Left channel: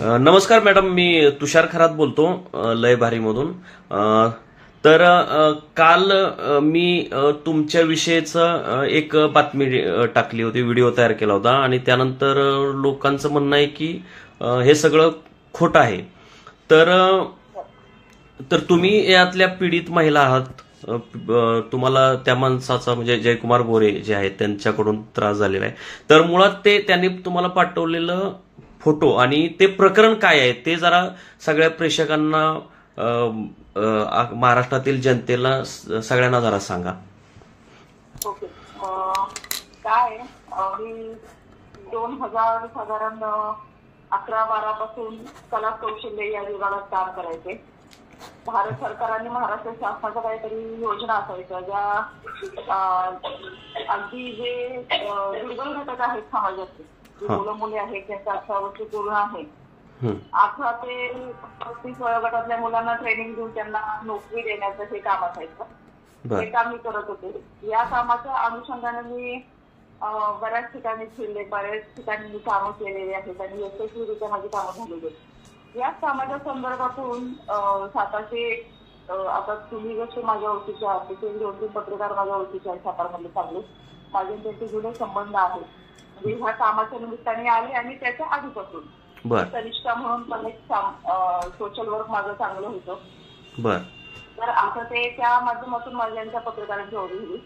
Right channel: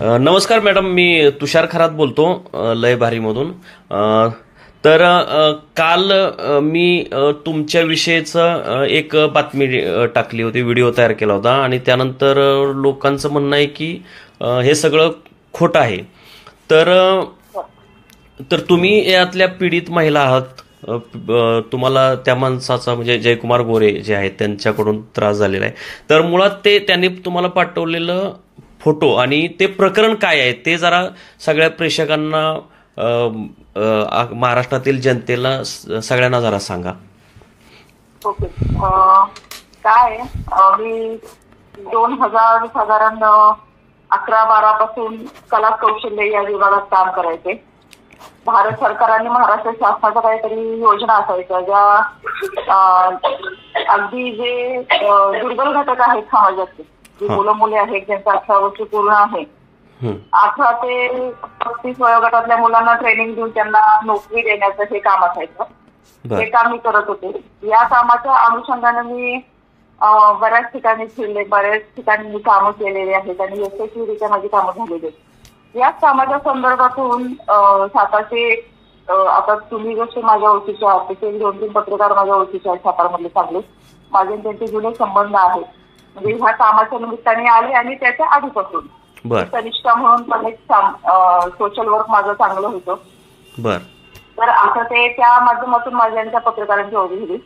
नमस्कार मॅडम, मी तुषार खरात बोलतो लय भारीमधून. तर काल मी तुमच्या विषयीचं एक बातमी टाकली होती, व्हिडिओ तयार केला होता आणि त्यानंतर लोकांचं म्हणणं आहे की हे सगळं खोटं आहे. तर तर तुम्ही यातल्या पीडित महिला आहात. तुम्हाला त्या माणसाचा म्हणजे जयकुमार गोरे जे आहेत त्यांच्याकडून त्रास झालेला आहे. तर मुळात त्यांनी तुम्हाला पाठवलेलं फोटो आणि ते प्रकरण काय आहे ते जरा सगळ्या प्रेक्षकांना, महाराष्ट्रातील जनतेला सगळ्यांना जरा सांगा. ओके. काय मी 2000 साधारण 11-12 पासून कला कौशल्य या विभागात काम करायचे. भारत सरकार आणि महाराष्ट्र शासनाच्या काहीतरी योजना असायच्या ज्या अगदी जे दुर्बल घटक आहेत समाजाचे, जी मुलं मुली आहेत ज्यांचं 18 वर्ष पूर्ण आहे, 18 ते 35 वयोगटातल्या मुलांना ट्रेनिंग देऊन त्यांना नोकरी देण्याचं हे काम असायचं. हे काम मी करत होते. या कामाच्या अनुषंगाने मी बऱ्याच ठिकाणी फिरले, बऱ्याच ठिकाणी मी कामं केलेली आहेत आणि यशस्वीरित्या माझी कामं झालेली आहेत. याच कामाच्या संदर्भातून सातारचे आता तुम्ही जसे माझ्या ओळखीचे आहात तसे 2-3 पत्रकार माझ्या ओळखीचे आहेत सातारमधले चांगले. माझे त्यांचे जुने संबंध आहेत. म्हणजे ह्या कामाच्या निमित्ताने आले आणि त्याच्या आधीपासून कनिष्ठा म्हणून पण एक सोशल वर्क माझं चांगलं होतं. तर असं ते त्या माध्यमातून माझ्या पत्रकारांची ओळख झाली.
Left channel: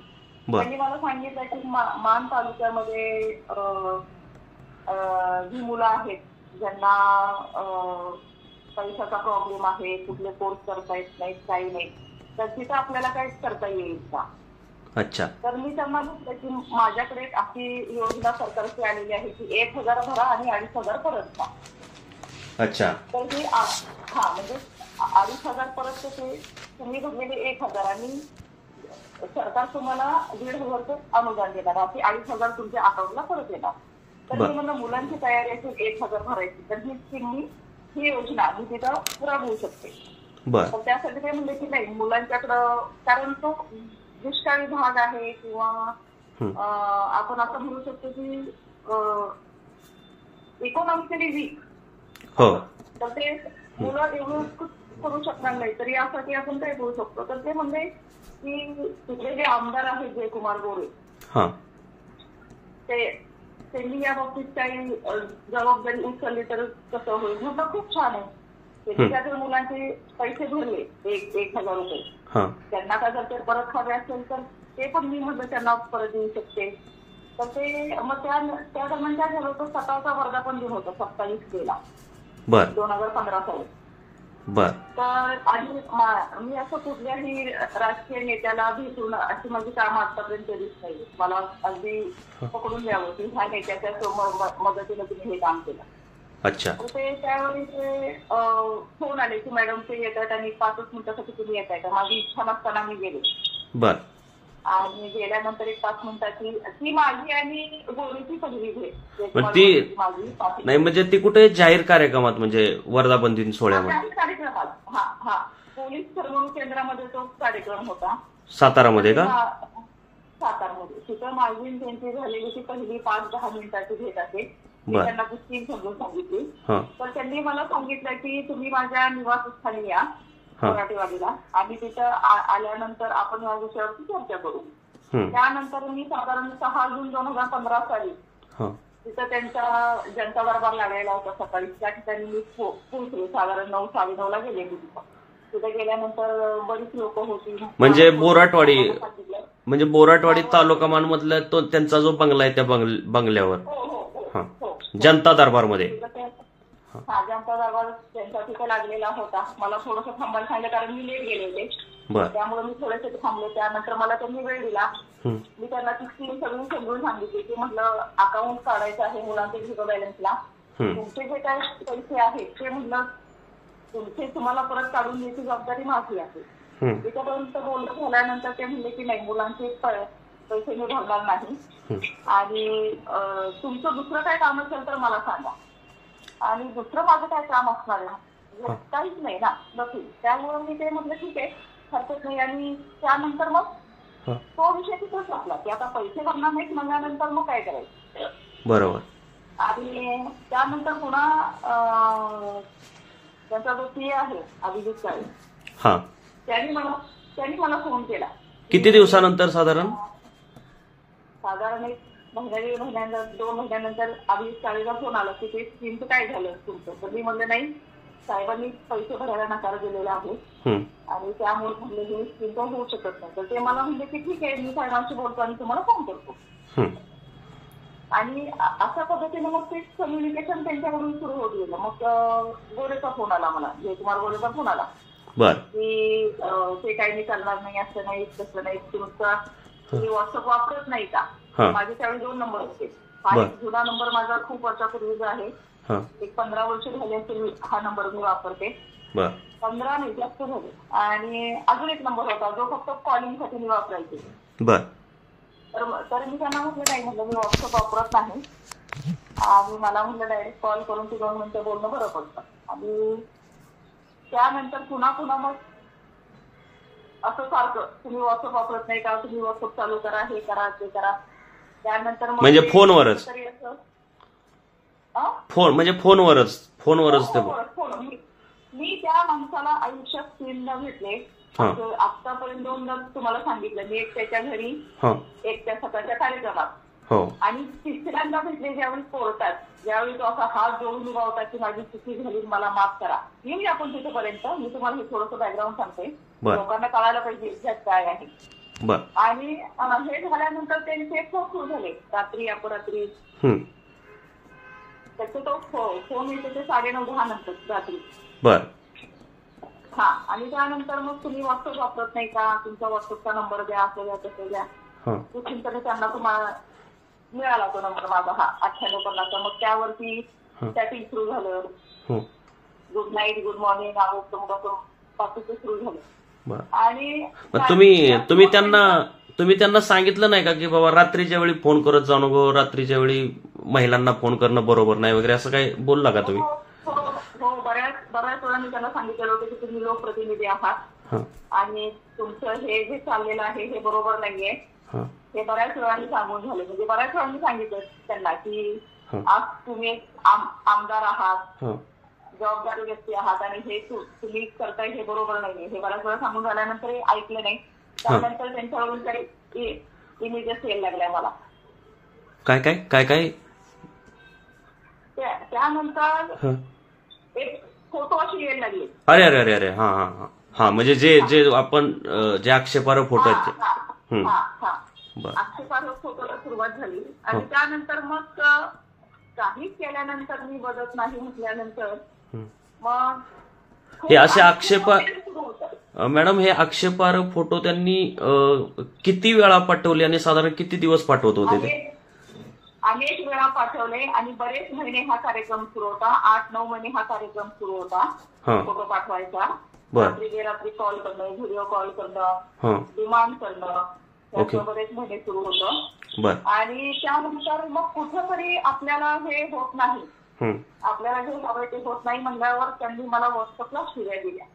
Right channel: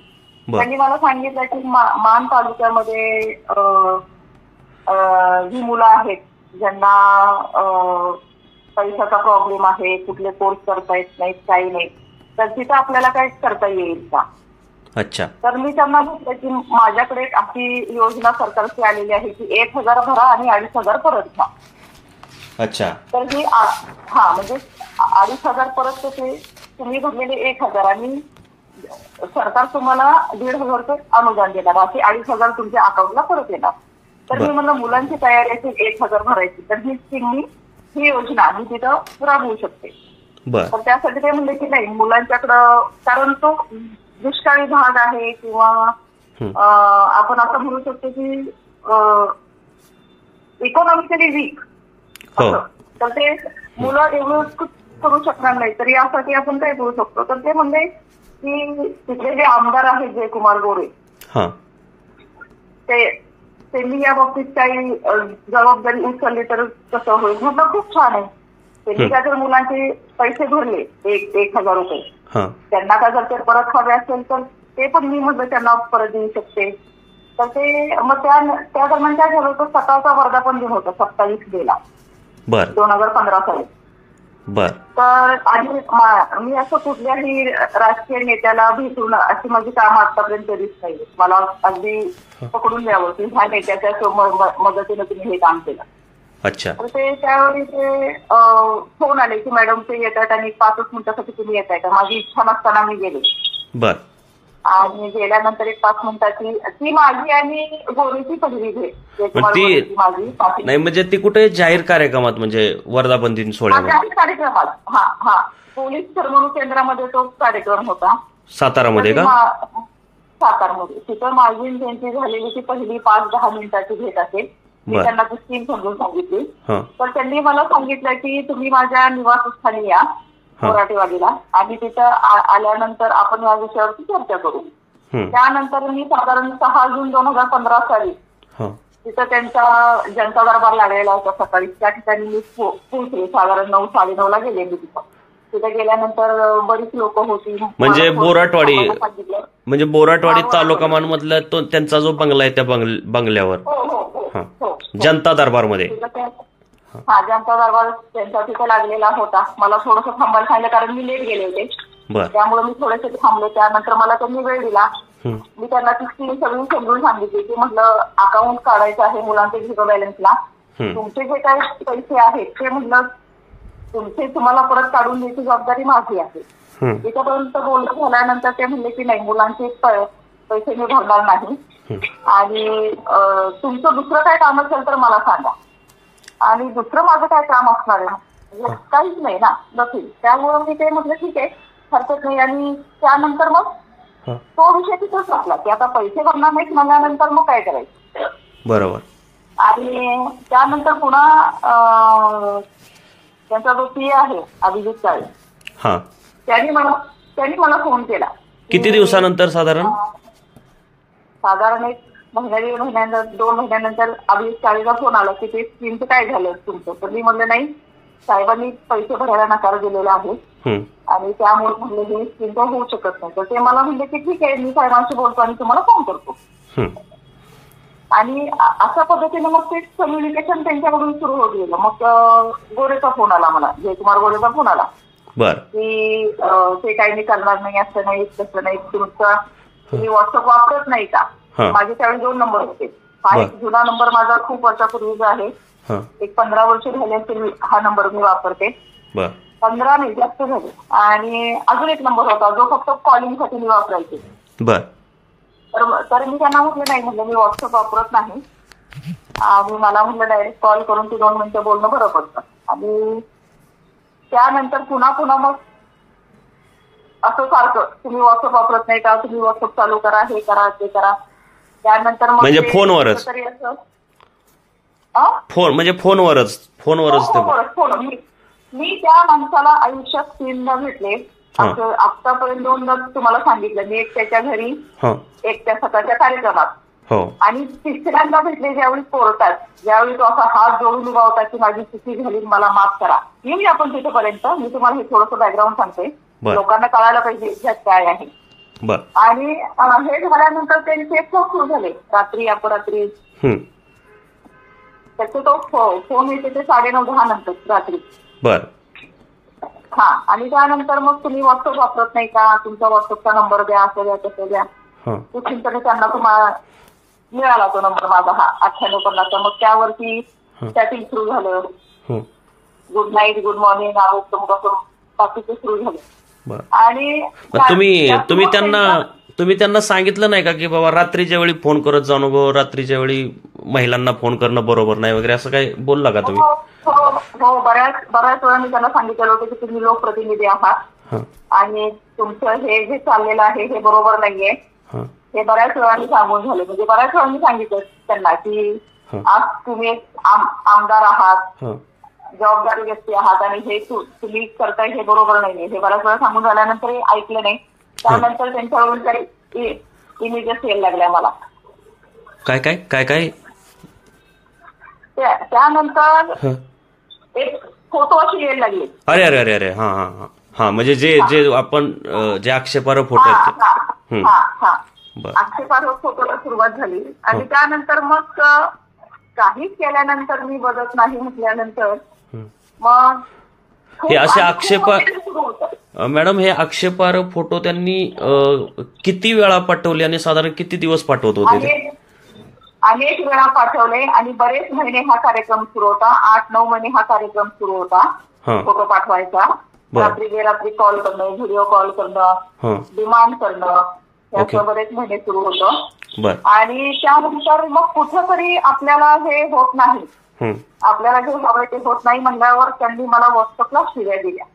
त्यांनी मला सांगितलं की मान तालुक्यामध्ये जी मुलं आहेत ज्यांना पैशाचा प्रॉब्लेम आहे, कुठले कोर्स करता येत नाहीत, काही नाही, तर तिथं आपल्याला काय करता येईल का. अच्छा. तर मी त्यांना म्हटलं की माझ्याकडे एक अशी योजना सरकारची आलेली आहे की 1000 भरा आणि 2500 परत घ्या. अच्छा. तर ही म्हणजे 2500 परत ते तुम्ही भरलेले 1000 आणि सरकार तुम्हाला 1500 रुपये अनुदान देणार, बाकी 2500 तुमच्या अकाउंटला परत येणार. तर मी म्हणलं मुलांची तयारी असेल 1000 भरायची तर ही योजना मी तिथं राबवू शकते. तर त्यासाठी ते म्हणले की नाही, मुलांच्याकडं, कारण तो दुष्काळी भाग आहे किंवा आपण असं म्हणू शकतो की इकॉनॉमिकली वीक, तर ते मुलं एवढं करू शकणार नाही. तर यासाठी आपण काय करू शकतो. तर ते म्हणले की तिथले जे आमदार आहेत जयकुमार गोरे, त्यांनी या बाबतीत काही जबाबदारी उचलली तर कसं होईल. म्हटलं खूप छान आहे. त्यांनी काय जर मुलांचे पैसे भरले 1000 रुपये, त्यांना काय जर ते परत हवे असेल तर ते पण मी म्हटलं त्यांना परत देऊ शकते. तर ते मग त्या दरम्यान काय झालं होतं, सकाळचा वर्धापन दिन होता 27 मेला 2015 साली. तर आणि मी असं कुठल्याही राजकीय नेत्याला भेटून अशी माझी कामं आतापर्यंत कधीच नाही. मला अगदी पकडून द्यावं की ह्या नेत्याच्या मदतीने तुम्ही हे काम केलं. अच्छा. तर ते त्यावेळी ते फोन आले की मॅडम ते येत आहेत आणि 5 मिनिटासाठी तुम्ही येत आहे का. माझी इच्छा नसताना मी गेले. आणि गेल्यानंतर एक 5 मिनिटाची ती माझी आणि गोरीची पहिली भेट. माझी नाही म्हणजे ती कुठे जाहीर कार्यक्रमात, म्हणजे वर्धापन दिन सोहळ्यात जाहीर कार्यक्रमात, पोलीस करमणूक केंद्रामध्ये तो कार्यक्रम होता सातारामध्ये का. सातारमध्ये. तिथं माझी त्यांची झालेली ती पहिली 5-10 मिनिटाची भेट असेल. मी त्यांना ती स्कीम समजून सांगितली. तर त्यांनी मला सांगितलं की तुम्ही माझ्या निवासस्थानी या मराठीवाडीला आणि तिथं आल्यानंतर आपण या विषयावरती चर्चा करू. त्यानंतर मी साधारण 6 जून 2015 साली तिथं त्यांचा जनता दरबार लागलेला होता सकाळी. त्या ठिकाणी मी पोहोचले. साधारण 9-9:30 गेले मी तिथं. तिथे गेल्यानंतर बरीच लोक होती. म्हणजे बोराटवाडी तालुका मधला तो त्यांचा जो बंगला आहे त्या बंगल्यावर जनता दरबारमध्ये. जनता दरबार त्यांचा तिथे लागलेला होता. मला थोडंसं थांबायला सांगितलं कारण मी लेट गेले होते, त्यामुळे मी थोडेसे थांबले. त्यानंतर मला त्यांनी वेळ दिला. मी त्यांना ती स्कीम सगळी समजून सांगितली की म्हटलं अकाउंट काढायचं आहे मुलांचे 0 बॅलन्सला. तुमचे जे काही पैसे आहेत ते म्हटलं तुम्हाला परत काढून द्यायची जबाबदारी माझी आहे. तिथपर्यंत बोलणं झाल्यानंतर ते म्हणले की नाही, मुलांचे पैसे मी भरणार नाही आणि तुमचं दुसरं काय काम असेल तर मला सांगा. आणि दुसरं माझं काय काम असणार आहे, काहीच नाही ना नक्की. त्यामुळे मी ते म्हटलं ठीक आहे, हरकत नाही. आणि त्यानंतर मग तो विषय तिथंच असला की आता पैसे भरणार नाहीत म्हणल्यानंतर मग काय करायचं. बरोबर. आणि त्यानंतर पुन्हा त्यांचा जो पी आहे अभिजित काळे, हा, त्यांनी मला फोन केला. किती दिवसानंतर साधारण? साधारण एक महिन्यानंतर 2 महिन्यानंतर अभिजित काळेचा फोन आला की ते स्कीमचं काय झालं तुमचं. तर मी म्हणलं नाही, साहेबांनी पैसे भरायला नकार दिलेला आहे आणि त्यामुळे म्हणले हे स्कीमचं होऊ शकत नाही. तर ते मला म्हणले की ठीक आहे, मी साहेबांशी बोलतो आणि तुम्हाला फोन करतो. आणि अशा पद्धतीने मग ते कम्युनिकेशन त्यांच्याकडून सुरू होत गेलं. मग गोरेचा फोन आला मला, जयकुमार गोरेचा फोन आला की ते काही मी करणार नाही, असं नाही तसं नाही, तुम्ही व्हॉट्सअप वापरत नाही का. माझे त्यावेळी 2 नंबर होते. हा एक जुना नंबर माझा खूप वर्षापूर्वीचा आहे, एक 15 वर्ष झाले असेल हा नंबर मी वापरते. 15 नाही जास्त झाले. आणि अजून एक नंबर होता जो फक्त कॉलिंगसाठी मी वापरायचे. तर मी त्यांना म्हटलं नाही, म्हटलं मी व्हॉट्सअप वापरत नाही आणि मला म्हटलं डायरेक्ट कॉल करून ते 2 मिनिटं बोलणं बरं पडतं. आणि त्यानंतर पुन्हा मग असं सारखं तुम्ही व्हॉट्सअप वापरत नाही का, तुम्ही व्हॉट्सअप चालू करा, हे करा ते करा. त्यानंतर मग म्हणजे फोनवरच मी त्या माणसाला आयुष्यात 3दा भेटले. आतापर्यंत 2दा तुम्हाला सांगितलं मी, एक त्याच्या घरी, एक त्या सकाळच्या कार्यक्रमात, आणि 3ऱ्यांदा भेटले ज्यावेळी कोर्टात, ज्यावेळी तो असा हात जोडून उभा होता की माझी चुकी झाली, मला माफ करा. येऊया आपण तिथेपर्यंत. मी तुम्हाला हे थोडंसं बॅकग्राऊंड सांगते, लोकांना कळायला पाहिजे इतिहास काय आहे. आणि हे झाल्यानंतर त्यांचे फोन सुरू झाले रात्री अपरात्री. त्याचे तो फोन येते ते 9:30-10 नंतर रात्री. हा, आणि त्यानंतर मग तुम्ही व्हॉट्सअप वापरत नाही का, तुमचा व्हॉट्सअपचा नंबर द्या, असं द्या तसं द्या. चिंतने त्यांना तुम्हाला मिळाला तो नंबर माझा, हा 9850. मग त्यावरती चॅटिंग सुरू झालं, गुड नाईट, गुड मॉर्निंग, बाकीचे सुरू झाले. आणि तुम्ही त्यांना सांगितलं नाही का की बाबा रात्रीच्या वेळी फोन करत जाऊ नको, रात्रीच्या वेळी महिलांना फोन करणं बरोबर नाही वगैरे, असं काही बोलला का तुम्ही? हो, बऱ्याच वेळा मी त्यांना सांगितलेलं होतं की तुम्ही लोकप्रतिनिधी आहात आणि तुमचं हे जे चाललेलं आहे हे बरोबर नाहीये. हे बऱ्याच वेळा मी सांगून झाले. म्हणजे बऱ्याच वेळा मी सांगितलं त्यांना की आज तुम्ही एक आमदार आहात, जबाबदारी व्यक्ती आहात आणि हे तुम्ही करताय हे बरोबर नाहीये. हे बऱ्याच वेळा सांगून झाल्यानंतर ऐकलं नाही. त्यानंतर त्यांच्यावरून काही इमेजेस यायला लागल्या मला. काय त्यानंतर एक फोटो अशी यायला लागले. अरे हा, म्हणजे जे आपण जे आक्षेपार्ह फोटो आहेत, आक्षेपार्ह फोटोला सुरुवात झाली. आणि त्यानंतर मग काहीच केल्यानंतर मी बदत नाही म्हटल्यानंतर मग हे असे मॅडम, हे आक्षेपार्ह फोटो त्यांनी किती वेळा पाठवले आणि साधारण किती दिवस पाठवत होते ते? अनेक वेळा पाठवले आणि बरेच महिने हा कार्यक्रम सुरू होता. 8-9 महिने हा कार्यक्रम सुरू होता, फोटो पाठवायचा. रात्री बेरात्री कॉल करणं, व्हिडिओ कॉल करणं, डिमांड करणं, याचं बरेच महिने सुरू होतं. आणि त्यानंतर मग कुठेतरी आपल्याला हे होत नाही, आपल्याला जे हवं ते होत नाही म्हणल्यावर त्यांनी मला व्हॉट्सअपला शिव्या दिल्या.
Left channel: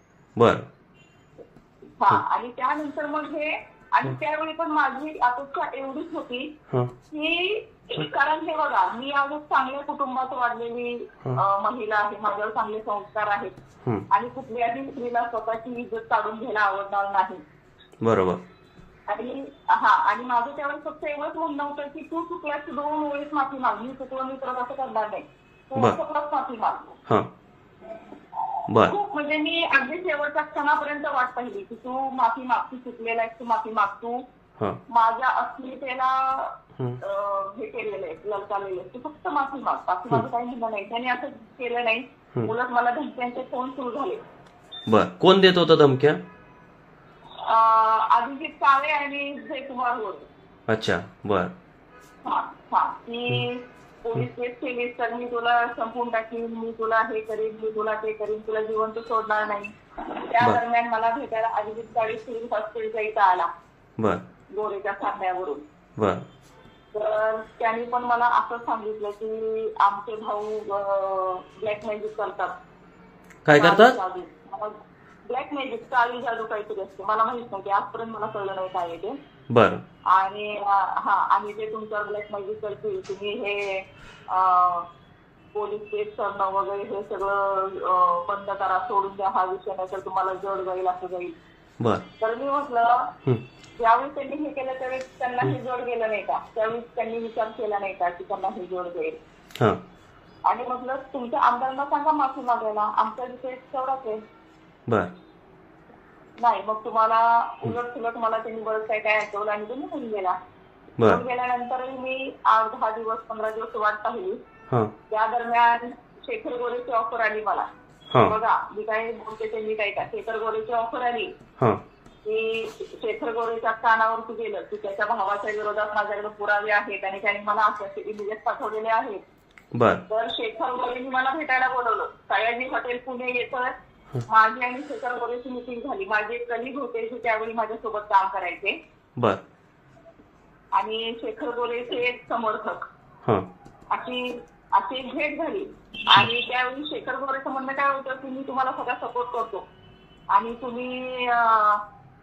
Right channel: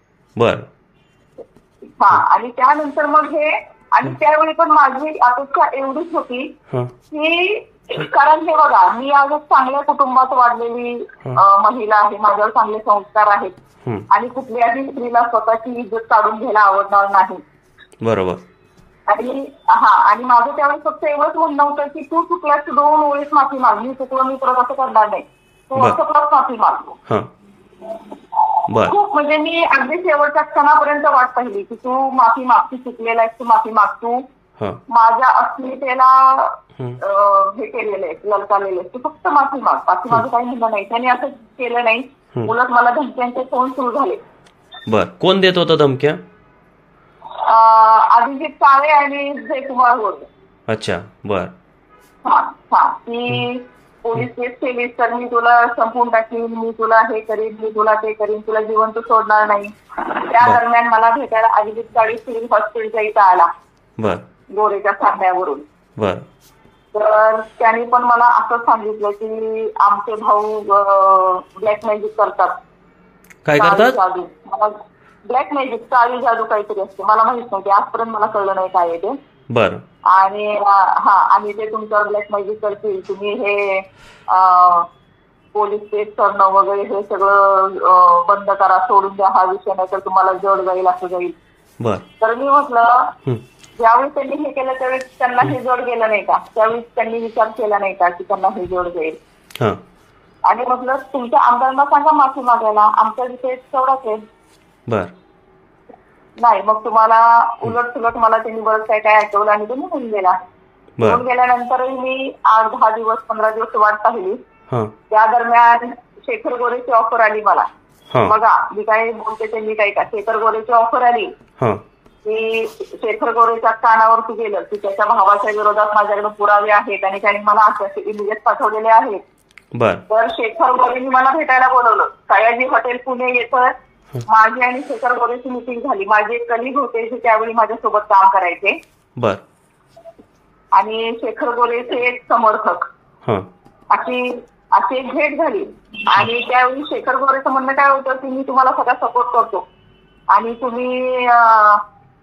आणि त्यानंतर मग हे, आणि त्यावेळी पण माझी अपेक्षा एवढीच होती की, कारण हे बघा, मी आज चांगल्या कुटुंबात वाढलेली महिला आहे, माझ्यावर चांगले संस्कार आहेत आणि कुठल्याही स्त्रीला स्वतःची इज्जत काढून घ्यायला आवडणार नाही. बरोबर. आणि माझं त्यावेळेस फक्त एवढंच म्हणणं होतं की तू चुकलास, 2 वेळेस माफी माग, मी चुकलो, मी परत असं करणार नाही, तू व्हॉट्सअपलाच माफी माग. खूप म्हणजे मी अगदी शेवटच्या क्षणापर्यंत वाट पाहिली की तू माफी माग, तू चुकलेला आहेस, तू माफी माग, तू माझ्या अस्मितेला हे केलेलं आहे, ललकारलेलं आहे, तू फक्त माफी माग, बाकी माझं काही म्हणणं नाही. त्यांनी असं केलं नाही, उलट मला धमक्यांचे फोन सुरू झाले. कोण देत होतं धमक्या? अभिजित काळे आणि जयकुमार गोरे. अच्छा, की पोलीस केस केलीस तर मी तुला संपवून टाकीन, मी तुला हे करीन, मी तुला ते करीन, तुला जिवंत सोडणार नाही. त्या दरम्यान मला भेटायला अभिजित काळे सिव्हिल हॉस्पिटलच्या इथं आला, गोरेच्या सांगण्यावरून. तर त्यांनी पण मला असं सांगितलं की आमचे भाऊ ब्लॅक मॅजिक करतात. काय करतात? ब्लॅक मॅजिक, काळी जादू काहीतरी असते, मला माहित नव्हते, आजपर्यंत मला कळलं नाही काय आहे ते. आणि ते तुमच्यावर ब्लॅक मॅजिक करतील, तुम्ही हे पोलीस केस करणं वगैरे हे सगळं बंद करा, सोडून द्या हा विषय, नाही तर तुम्हाला जड जाईल, असं जाईल. बर. तर मी म्हटलं ज्यावेळी त्यांनी हे केलं त्यावेळी त्यांना हे जोड गेलं नाही का, त्यावेळी त्यांनी विचार केला नाही का की त्यांना हे जोड जाईल. आणि म्हटलं तुमच्या आमदारांना सांगा माफी मागायला, आमच्या विषय तेवढाच आहे. बर. नाही, मग तुम्हाला उलट सुलट मला त्यांनी बरंच काय काय ऐकवलं आणि तो निघून गेला. निघून गेल्यानंतरही मी 8-10 दिवस 15 दिवस वाट पाहिली. त्या दरम्यान शेखर गोरेची ऑफर आली मला. बघा मी काय बोलते ते मी काय का, शेखर गोरेची ऑफर आली की शेखर गोरेच्या कानावरती गेलं की त्याच्या भावाच्या विरोधात माझ्याकडे पुरावे आहेत आणि त्यांनी मला असे इमेजेस पाठवलेले आहेत. तर शेखर गोरेंनी मला भेटायला बोलवलं. सयाजी हॉटेल पुणे येतं. माझी आणि शेखर गोरेची मिटिंग झाली. माझे एक कलिग होते जे त्यावेळी माझ्यासोबत काम करायचे आणि शेखर गोरेचे एक समर्थक, अशी एक भेट झाली. आणि त्यावेळी शेखर गोरेचं म्हणणं काय होतं की मी तुम्हाला सगळा सपोर्ट करतो आणि तुम्ही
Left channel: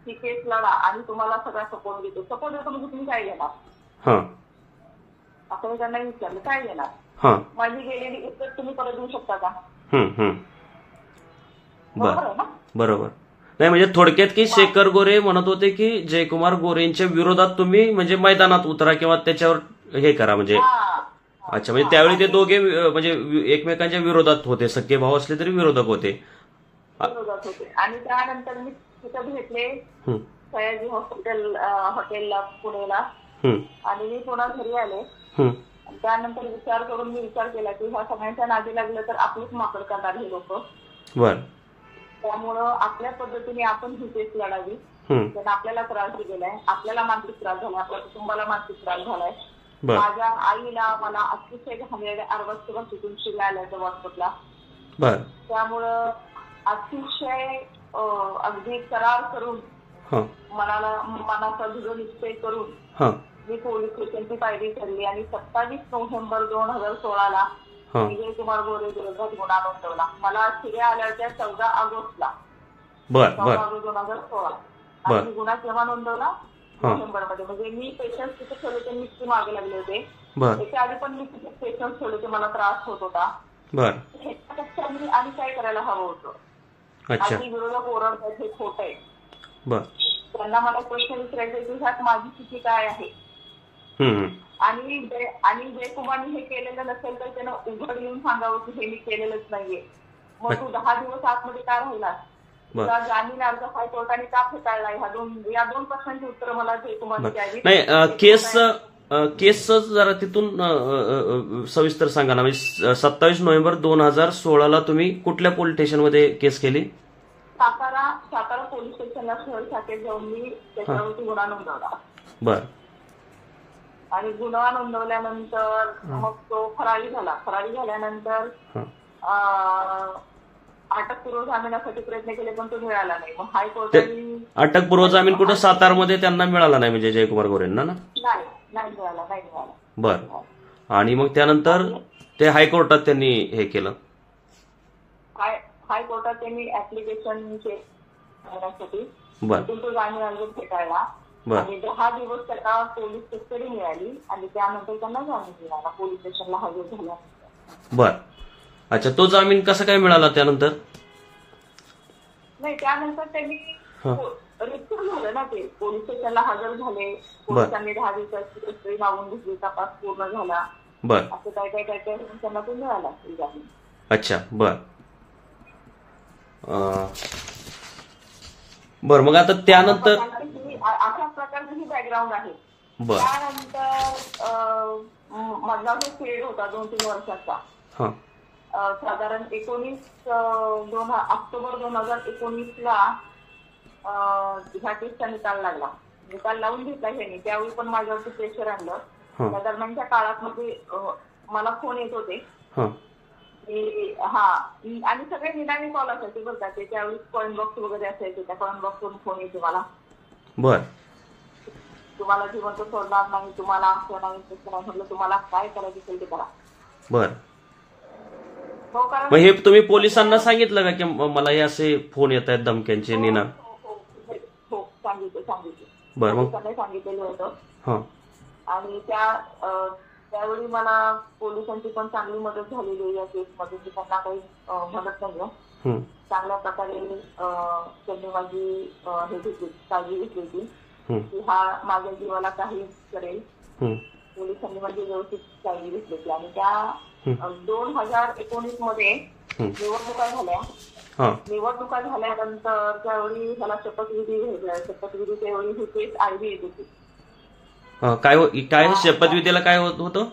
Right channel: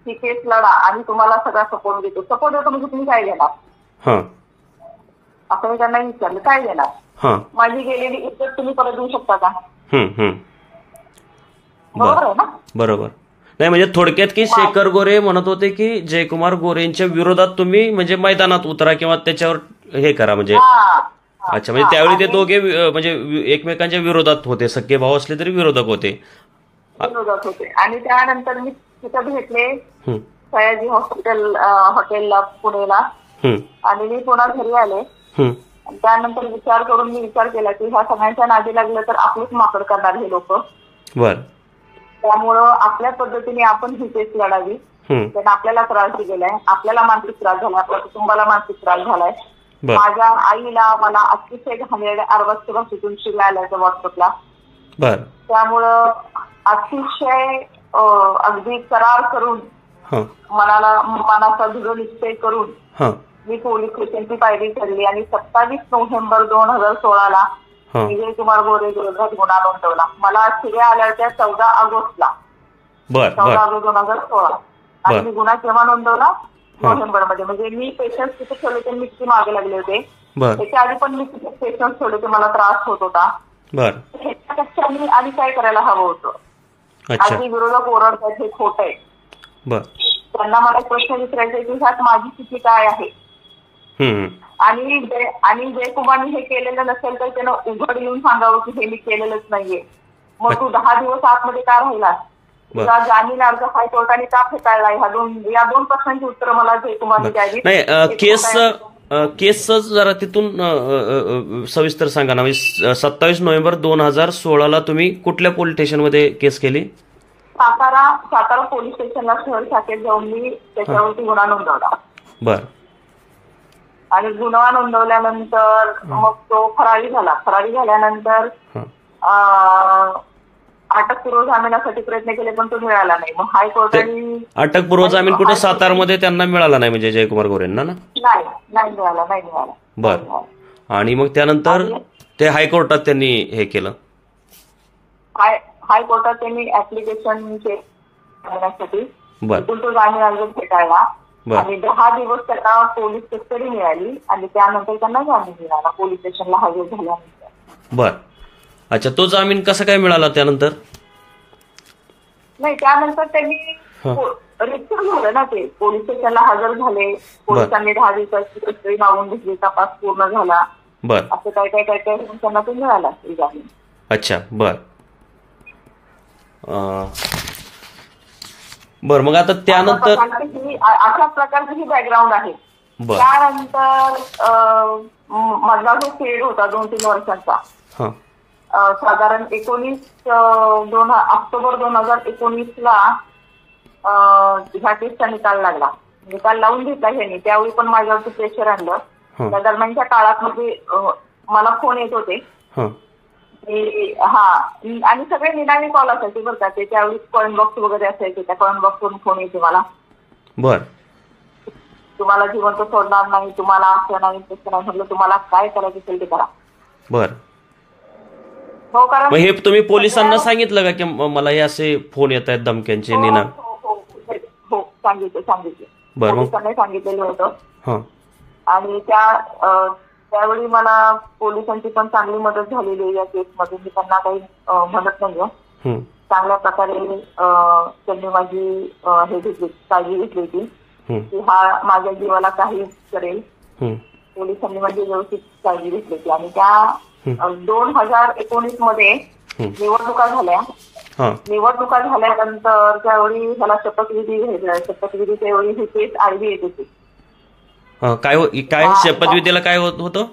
ही केस लढा आणि तुम्हाला सगळा सपोर्ट देतो. सपोर्ट देतो म्हणजे तुम्ही काय देणार, असं मी त्यांना विचारलं, काय देणार, माझी गेलेली इज्जत तुम्ही परत देऊ शकता का. बरोबर आहे ना. बरोबर. नाही म्हणजे थोडक्यात की शेखर गोरे म्हणत होते की जयकुमार गोरेंच्या विरोधात तुम्ही म्हणजे मैदानात उतरा किंवा त्याच्यावर हे करा म्हणजे. अच्छा, म्हणजे त्यावेळी ते दोघे म्हणजे एकमेकांच्या विरोधात होते, सख्खे भाऊ असले तरी विरोधक होते. आणि त्यानंतर मी तिथं भेटले सयाजी हॉटेलला पुणेला आणि मी पुन्हा घरी आले. त्यानंतर मी विचार केला की ह्या सगळ्यांच्या नादी लागलं तर आपलीच माकड करणार हे लोक. त्यामुळं आपल्या पद्धतीने आपण ही केस लढावी. त्यांना आपल्याला त्रास दिलेला आहे, आपल्याला मानसिक त्रास झाला, आपल्या कुटुंबाला मानसिक त्रास झालाय. माझ्या आईला मला अतिशय घाणेरड्या अर्वाच्य भाषेतून शिव्या आल्याचं व्हॉट्सअपला. त्यामुळं अतिशय अगदी करार करून मनाचा दृढ निश्चय करून मी पोलीस स्टेशनची पायरी चढली आणि 27 नोव्हेंबर 2016 जयकुमार गोरे विरोधात गुन्हा नोंदवला. मला शिव्या आल्या त्या 14 ऑगस्टला, 14 ऑगस्ट 2016. आणि मी गुन्हा केव्हा नोंदवला, नोव्हेंबरमध्ये. म्हणजे मी पेशन्स तिथे ठेवले होते, मी किती मागे लागले होते. त्याच्या आधी पण मी तिथे पेशन्स ठेवले होते, मला त्रास होत होता. ह्याच्यापेक्षा मी आधी काय करायला हवं होतं. अगदी विरोधक ओरडतात हे खोट आहे. त्यांना मला प्रश्न विचारायचा की ह्यात माझी स्थिती काय आहे. आणि जयकुमारने हे केलेलं नसेल तर त्यानं उघड येऊन सांगावं की हे मी केलेलंच नाहीये. मग तू 10 दिवस आतमध्ये का राहिलास, तुझा जामीन अर्ज हायकोर्टाने का फेटाळला, या दोन प्रश्नांची उत्तरं मला जयकुमारने द्यावी. नाही, केसच जरा तिथून सविस्तर सांगा ना. म्हणजे 27 नोव्हेंबर 2016 तुम्ही कुठल्या पोलीस स्टेशनमध्ये केस केली. सातारा पोलीस स्टेशनला शहर शाखेत जाऊन मी त्याच्यावरती गुन्हा नोंदवला. आणि गुन्हा नोंदवल्यानंतर मग तो फरारी झाला. फरारी झाल्यानंतर अटकपूर्व जामिनासाठी प्रयत्न केले पण तो मिळाला नाही. मग हायकोर्टाने अटकपूर्व जामीन कुठे सातारमध्ये त्यांना मिळाला नाही म्हणजे जयकुमार गोरेंना ना. नाही मिळाला. बर. आणि मग त्यानंतर ते हायकोर्टात त्यांनी हे केलं. हायकोर्टात त्यांनी ऍप्लिकेशन करण्यासाठी तो जामीन अर्ज फेटाळला आणि 10 दिवस त्यांना पोलीस कस्टडी मिळाली आणि त्यानंतर त्यांना जामीन मिळाला पोलीस स्टेशनला हजर झाल्यानंतर. बर. अच्छा, तो जामीन कसा काय मिळाला त्यानंतर. नाही, त्यानंतर त्यांनी रिक्शा झालं ना, ते पोलीस स्टेशनला हजर झाले. पोलिसांनी 10 दिवसाची कस्टडी मागून घेतली, तपास पूर्ण झाला. असं काय त्यांना तो मिळाला जामीन. अच्छा, बर. बर, मग आता त्यानंतर अशा प्रकारची ही बॅकग्राऊंड आहे. त्यानंतर माझा जो पिरियड होता 2-3 वर्षांचा, साधारण 19 ऑक्टोबर 2019ला ह्या केसचा निकाल लागला. निकाल लावून घेतला ह्यांनी. त्यावेळी पण माझ्यावरती प्रेशर आणलं. त्या दरम्यानच्या काळात म्हणजे मला फोन येत होते आणि सगळे निनावी कॉल असायचे बरं का. ते त्यावेळी कॉइन बॉक्स वगैरे असायचे, त्या कॉइन बॉक्सवरून फोन येते मला. बर. तुम्हाला जिवंत सोडणार नाही, तुम्हाला असं नाही तसं नाही. म्हटलं तुम्हाला काय करायचं असेल ते करा. बर. हो, कारण हे तुम्ही पोलिसांना सांगितलं का की मला हे असे फोन येत आहेत धमक्यांचे निना. हो, सांगितलं. बरं, पोलिसांनी सांगितलेलं होतं. आणि त्या त्यावेळी मला पोलिसांची पण चांगली मदत झालेली आहे या केसमध्ये. मी त्यांना काही म्हणत नाहीये. चांगल्या प्रकारे त्यांनी माझी हे घेतली, काळजी घेतली होती की हा माझ्या जीवाला काही करेल. पोलिसांनी माझी व्यवस्थित काळजी घेतली होती. आणि त्या 2019 मध्ये निवडणुका झाल्या. निवडणुका झाल्यानंतर त्यावेळी ह्याला शपथविधी घ्यायचा. शपथविधी त्यावेळी ही केस आडवी येत होती. काय शपथविधीला काय होतं?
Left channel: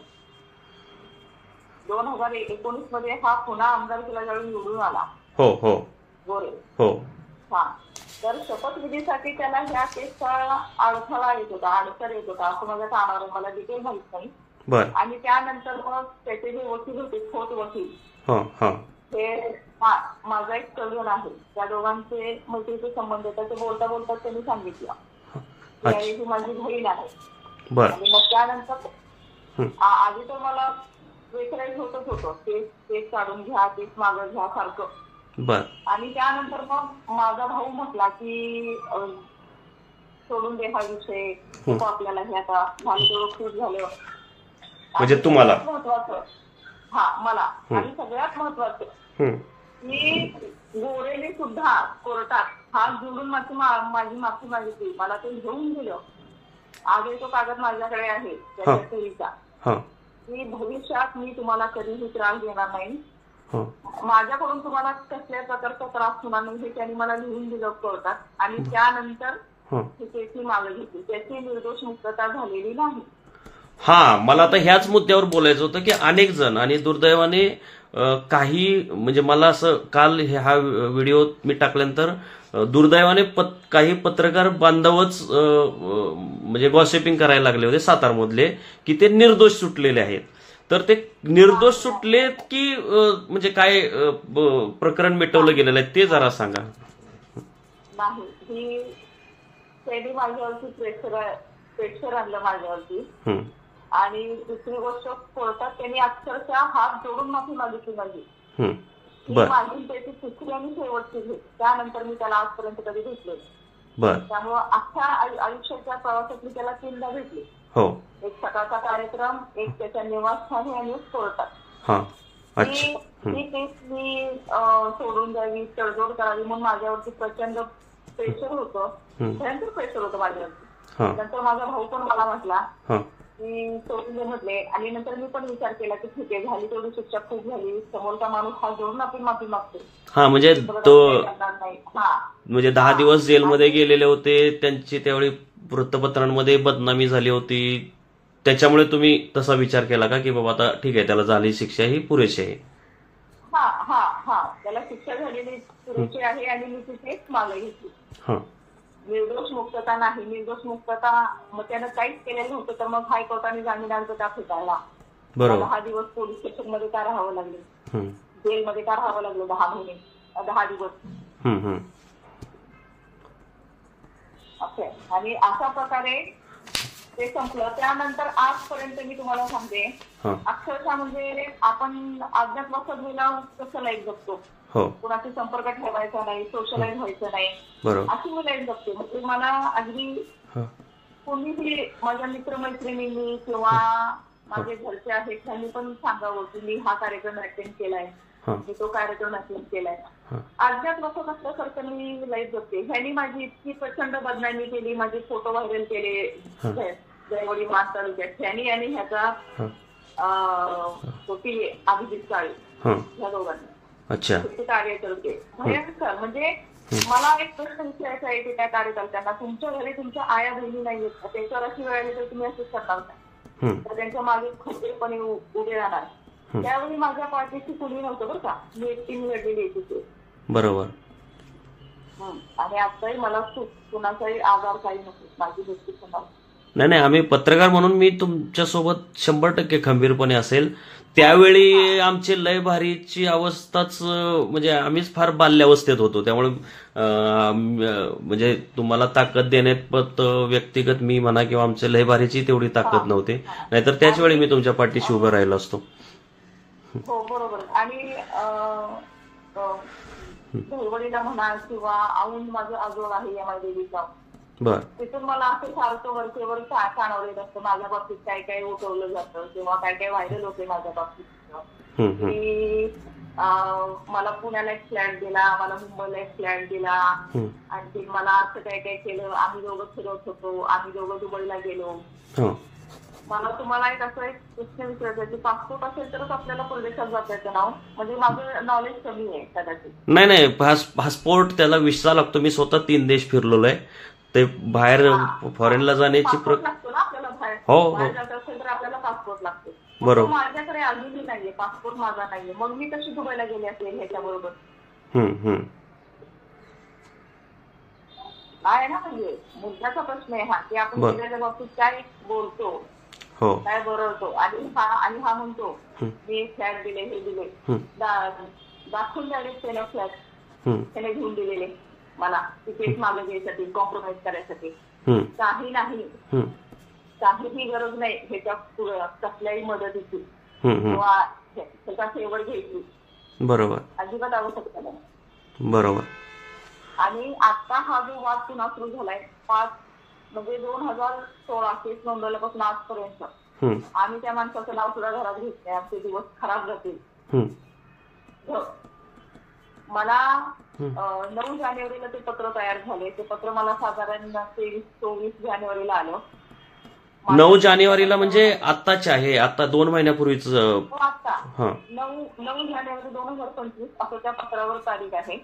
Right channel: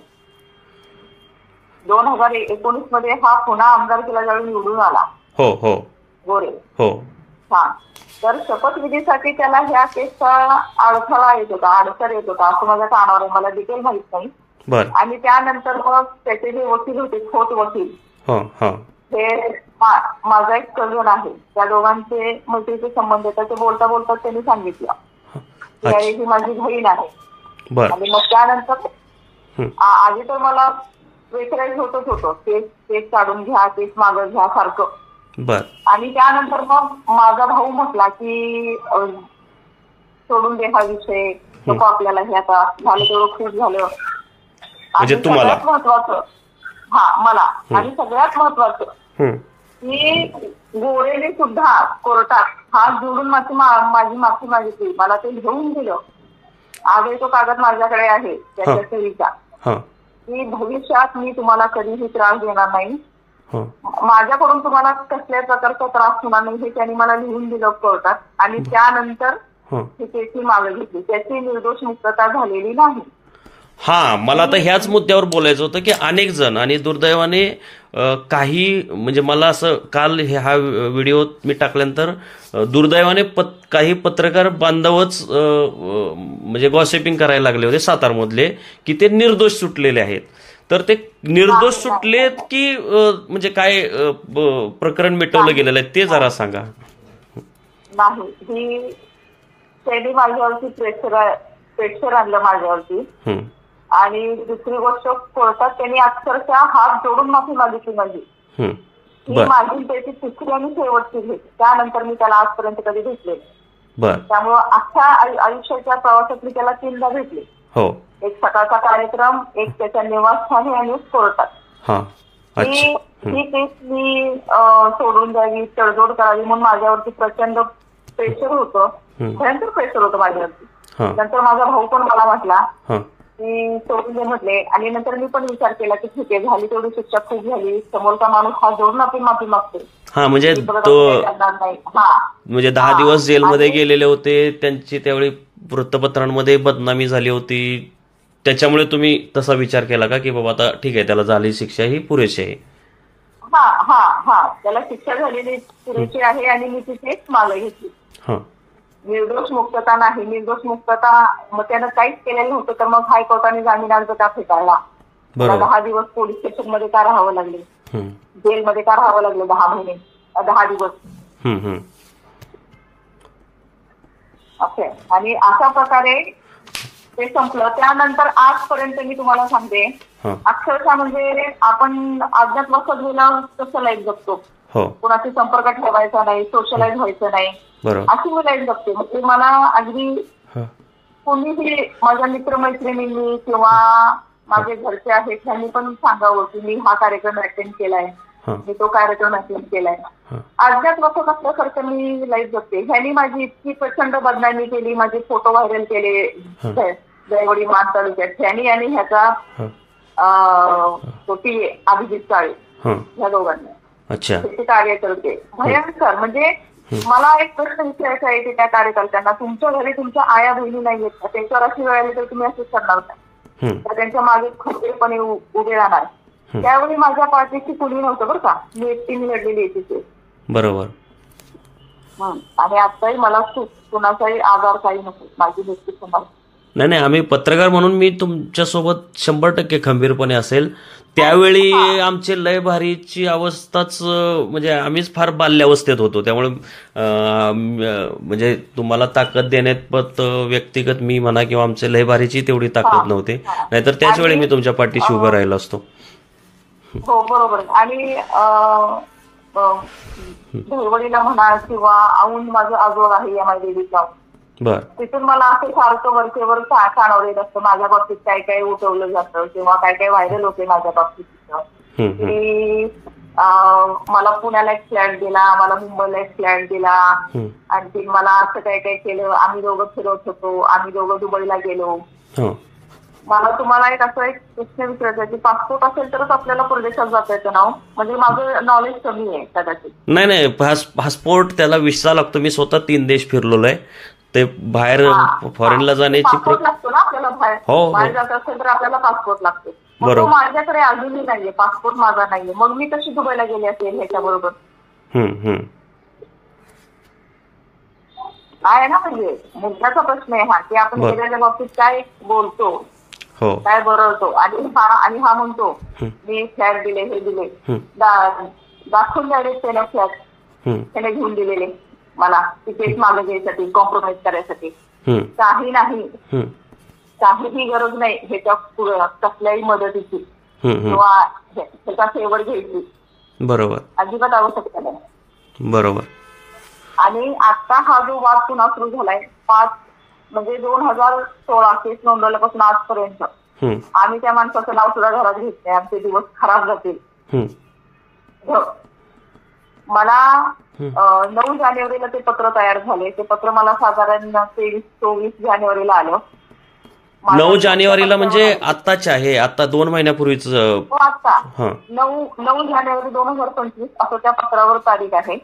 2019 मध्ये हा पुन्हा आमदारकीला ज्यावेळी निवडून आला. हो हो गोरे. हो. हा, तर शपथविधीसाठी त्याला ह्या केसचा अडथळा येत होता, अडसर येत होता असं माझ्या कानावर, मला डिटेल माहित नाही. आणि त्यानंतर मग त्याचे जे वकील होते, खोट वकील, हे माझा एक कझन आहे, त्या दोघांचे मैत्रीचे संबंध येतात. ते बोलता बोलता त्यांनी सांगितलं ही माझी बहीण आहे. आणि मग त्यानंतर आधी तर मला प्रेशराईज होतच होतं, केस काढून घ्या, केस मागं घ्या सारखं. आणि त्यानंतर मग माझा भाऊ म्हटला की सोडून दे हा विषय, नको आपल्याला हे आता झालं तेवढं खूप झालं. आणि सगळ्यात महत्वाचं मला आणि सगळ्यात महत्वाचं की गोरेने सुद्धा कोर्टात हात जोडून माझी माफी मागितली. मला ते घेऊन दिलं. आजही तो कागद माझ्याकडे आहे त्याच्या सहीचा, की भविष्यात मी तुम्हाला कधीही त्रास देणार नाही, माझ्याकडून तुम्हाला कसल्याच प्रकारचा त्रास होणार नाही, हे त्यांनी मला लिहून दिलं कोर्टात. आणि त्यानंतर त्याची मागणी घेतली. त्याची निर्दोष मुक्तता झालेली नाही. मला आता ह्याच मुद्द्यावर बोलायचं होतं की अनेक जण, आणि दुर्दैवाने काही म्हणजे मला असं काल हा व्हिडिओ मी टाकल्यानंतर दुर्दैवाने काही पत्रकार बांधवच म्हणजे गॉसिपिंग करायला लागले होते सातारमधले की ते निर्दोष सुटलेले आहेत. तर ते निर्दोष सुटलेत की म्हणजे काय प्रकरण मिटवलं गेलेलं आहे ते जरा सांगा. नाही, ही त्यांनी माझ्यावरती प्रेशर आणलं माझ्यावरती. आणि दुसरी गोष्ट, कोर्टात त्यांनी अक्षरशः हात जोडून माफी मागितली माझी. ही माझी त्याची तिसरी आणि शेवटची भेट. त्यानंतर मी त्याला आजपर्यंत कधी भेटले. त्यामुळं अख्ख्या आयुष्याच्या प्रवासात मी त्याला 3दा भेटले. एक सकाळचा कार्यक्रम, एक त्याच्या निवासस्थानी आणि एक कोर्टात. ही केस मी सोडून द्यावी, तडजोड करावी म्हणून माझ्यावरती प्रचंड प्रेशर होतं, भयंकर प्रेशर होतं माझ्यावरती. नंतर माझा भाऊ पण मला म्हटला की सोडून दे म्हटले. आणि नंतर मी पण विचार केला की ठीक आहे, झाली तेवढी शिक्षा खूप झाली, समोरचा माणूस हा जोडून आपली माफी मागते. म्हणजे म्हणजे 10 दिवस जेलमध्ये गेलेले होते, त्यांची त्यावेळी वृत्तपत्रांमध्ये बदनामी झाली होती, त्याच्यामुळे तुम्ही तसा विचार केला का की बाबा आता ठीक आहे, त्याला झाली शिक्षा ही पुरेशी आहे? त्याला शिक्षा झालेली पुरेशी आहे. आणि मी तिथे मागणी घेतली. निर्दोष मुक्तता नाही, निर्दोष मुक्तता मग त्यानं काहीच केलेलं नव्हतं, तर मग हायकोर्टाने जामीन अर्ज का फेटाळला. 10 दिवस पोलीस स्टेशन मध्ये का राहावं लागले, जेलमध्ये का राहावं लागलं 10 महिने, 10 दिवस. आणि अशा प्रकारे ते संपलं. त्यानंतर आजपर्यंत मी तुम्हाला सांगते, अक्षरशः म्हणजे आपण अज्ञातवासात गेला कसं लाईफ जगतो, कोणाशी संपर्क ठेवायचा नाही, सोशलाइज व्हायचं नाही, अशी मी लाईफ जगते. म्हणजे मला अगदी कोणीही माझ्या मित्रमैत्रिणींनी किंवा माझे घरचे आहेत त्यांनी पण सांगावं की मी हा कार्यक्रम अटेंड केलाय, मी तो कार्यक्रम अटेंड केलाय. अज्ञातवासात असल्यासारखं मी लाईफ जगते. ह्यांनी माझी इतकी प्रचंड बदनामी केली, माझे फोटो व्हायरल केले जयवडी मान तालुक्यात ह्यांनी, आणि ह्याचा अभिजित काळे, ह्या दोघांनी ते कार्यकर्ते भयंकर. म्हणजे मला एक प्रश्न विचारायचा आहे की त्या कार्यकर्त्यांना, तुमच्या घरी तुमच्या आया बहिणी नाहीयेत, त्यांच्यावर अशी वेळ आली तर तुम्ही असंच करणार नाही, तर त्यांच्या मागे खंबीरपणे उभे राहणार. त्यावेळी माझ्या पाठीशी कुणी नव्हतं बरं का, मी एकटीने लढलेली तिथे. बरोबर. आणि आताही मला कुणाचाही आजार काही नको, माझी व्यक्ती समज. नाही, आम्ही पत्रकार म्हणून मी तुमच्यासोबत 100% खंबीरपणे असेल. त्यावेळी आमची लय भारीची अवस्थाच म्हणजे आम्हीच फार बाल्यावस्थेत होतो, त्यामुळे म्हणजे तुम्हाला ताकद देण्यात व्यक्तिगत मी म्हणा किंवा आमच्या लय भारीची तेवढी ताकद नव्हती, नाहीतर त्याच वेळी मी तुमच्या पाठीशी उभं राहिलो असतो. हो बरोबर. आणि धैवडीला म्हणा किंवा औंध माझं आजोळ आहे या माझ्या देवीचा, बर. तिथून मला असं सारखं वरचेवर कानावर येत असतं माझ्या बाबतीत काय काय उठवलं जातं किंवा काय काय व्हायरल होते माझ्या बाबतीत की मला पुण्याला एक फ्लॅट दिला, मला मुंबईला एक फ्लॅट दिला, आणखी मला असं काय काय केलं, आम्ही दोघं फिरत होतो, आम्ही दोघं दुबईला गेलो. मला तुम्हाला एक प्रश्न विचारायचा की पासपोर्ट असेल तरच आपल्याला परदेशात जाता येतं ना? म्हणजे माझं नॉलेज कमी आहे कदाचित. नाही, पासपोर्ट त्याला व्हिसा लागतो. मी स्वतः 3 देश फिरलेलो आहे. ते बाहेर फॉरेनला जाण्याची लागतो ना आपल्याला बाहेर जात असेल तर आपल्याला पासपोर्ट लागतो. बरोबर. माझ्याकडे अजूनही नाहीये पासपोर्ट, माझा नाहीये. मग मी कशी दुबईला गेली असेल ह्याच्या बरोबर? आहे ना, म्हणजे मुद्द्याचा प्रश्न आहे हा की आपण गेलेल्या बाबतीत काय बोलतो, काय बरवतो आणि हा म्हणतो मी फ्लॅट दिले, हे दिले, दाखवून द्यावे त्याला फ्लॅट त्याने घेऊन दिलेले मला तिकीट मागे घ्यायसाठी, कॉम्प्रोमाइज करायसाठी. काही नाही, काहीही गरज नाही ह्याच्या पुढे कसल्याही मदतीची किंवा ह्याचा फेवर घ्यायची. बरोबर. अजिबात आवश्यकता नाही. बरोबर. आणि आता हा जो वाद पुन्हा सुरू झालाय 2016 केस नोंदवल्यापासून आजपर्यंत आम्ही त्या माणसाचं नाव सुद्धा घरात घेत नाही. आमचे दिवस खराब जातील. मला 9 जानेवारीला ते पत्र तयार झाले. ते पत्र मला साधारण 23-24 जानेवारीला आलं. 9 जानेवारीला म्हणजे आत्ताच आहे, आता 2 महिन्यापूर्वीच. आता 9 जानेवारी 2025 असं त्या पत्रावर तारीख आहे.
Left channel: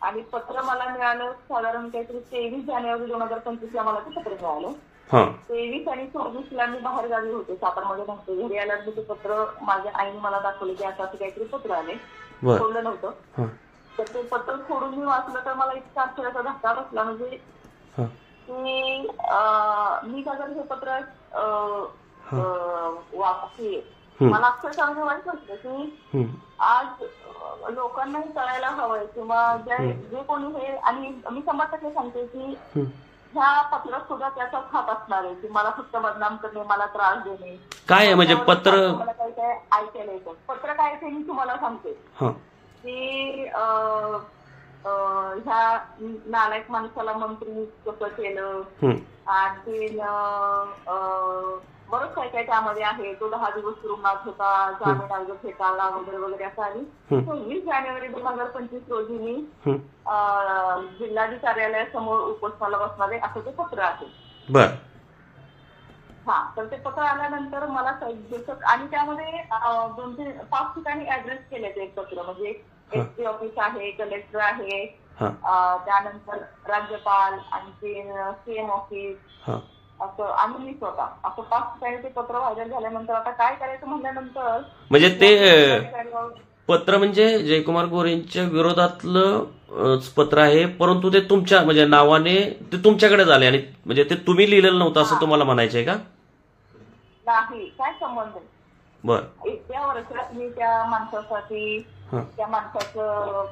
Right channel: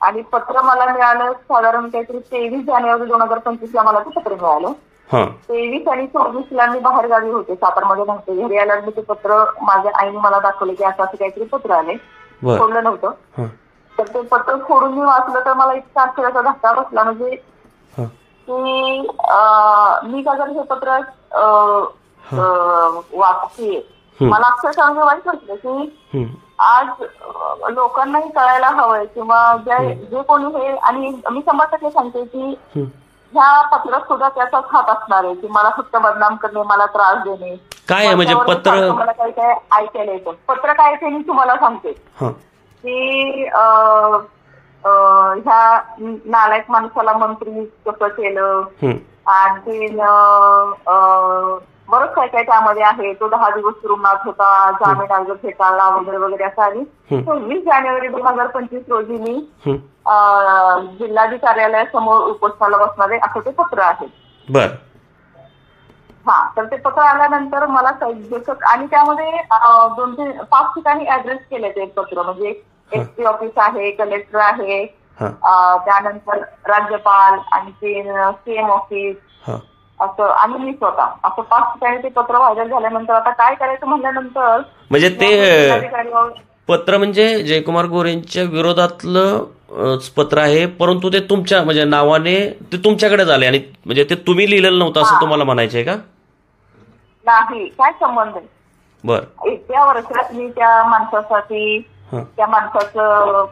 आणि पत्र मला मिळालं साधारण काहीतरी 23 जानेवारी 2025 ला मला ते पत्र मिळालं. 23 आणि 24 मी बाहेर गावी होते, सातारमध्ये नव्हते. घरी आल्यावर मी ते पत्र माझ्या आईने मला दाखवले की असं काहीतरी पत्र आले. खोडलं नव्हतं. तर ते पत्र खोडून मी वाचलं तर मला इतका आश्चर्याचा धक्का बसला. म्हणजे की मी का जर हे पत्र वाचते, मला अक्षरशः वाईट वाटलं की आज लोकांनाही कळायला हवंय किंवा जे कोणी हे, आणि मी 100% सांगते की ह्या पत्रात सुद्धा त्याचाच हात असणार आहे की मला फक्त बदनाम करणे, मला त्रास देणे. काय म्हणजे पत्र मला काही काय ऐकायला येतं. पत्र काय ते मी तुम्हाला सांगते की ह्या नालायक माणसाला मंत्री कसं केलं, आणखी बरंच काय काय त्यामध्ये आहे. तो 10 दिवस तुरुंगात होता, जामीन अर्ज फेटाळला वगैरे वगैरे असं. आणि 26 जानेवारी 2025 रोजी मी जिल्हाधिकारी कार्यालयासमोर उपोषणाला बसणारे असं ते पत्र आहे. तर ते पत्र आल्यानंतर मला आणि त्यामध्ये 2-5 ठिकाणी ऍड्रेस केले ते पत्र. म्हणजे एसपी ऑफिस आहे, कलेक्टर आहे, त्यानंतर राज्यपाल, आणखी सीएम ऑफिस असं, आणि मी स्वतः असं 5 ठिकाणी ते पत्र व्हायरल झाल्यानंतर आता काय करायचं म्हणल्यानंतर म्हणजे ते पत्र म्हणजे जयकुमार गोरेंच्या विरोधातलं पत्र आहे, परंतु ते तुमच्या म्हणजे नावाने ते तुमच्याकडे झाले आणि म्हणजे ते तुम्ही लिहिलेलं नव्हतं असं तुम्हाला म्हणायचंय का? नाही, काय संबंध आहे. बर. इतक्या वर्षात मी त्या माणसासाठी, त्या माणसाचं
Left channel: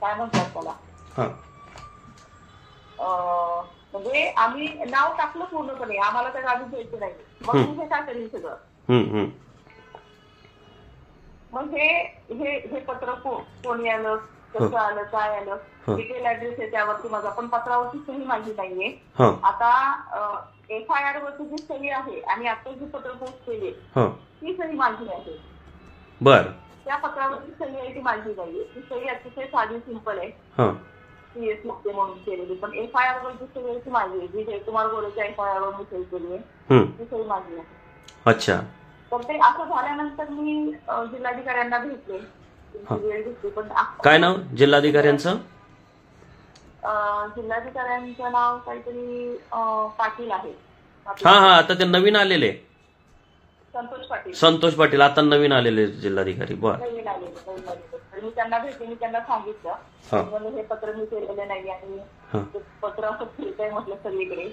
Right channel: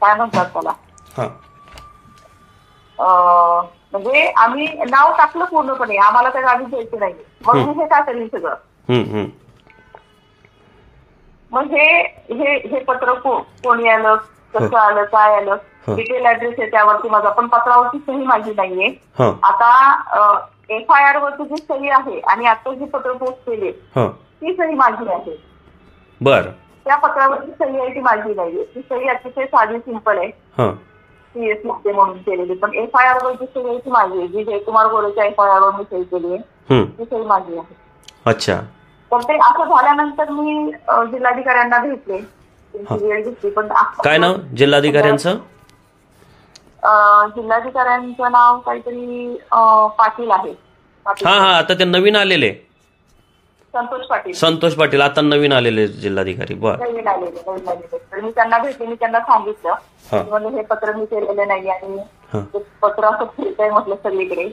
काय म्हणतात त्याला, म्हणजे आम्ही नाव टाकलं पूर्णपणे, आम्हाला त्या गावी जायचं नाही. मग मी हे काय करेन सगळं. मग हे पत्र कोणी आलं, कसं आलं, काय आलं, डिटेल ऍड्रेस आहे त्यावरती माझा, पण पत्रावरती सही माझी नाहीये. आता FIR वरती जी सही आहे आणि आता जी पत्र पोस्ट केली ती सही माझी आहे. बर. त्या पत्रावरची सही आहे ती माझी नाहीये. ती सही अतिशय साधी सिंपल आहे, CS मुक्ते म्हणून केलेली. पण FIR वरची सही आहे ती माझी आहे, जी जयकुमार गोरेच्या FIR वर मी सही केली आहे ती सही माझी आहे. अच्छा. तर ते असं झाल्यानंतर मी जिल्हाधिकाऱ्यांना भेटले, वेळ घेतली. पण काय नाव जिल्हाधिकाऱ्यांचं? जिल्हाधिकाऱ्यांचं नाव काहीतरी पाटील आहे. आता ते नवीन आलेले संतोष पाटील आता नवीन आलेले जिल्हाधिकारी. नवीन आलेले. तर मी त्यांना भेटले, मी त्यांना सांगितलं म्हणजे हे पत्र मी केलेलं नाही आणि पत्र असं फिरतंय म्हटलं सगळीकडे,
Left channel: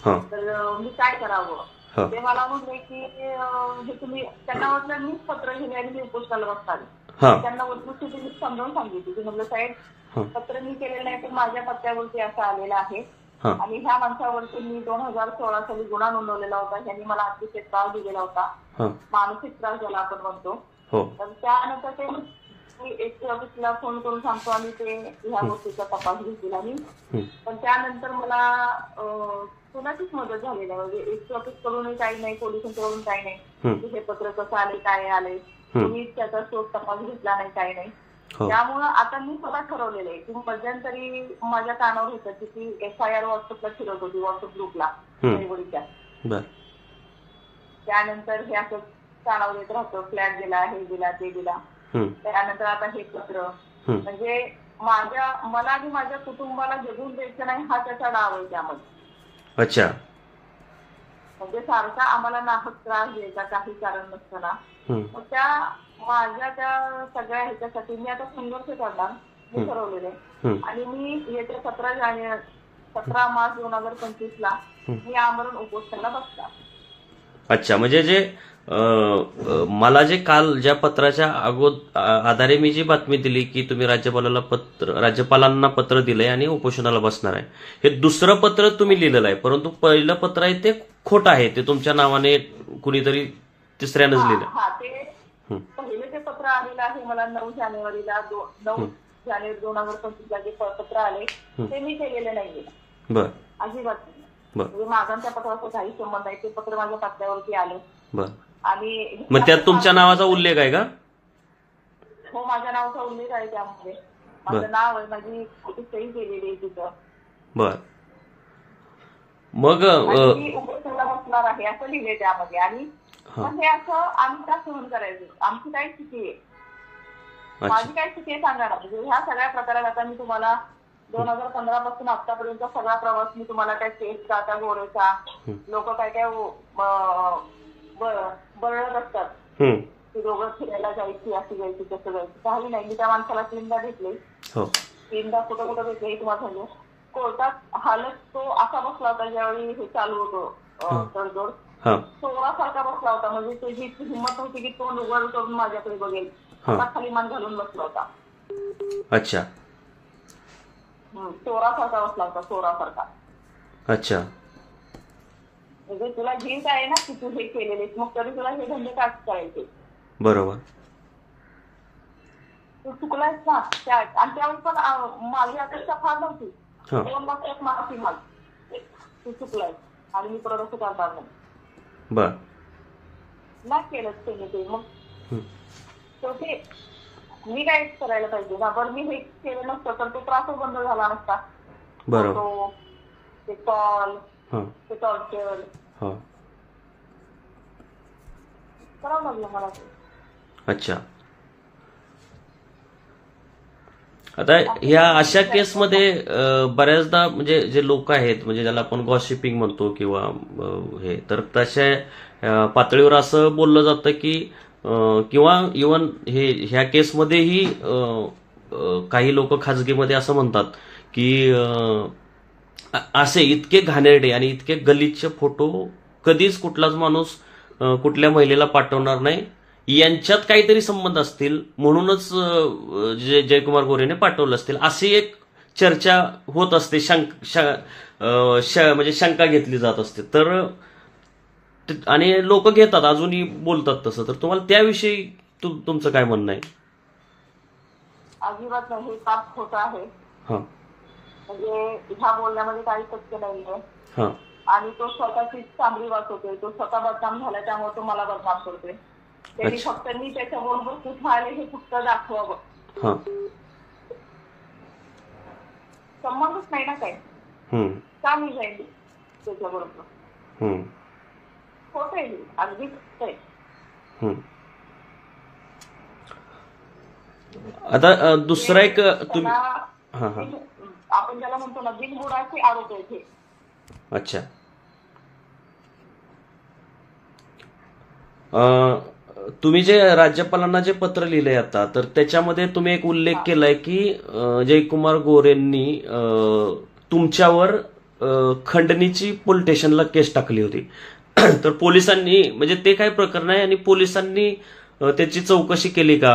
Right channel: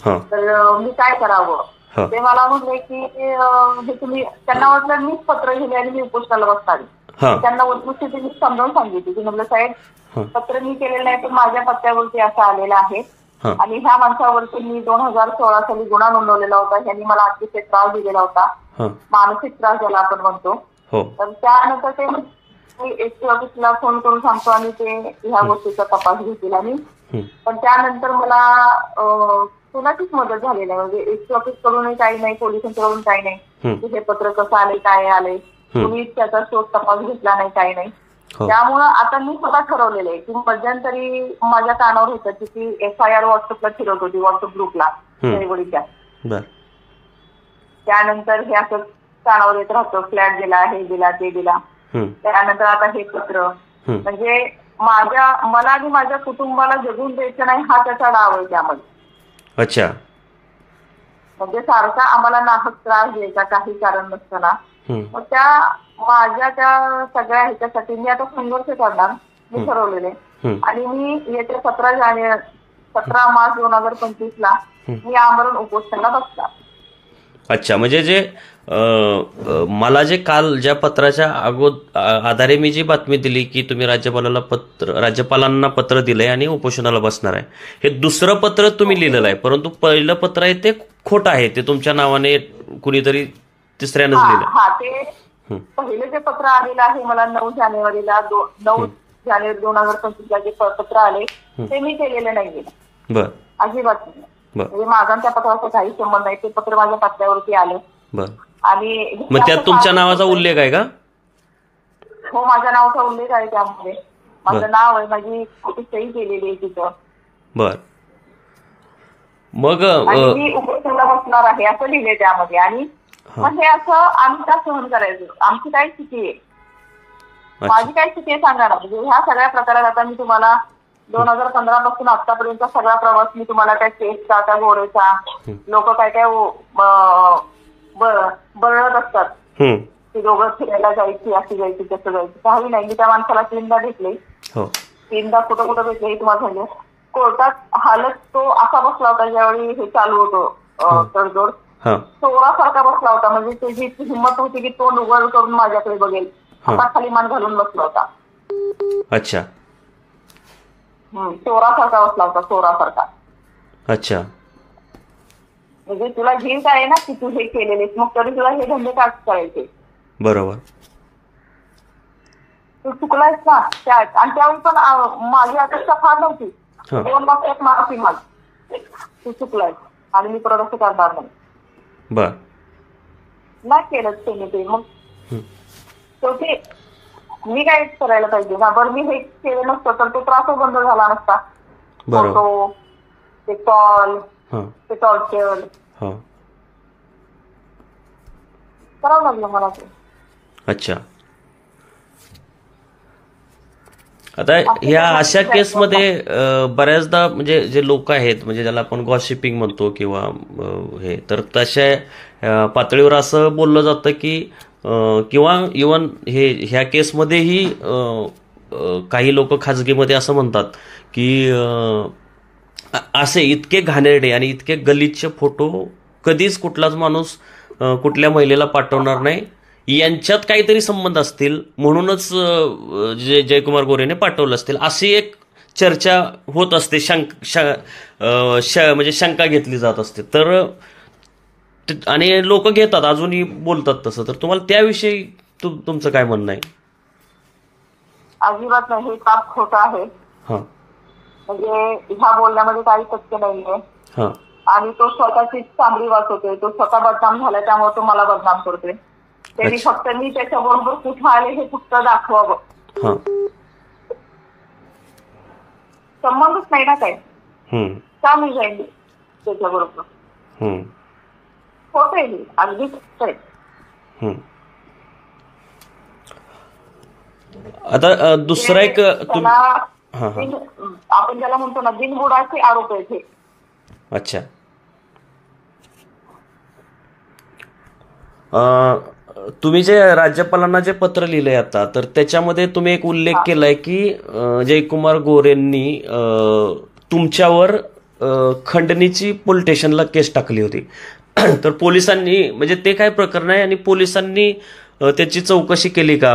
तर मी काय करावं. ते मला म्हटले की हे तुम्ही, त्यांना म्हटलं मीच पत्र लिहिले आणि मी उपोषणाला बसणार. त्यांना वस्तुस्थिती मी समजावून सांगितली की म्हटलं साहेब पत्र मी केलेलं नाही, पण माझ्या पत्त्यावरती असं आलेलं आहे आणि ह्या माणसावरती मी 2016 साली गुन्हा नोंदवलेला होता. ह्यांनी मला अतिशय त्रास दिलेला होता, मानसिक त्रास ज्याला आपण म्हणतो. तर त्यानंतर ते मी एसटी ऑफिसला फोन करून सांगतो आणि ते ह्या गोष्टीचा तपास घेतील आणि पण त्यानंतर मला कोणाचीच मदत झाली नाही. म्हणजे एसटी ऑफिस कडूनही काही नाही, पोलिसांकडून काही नाही. हे पत्र कसं आले, काय आले, कुणीच त्याचा शोध तपास घेतला नाही, काही नाही. त्यामुळं आता मी स्वतः ठरवलेलं आहे की मध्यंतरी माझ्या कानावर होतं की ती FIR व्हॉट्सअपला फिरत होती, व्हॉट्सअप ग्रुपला दहिवडीच्या. त्यानंतर हे असं कानावर येत राहतं, फ्लॅट दिला, हे दिला, ते दिला. त्यानंतर आता हे पत्र, म्हणजे मला आणि माझ्या कुटुंबाला जगून द्यायचं नाही हा त्याचा डाव आहे त्यामध्ये. अच्छा. म्हणजे सारखा आम्हाला नाहक त्रास द्यायचा काही कारण नसताना. मग माझ्या त्या सगळ्या ह्याच्यासाठी मी आता संघर्ष करणार, मी ठरवलेले. आणि मी येत्या 17 मार्च 2025 मी आमरण उपोषणाला बसणार. अच्छा, म्हणजे जे मला जे काल ज्या पत्राच्या आधारे मी जी बातमी दिली की तुम्ही राज्यपालांना पत्र दिलंय आणि उपोषणाला बसणार आहे, हे दुसरं पत्र तुम्ही लिहिलेलं आहे, परंतु पहिलं पत्र आहे ते खोटं आहे, ते तुमच्या नावाने कुणीतरी तिसऱ्यानंच लिहिलं. हा, ते पहिले जे पत्र आलेलं आहे मला 9 जानेवारीला 9 जानेवारी 2025 जे पत्र आले ते मी केलेलं नाहीये. बर. अजिबात नाही. म्हणजे माझा त्या पत्राचा काही संबंध नाही. ते पत्र माझ्या पत्त्यावरती आलं. बर. आणि मग त्यात तुमच्या नावाचा उल्लेख आहे का? हो, माझ्या नावाचा उल्लेख आहे त्यामध्ये. माझं नाव आहे, माझी सही केलेली आहे तिथं. बर. मग मी उपोषणाला बसणार आहे असं लिहिले त्यामध्ये. आणि मग हे असं आम्ही का सहन करायचं? आमची काय स्थिती आहे, माझी काय स्थिती आहे सांगा ना. म्हणजे ह्या सगळ्या प्रकारात आता मी तुम्हाला 2015 पासून आतापर्यंत सगळा प्रवास मी तुम्हाला काय केसचा, त्या गोरेचा, लोक काय काय बरळत असतात की दोघं फिरायला जायची, अशी जायची, तसं जायची. काही नाही. मी त्या माणसाला 3दा भेटले, 3दा कुठं कुठं भेटले हे तुम्हाला सांगेल. कोर्टात हालत तो असा बसला होता ज्यावेळी हे चालू होतं तडजोड, चोरासारखा बसला होता. म्हणजे त्याची हिंमत होती की तो उघड करून माझ्याकडे बघेल, आता खाली मान घालून बसला होता. अच्छा. चोरासारखा बसला होता, चोरासारखा. अच्छा. म्हणजे तुला गिल्ट आहे ना की तू हे केलेले, मग तरी तुला हे धंदे का करायचे? बरोबर. तू चुकलायस ना त्यात. आणि त्यावेळी पण माझी अपेक्षा फार नव्हती. 2 लाख माफी माग, तू चुकलायस आणि मी परत असं करणार नाही. बर. नाही केलंच त्यांनी ते. मग शेवटी मी काय करायला पाहिजे ना. बरं, मी हे केलं नसतं तर तो त्रासच बंद झाला नसता. फोटो, ते कॉल, ते टॉर्चर करावं लागलं मला ते. अच्छा. आता ह्या अशा केसमध्ये बऱ्याचदा म्हणजे जे लोक आहेत, म्हणजे ज्याला आपण गॉसिपिंग म्हणतो किंवा हे, तर तशा पातळीवर असं बोललं जातं की किंवा इव्हन ह्या केसमध्येही काही लोक खाजगीमध्ये असं म्हणतात की असे इतके घाणेरडे आणि इतके गलिच्छ फोटो कधीच कुठलाच माणूस कुठल्या महिलेला पाठवणार नाही, यांच्यात काहीतरी संबंध असतील म्हणूनच जयकुमार गोरेने पाठवलं असतील, अशी एक चर्चा होत असते, म्हणजे शंका घेतली जात असते. तर आणि लोक घेतात, अजूनही बोलतात तसं. तर तुम्हाला त्याविषयी तुमचं काय म्हणणं आहे? अजिबात नाही, हे पाप खोटं आहे. म्हणजे ह्या बोलण्यामध्ये काही तथ्य नाहीये. आणि तो स्वतःची चांगली वाचवतोय, तो स्वतः बदनाम झाला त्यामुळे तो मला बदनाम करतोय. त्यांनी फक्त मी त्याच्याबरोबर कुठं आले हे फक्त दाखवावं, संबंधच नाही ना काही. का मी जाईल त्याच्याबरोबर? होत आहे अगदी आता दुसरा एक आपण ज्याला म्हणतो ना बिनबुडाचे आरोप आहेत हे. अच्छा. तुम्ही जे राज्यपालांना जे पत्र लिहिलंय आता, तर त्याच्यामध्ये तुम्ही एक उल्लेख केलाय की जयकुमार गोरेंनी तुमच्यावर खंडणीची पोलीस स्टेशनला केस टाकली होती. तर पोलिसांनी, म्हणजे ते काय प्रकरण आहे आणि पोलिसांनी त्याची चौकशी केली का,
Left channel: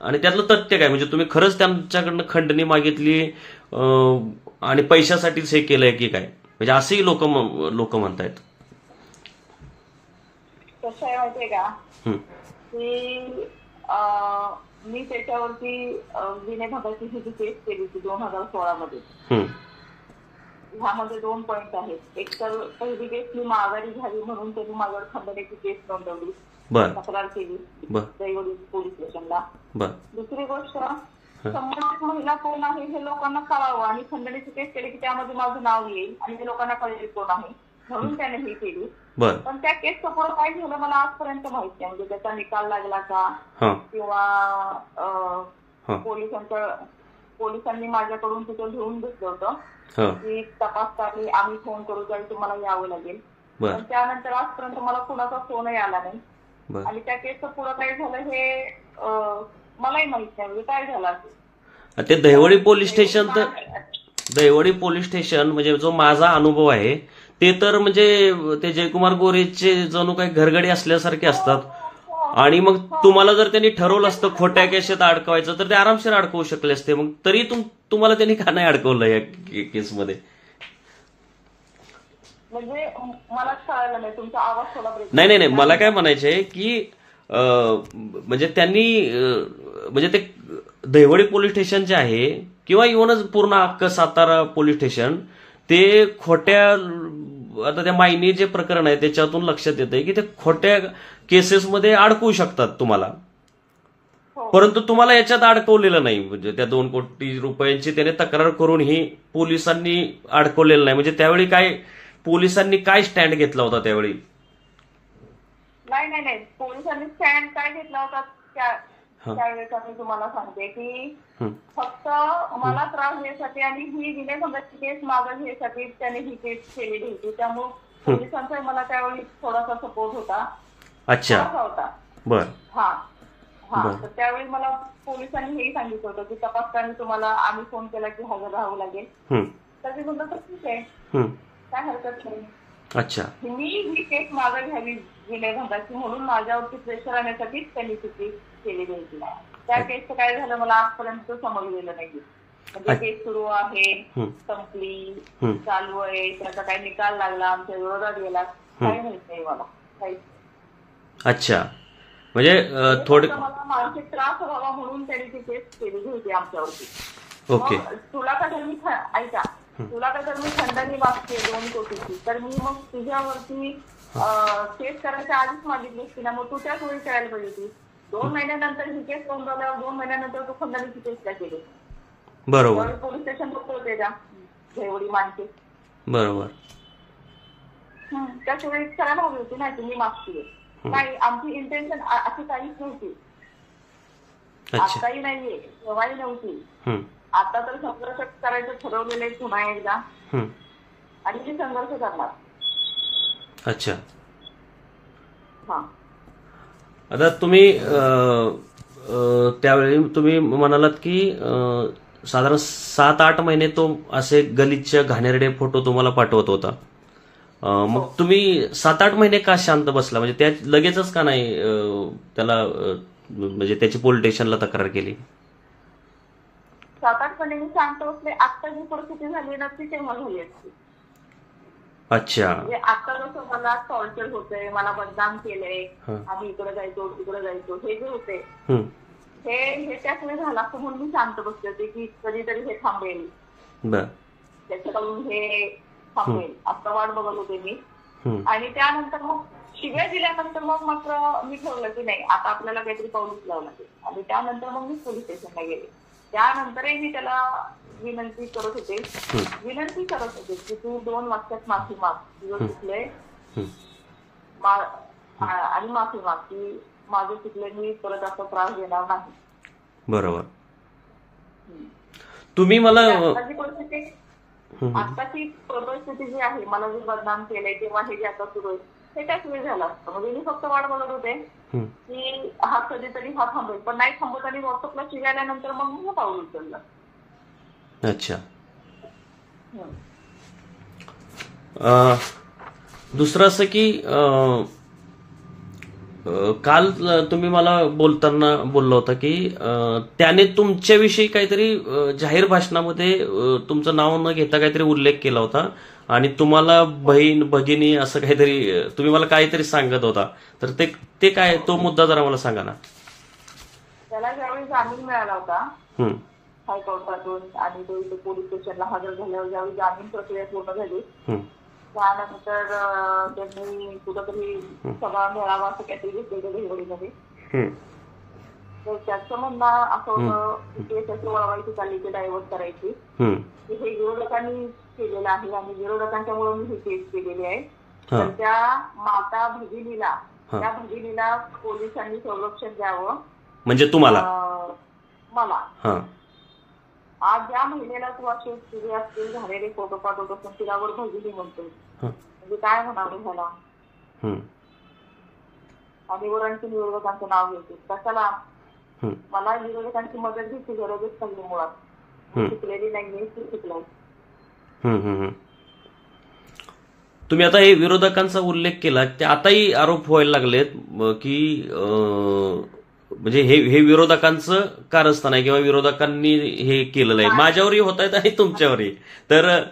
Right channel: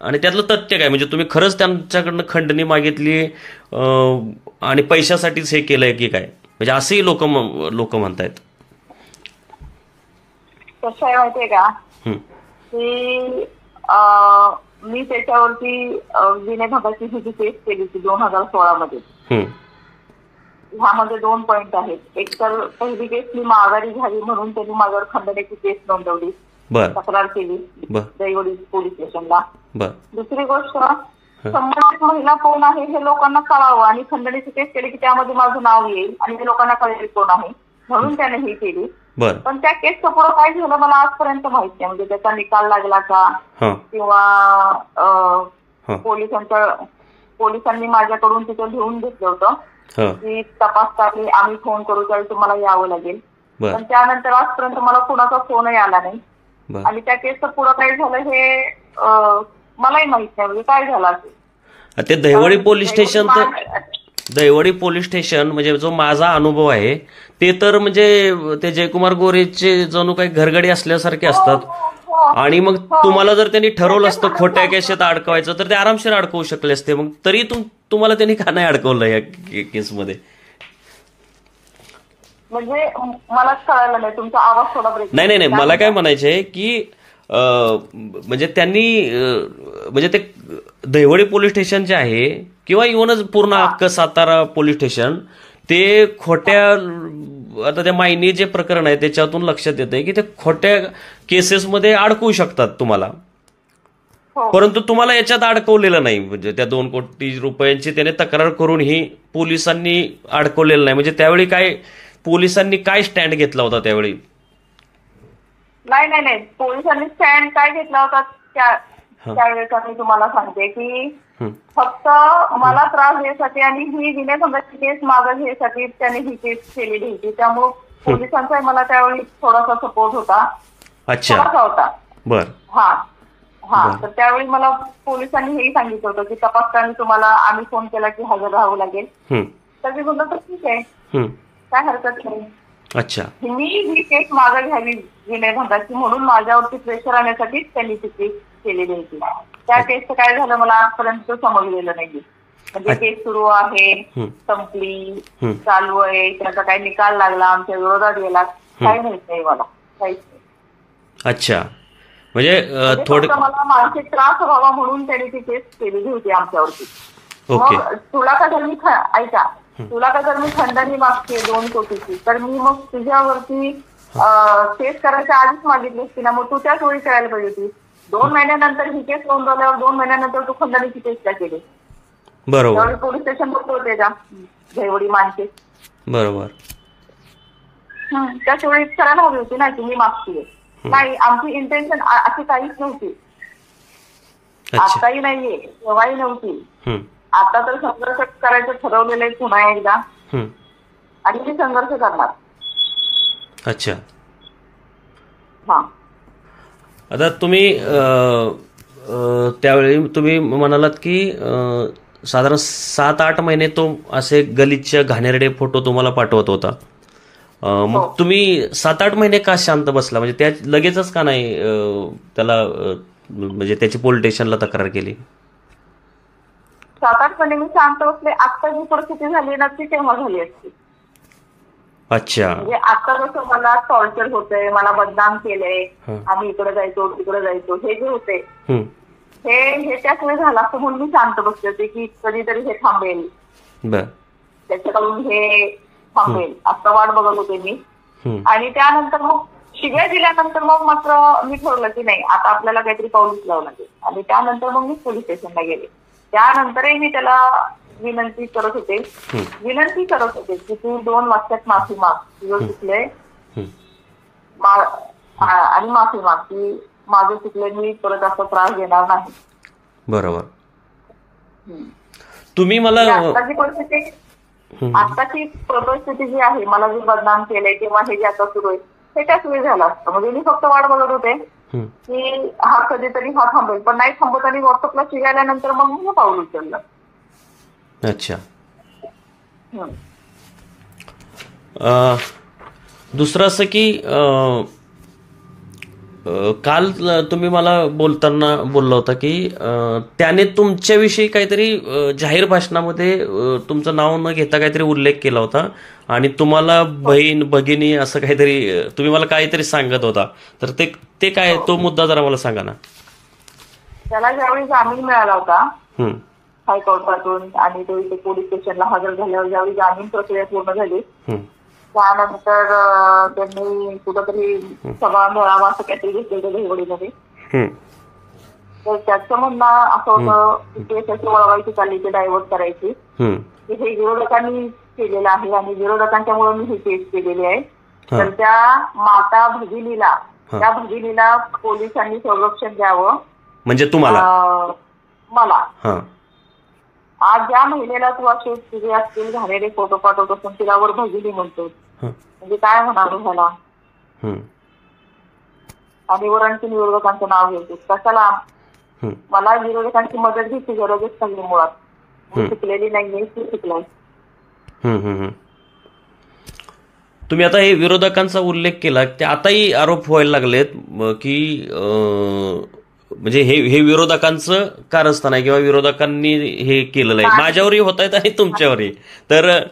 आणि त्यातलं तथ्य काय? म्हणजे तुम्ही खरंच त्यांच्याकडनं खंडणी मागितली आणि पैशासाठीच हे केलंय की काय? म्हणजे असंही लोक म्हणतायत. कसं आहे माहितीये का की मी त्याच्यावरती विनयभंगाची ही जी केस केली होती 2016 मध्ये. ह्यामध्ये 2 पॉइंट आहेत. एक तर पहिली केस मी माघारी घ्यावी म्हणून त्यांनी माझ्यावर खंडणीची केस नोंदवली, तक्रार केली दैवडी पोलीस स्टेशनला. दुसरी गोष्ट, संबंधित महिला कोण आहे हे लोकांना कळावं आणि खंडणीची केस केली की त्यामध्ये माझं नाव येईल आणि ते लोकांना कळेल कोण आहे, म्हणून त्याने ही केली. पण त्या केसचं पुढं काय झालं मला आजपर्यंत माहित नाही. म्हणजे त्याचा निकाल लागला का किंवा पोलिसांनी माझ्याकडून तिथं लिहून घेतलं होतं की तपाससाठी आम्ही फोन करू त्यावेळी तुम्हाला यावं लागेल. पण त्यानंतर आजपर्यंत मला कुणाचा फोनही आला नाही आणि त्या केसचं पुढं काय झालं हे मलाही माहित नाही. म्हणजे काय झालं असेल ते दैवडी पोलीस स्टेशन म्हणजे जो माझा अनुभव आहे ते तर म्हणजे ते जयकुमार गोरेचे जणू काही घरगडी असल्यासारखे असतात. आणि मग तुम्हाला जर त्यांनी ठरवलं असतं खोट्या केसात अडकवायचं तर ते आरामशीर अडकवू शकले असते. मग तरी तुम्हाला त्यांनी का नाही अडकवलं या केसमध्ये? म्हणजे मला कळालं नाही, तुमचा आवाज थोडा ब्रेक. नाही मला काय म्हणायचंय की म्हणजे त्यांनी म्हणजे ते दैवडी पोलीस स्टेशन जे आहे किंवा इव्हनच पूर्ण अख्खं सातारा पोलीस स्टेशन ते खोट्या, आता त्या मायनी जे प्रकरण आहे त्याच्यातून लक्षात येतंय की ते खोट्या केसेसमध्ये अडकवू शकतात तुम्हाला. परंतु तुम्हाला याच्यात अडकवलेलं नाही. म्हणजे त्या 2 कोटी रुपयांची त्याने तक्रार करूनही पोलिसांनी अडकवलेलं नाही. म्हणजे त्यावेळी काय पोलिसांनी काय स्टँड घेतला होता त्यावेळी? नाही पोलिसांनी स्टँड काय घेतला होता त्यावेळेचा मी तुम्हाला सांगते की फक्त मला त्रास द्यायसाठी आणि ही विनयभंगाची केस मागं घ्यायसाठी त्यांनी ही केस केलेली होती. त्यामुळे पोलिसांचा मला त्यावेळी थोडासा सपोर्ट होता. होता तर त्यावेळी मला पोलिसांनी हेही सांगितलं होतं की तपासताना तुम्हाला आम्ही फोन केला की हजर राहावं लागेल. तर मी म्हणलं तर ठीक आहे, काय हरकत नाही. अच्छा, मी ही केस मागं घ्यावी विनयभंगाची म्हणून माझ्यावरती प्रेशर आणण्यासाठी त्यांनी ती केस केलेली होती. त्या केसचं काय झालं मला आजपर्यंत समजलेलं नाही. म्हणजे केस सुरू आहे, संपली, चालू आहे, त्याचा काही निकाल लागला, आमच्या विरोधात गेला, काही माहित नाही मला, काहीच नाही. अच्छा, म्हणजे थोडं मला मानसिक त्रास व्हावा म्हणून त्यांनी ती केस केलेली होती आमच्यावरती. मग तुला का जर मी ऐका तुला का जर मी खंडणी मागते 2 कोटीची तर मी मग तुझ्यावरती केस करायच्या आधीच मागितली असती ना. मग तू त्याच वेळी करायला पाहिजे होती. 2 महिन्यानंतर ही केस नोंदवल्यावर 2 महिन्यानंतर तू खंडणीची केस का केली? बरोबर, पोलीस स्टेशन होते का जयवडी मानके? बरोबर, त्याच वेळी करायला हवी होती ना की मी मागतीये. नाही, आमची इंटेन्शन अशी काहीच नव्हती. आताही नाहीये, तेव्हाही नव्हती. आता तर संघर्ष करायचं ठरवलेलं आहे पुन्हा एकदा आणि मी संघर्ष करणार. अच्छा, आता तुम्ही त्यावेळी तुम्ही म्हणालात की साधारण 7-8 महिने तो असे गलिच्छ घाणेरडे फोटो तुम्हाला पाठवत होता. मग तुम्ही 7-8 महिने का शांत बसला? म्हणजे त्या लगेचच का नाही त्याला म्हणजे त्याची पोलीस स्टेशनला तक्रार केली? 7-8 महिने मी शांत बसले. आता जी परिस्थिती झाली ना ती तेव्हा झाली असती. अच्छा, म्हणजे आता जसं मला टॉर्चर होतंय, मला बदनाम केलंय, आम्ही इकडे जायचो तिकडे जायचो, हे जे होते हे त्याच वेळी झालं असतं म्हणून मी शांत बसले होते की कधीतरी हे थांबेल, त्याच्याकडून हे थांबेल असं वाट बघत होते मी. आणि त्यानंतर मग शिव्या दिल्यानंतर मग मात्र मी ठरवलं की नाही आता आपल्याला काहीतरी पाऊल उचलावं लागेल. आणि त्यानंतर मग मी पोलीस स्टेशनला गेले. त्यानंतरही मी त्याला विनंती करत होते की तू 2 वाक्यात माफी माग, तुझं चुकलंय आणि माफी माग की माझं चुकलंय, मी परत असा त्रास देणार नाही. बरोबर. तुम्ही मला आताची परिस्थिती जी आहे, मला जे बदनाम केलंय किंवा हे जे आता सुरू आहे हे त्याच वेळी झालं असतं. म्हणजे मी फक्त वाट बघत होते की हा कधीतरी हा थांबेल, पण नाही थांबत आणि व्हॉट्सअपला शिकायल्यानंतर मग मी पाऊल उचललं. अच्छा, दुसरं असं की काल तुम्ही मला बोलताना बोलला होता की त्याने तुमच्याविषयी काहीतरी जाहीर भाषणामध्ये तुमचं नाव न घेता काहीतरी उल्लेख केला होता आणि तुम्हाला बहीण भगिनी असं काहीतरी तुम्ही मला काहीतरी सांगत होता. तर ते काय, तो मुद्दा जरा मला सांगा ना. त्याला ज्यावेळी जामीन मिळाला होता हम्म, हायकोर्टातून आणि तो इथे पोलीस स्टेशनला हजर झाल्यावर ज्यावेळी जामीन प्रक्रिया पूर्ण झाली हम्म, त्यानंतर त्यांनी कुठंतरी सभा मेळावा असं काहीतरी घेतलेलं देवडीमध्ये. हम्म, तर त्याचं म्हणणं असं होतं की केस अशी वळवायची चालली की डायव्हर्ट करायची, हम्म, की हे विरोधकांनी केलेलं आहे आणि विरोधकांच्यामुळे मी ही केस केलेली आहे. हा. तर त्या माता भगिनीला त्या भगिनीला पोलिसांनी संरक्षण द्यावं. म्हणजे तुम्हाला मला हा आज ज्या महिलेला तू असे तुझे असतील झालेले फोटो पाठवत असून तिलावर भगिनी म्हणतो, हा, म्हणजे काय म्हणालो ह्याला. हम्म, आणि वर आणखी विरोधकांचं नाव घेतो कशाला. हम्म, मला विरोधकांची मदत घ्यायची गरजच नाही मुळात. मी शिकलेली नाहीये, ती शिकलाय. हम्म, हम्म. तुम्ही आता हे विरोधकांचा उल्लेख केला ते आताही आरोप व्हायला लागलेत की म्हणजे हे विरोधकांचं कारस्थान आहे किंवा विरोधकांनी हे केलेलं आहे. माझ्यावरही होत आहेत आणि तुमच्यावरही. तर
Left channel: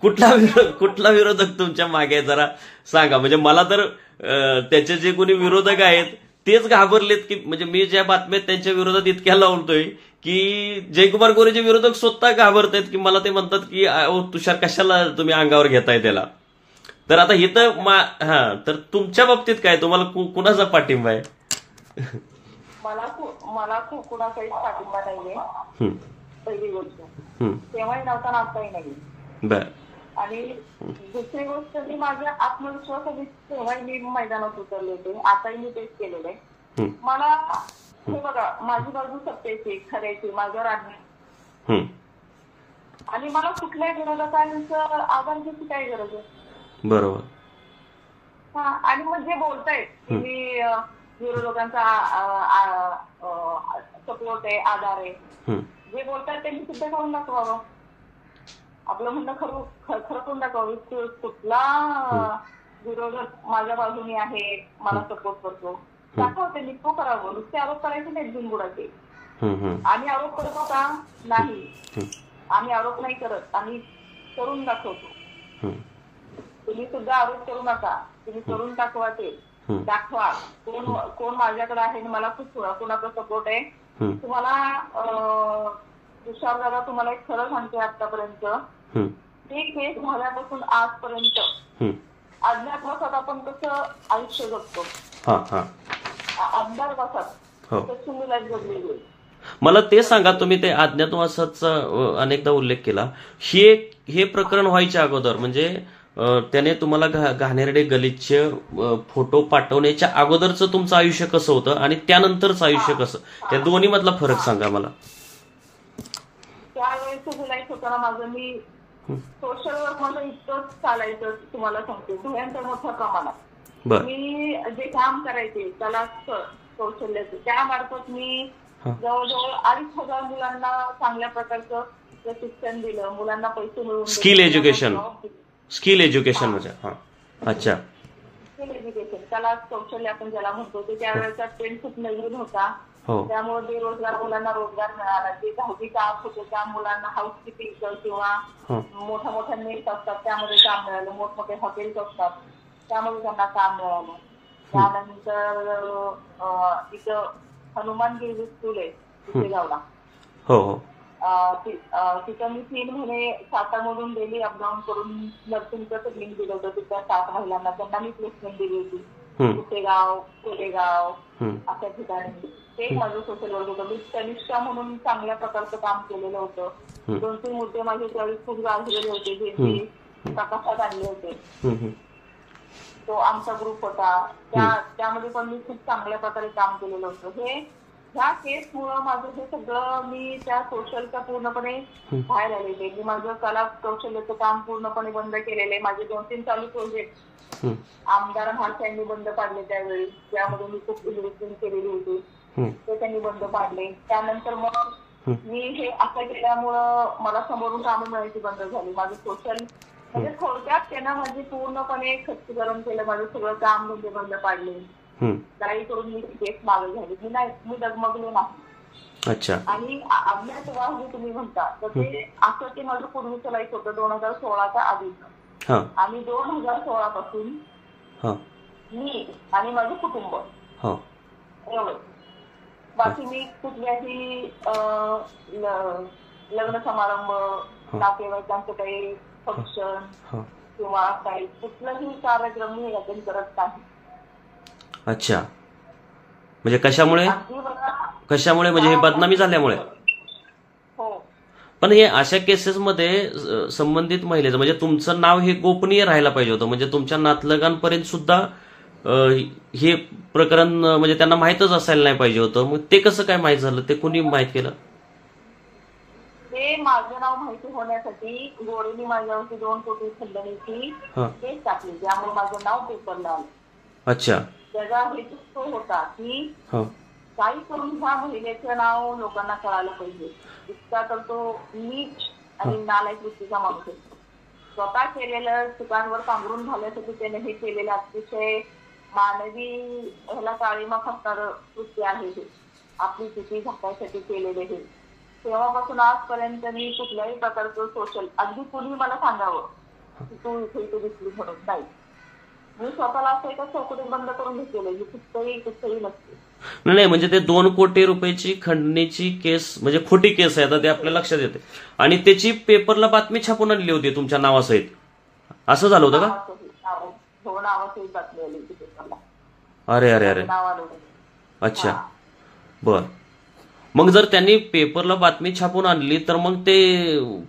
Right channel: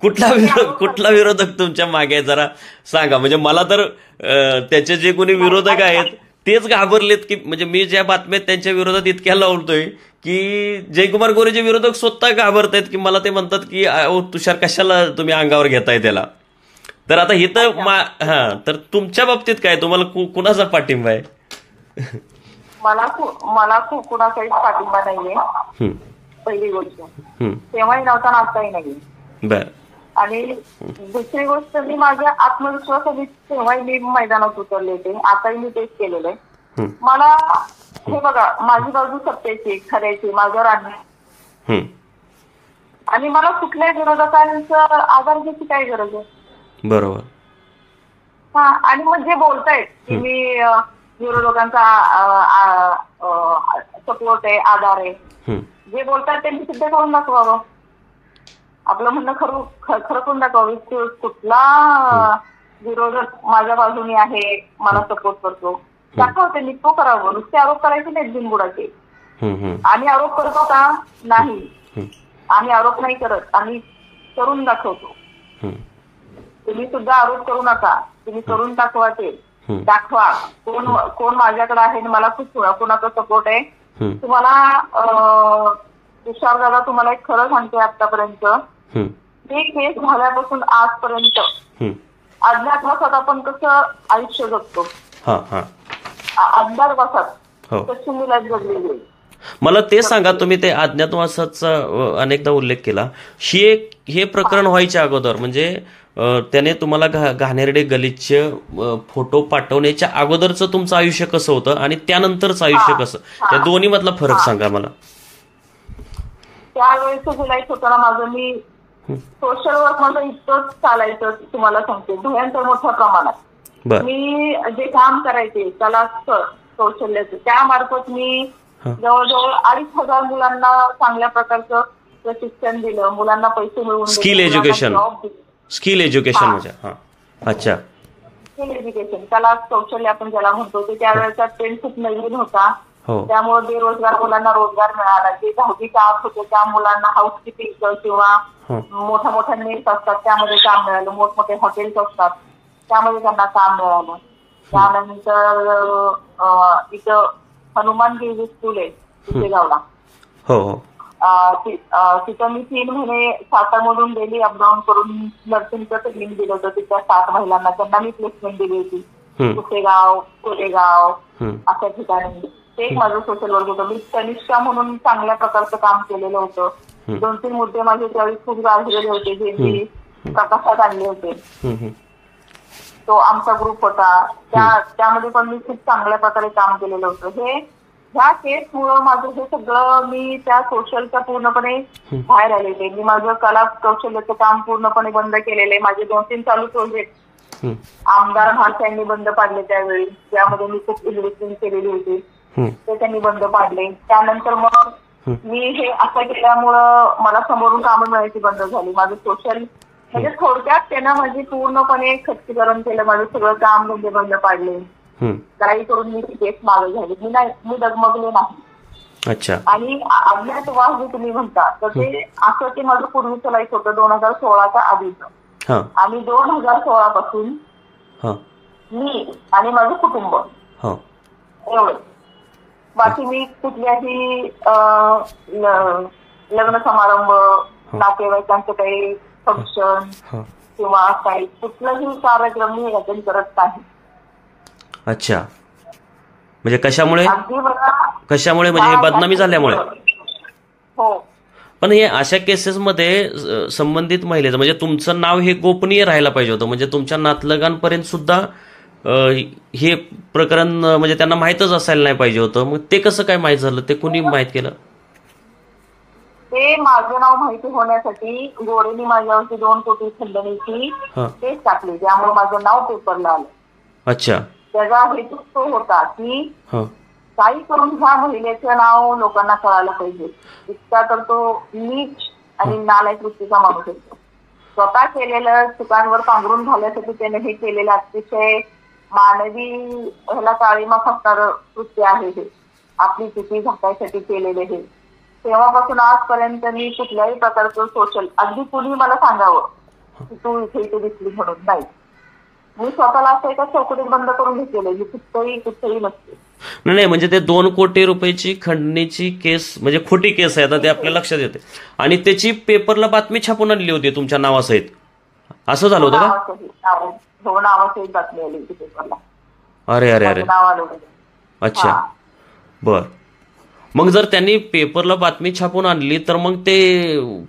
कुठला विरोधक तुमच्या मागे आहे जरा सांगा. म्हणजे मला तर त्याचे जे कोणी विरोधक आहेत तेच घाबरलेत की म्हणजे मी ज्या बातम्यात त्यांच्या विरोधात इतक्या लावतोय की जयकुमार गोरेचे विरोधक स्वतः घाबरत आहेत की मला ते म्हणतात की तुषार कशाला तुम्ही अंगावर घेताय त्याला. तर आता हे तर हा तर तुमच्या बाबतीत काय तुम्हाला कुणाचा पाठिंबा आहे. मला कुणाचाही पाठिंबा नाहीये पहिली गोष्ट. तेव्हाही नव्हता आणि आताही नाही. बर. आणि दुसरी गोष्ट मी माझ्या आत्मविश्वासाने तेव्हाही मी मैदानात उतरले होते, आताही मी तेच केलेलं आहे. मला हे बघा माझी बाजू सत्याची खऱ्याची माझ्यावर आणली आणि मला कुठल्याही विरोधकांचा आधार घ्यायची काय गरज आहे. बरोबर. हा आणि मग जे बोलतायत की मी विरोधकांचा सपोर्ट आहे आधार आहे जे बोलतायत त्यांनी सिद्ध करून दाखवावं. आपलं म्हणणं खरं करून दाखवावं. कुठला विरोधक माझ्या बाजूने आहे मला सपोर्ट करतो दाखवते मी तो करावं. नुसते आरोप करायचे नाहीत बिनबुडाचे. आम्ही आरोप करतो का नाही. आम्ही आरोप नाही करत आम्ही करून दाखवतो. तुम्ही सुद्धा आरोप करू नका तुम्ही करून दाखवा. ते दाखवा कोण माझ्याकडे आहे मला खूप कोणाचा सपोर्ट आहे. तुम्हाला तुषार दादा तुम्हाला एक खरं सांगते आतापर्यंत ते केस झाल्यापासून आजपर्यंत अज्ञातवासात आपण कसं आयुष्य जगतो अज्ञातवासात कशी मी लाईफ जगलेली आहे. मला ते सांगा तुम्ही ते अज्ञातवासाचा अनेकदा उल्लेख केला. हे प्रकरण व्हायच्या अगोदर म्हणजे त्याने तुम्हाला घाणेरडे गलिच्छ फोटो पाठवण्याच्या अगोदरचं तुमचं आयुष्य कसं होतं आणि त्यानंतरचं आयुष्य कसं त्या दोन्ही मधला फरक सांगा मला. त्यावेळेचं लाईफ होताना माझं मी सोशल वर्क माझं इतकंच चालायचं तुम्हाला सांगते भयंकर मोठ्या प्रमाणात. मी जे काम करायचे कला कौशल्याचं त्यामार्फत मी जवळजवळ 2,500 मुलांना चांगल्या प्रकारचं प्रशिक्षण दिलं. मुलांना पैसे मिळवून स्किल एज्युकेशन म्हणजे अच्छा स्किल एज्युकेशन कला कौशल्य आपण ज्याला म्हणतो ते त्यावेळेचा ट्रेंड खूप नवीन होता. त्यामुळे बेरोजगार मुलांना रोजगार मिळाला. जे 10वी आत होते त्या मुलांना हाऊसकीपिंग किंवा मोठ्या मोठ्या नेट असतात त्यामध्ये काम मिळालं. मोठमोठे हॉटेल्स असतात त्यामध्ये त्यांना काम मिळालं. त्यानंतर इथं हनुमानगिरी स्कूल आहे तिथे गावला तिथं मी 3 महिने सातारमधून डेली अपडाऊन करून नर्सिंगचं ट्रेनिंग दिलं होतं. तिथल्या 7 महिलांना त्यांना मी प्लेसमेंट दिली होती. कुठेगाव कोरेगाव अशा ठिकाणी. ते एक माझं सोशल वर्क होतं. मी तनिष्का म्हणून चांगल्या प्रकारचं काम केलेलं होतं. 2-3 मुद्दे माझे त्यावेळी खूप गाजलेले होते जे मी प्रकाशात आणले होते. तो आमचा ग्रुप होता त्यामध्ये पण मी खूप चांगल्या प्रकारे काम केलेलं होतं. ह्या केसमुळं माझं हे सगळं मी त्या सोशलच्या पूर्णपणे बाहेर आले होते. मी माझं कला कौशल्याचं काम पूर्णपणे बंद केलेलं आहे. माझे 2-3 चालू प्रोजेक्ट आमदार हात यांनी बंद पाडले त्यावेळी ज्यामध्ये मी खूप इन्व्हेस्टमेंट केलेली होती ते त्यांनी बंद पाडले. त्यानंतर मग मी हे असं केल्यामुळं मला समोरून कामं मिळायची बंद झाली. माझं सोशल म्हणजे थोडक्यात त्यानं माझी पूर्णपणे खच्चीकरण केलं. माझं सगळं काम म्हणजे बंद पाडले. काही करून मी केस मागे झाली. मी डगमगले नाही. अच्छा. आणि अज्ञातवास जे तुम्ही म्हणता तर ते असं ते माझं पूर्वीचं लाईफ होतं 2016च्या आधीचं. आणि 2016 पासून मी आणि माझं कुटुंब एवढं बाकी मी कुठल्याही लग्न समारंभ, नातेवाईकांचं काही फंक्शन किंवा काही कुठलाही कार्यक्रम मी अटेंड करत नाही. अच्छा, म्हणजे कशामुळे म्हणजे हे बदनामी झाल्यामुळे? हो. पण हे अशा केसेसमध्ये संबंधित महिलेचं म्हणजे तुमचं नाव हे गोपनीय राहायला पाहिजे होतं, म्हणजे तुमच्या नातलगांपर्यंत सुद्धा हे प्रकरण म्हणजे त्यांना माहीतच असायला नाही पाहिजे होतं. मग ते कसं काय माहीत झालं? ते कुणी माहीत केलं? ते माझं नाव माहिती होण्यासाठी गोरेनी माझ्यावरती 2 कोटी खंडणीची केस टाकली, त्यामुळे माझं नाव पेपरला आलं. अच्छा. त्याचा हेतू तो होता की काही करून ह्या महिलेचं नाव लोकांना कळायला पाहिजे. इतका तर तो नीच आणि नालायक वृत्तीचा माणूस होतो. स्वतः केलेलं चुकांवर पांघरून घालण्यासाठी त्याने हे केलेलं अतिशय मानवी ह्याला काळीमा फासणारं कृत्य आहे हे. आपली चुकी झाकायसाठी केलेले हे. तेव्हापासून आजपर्यंत मी कुठल्याही प्रकारचं सोशल, अगदी कुणी मला सांगावं की तू इथे दिसली म्हणून नाही, मी स्वतःला असं एका चौकटीत बंद करून घेतलेलं, मी कुठेही नसते. नाही, म्हणजे ते 2 कोटी रुपयाची खंडणीची केस म्हणजे खोटी केस आहे, आता ते आपल्या लक्षात येते. आणि त्याची पेपरला बातमी छापून आणली होती तुमच्या नावासहित, असं झालं होतं का? हो, नावासहित बातमी आली होती पेपरला. अरे अरे अरे. अच्छा, बर. मग जर त्यांनी पेपरला बातमी छापून आणली तर मग ते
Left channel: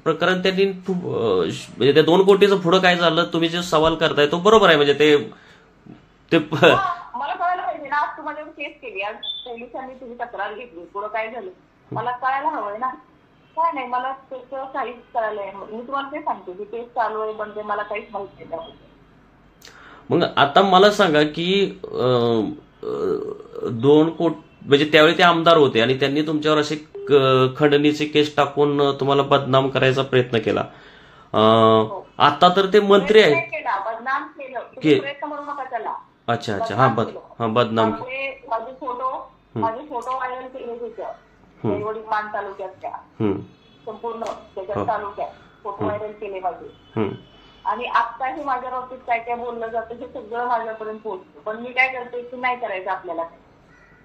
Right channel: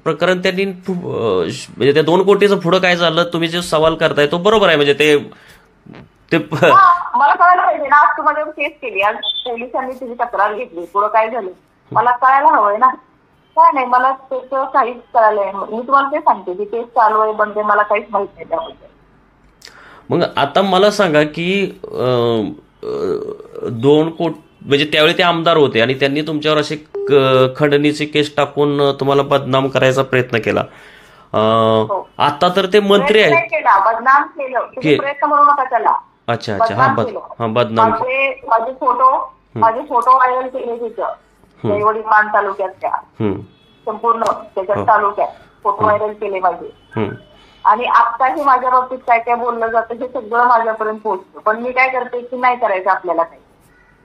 प्रकरण त्यांनी म्हणजे ते 2 कोटीचं पुढं काय झालं तुम्ही जे सवाल करताय तो बरोबर आहे. म्हणजे ते मला कळायला पाहिजे ना. आज तुम्हाला केस केली, आज पोलिसांनी तुझी तक्रार घेतली, पुढं काय झालं मला कळायला हवंय ना. काय नाही, मला त्याचं काहीच कळालंय. मी तुम्हाला ते सांगते की केस चालू आहे पण ते मला काहीच माहित नाही त्याबद्दल. मग आता मला सांगा की 2 कोटी म्हणजे त्यावेळी ते आमदार होते आणि त्यांनी तुमच्यावर अशी खंडणीची केस टाकून तुम्हाला बदनाम करायचा प्रयत्न केला. आता तर ते मंत्री आहेत. बदनाम केलं, प्रयत्न करू नका त्याला. अच्छा अच्छा. हा, बदनाम. माझे फोटो व्हायरल केले तिथं मान तालुक्यातल्या संपूर्ण त्याच्यात तालुक्यात फोटो व्हायरल केले माझे. आणि आत्ताही माझ्या बाबतीत काय काय बोललं जातं हे सगळं माझ्यापर्यंत पोहोचतं. पण मी काय करते की नाही करायचं आपल्याला काही.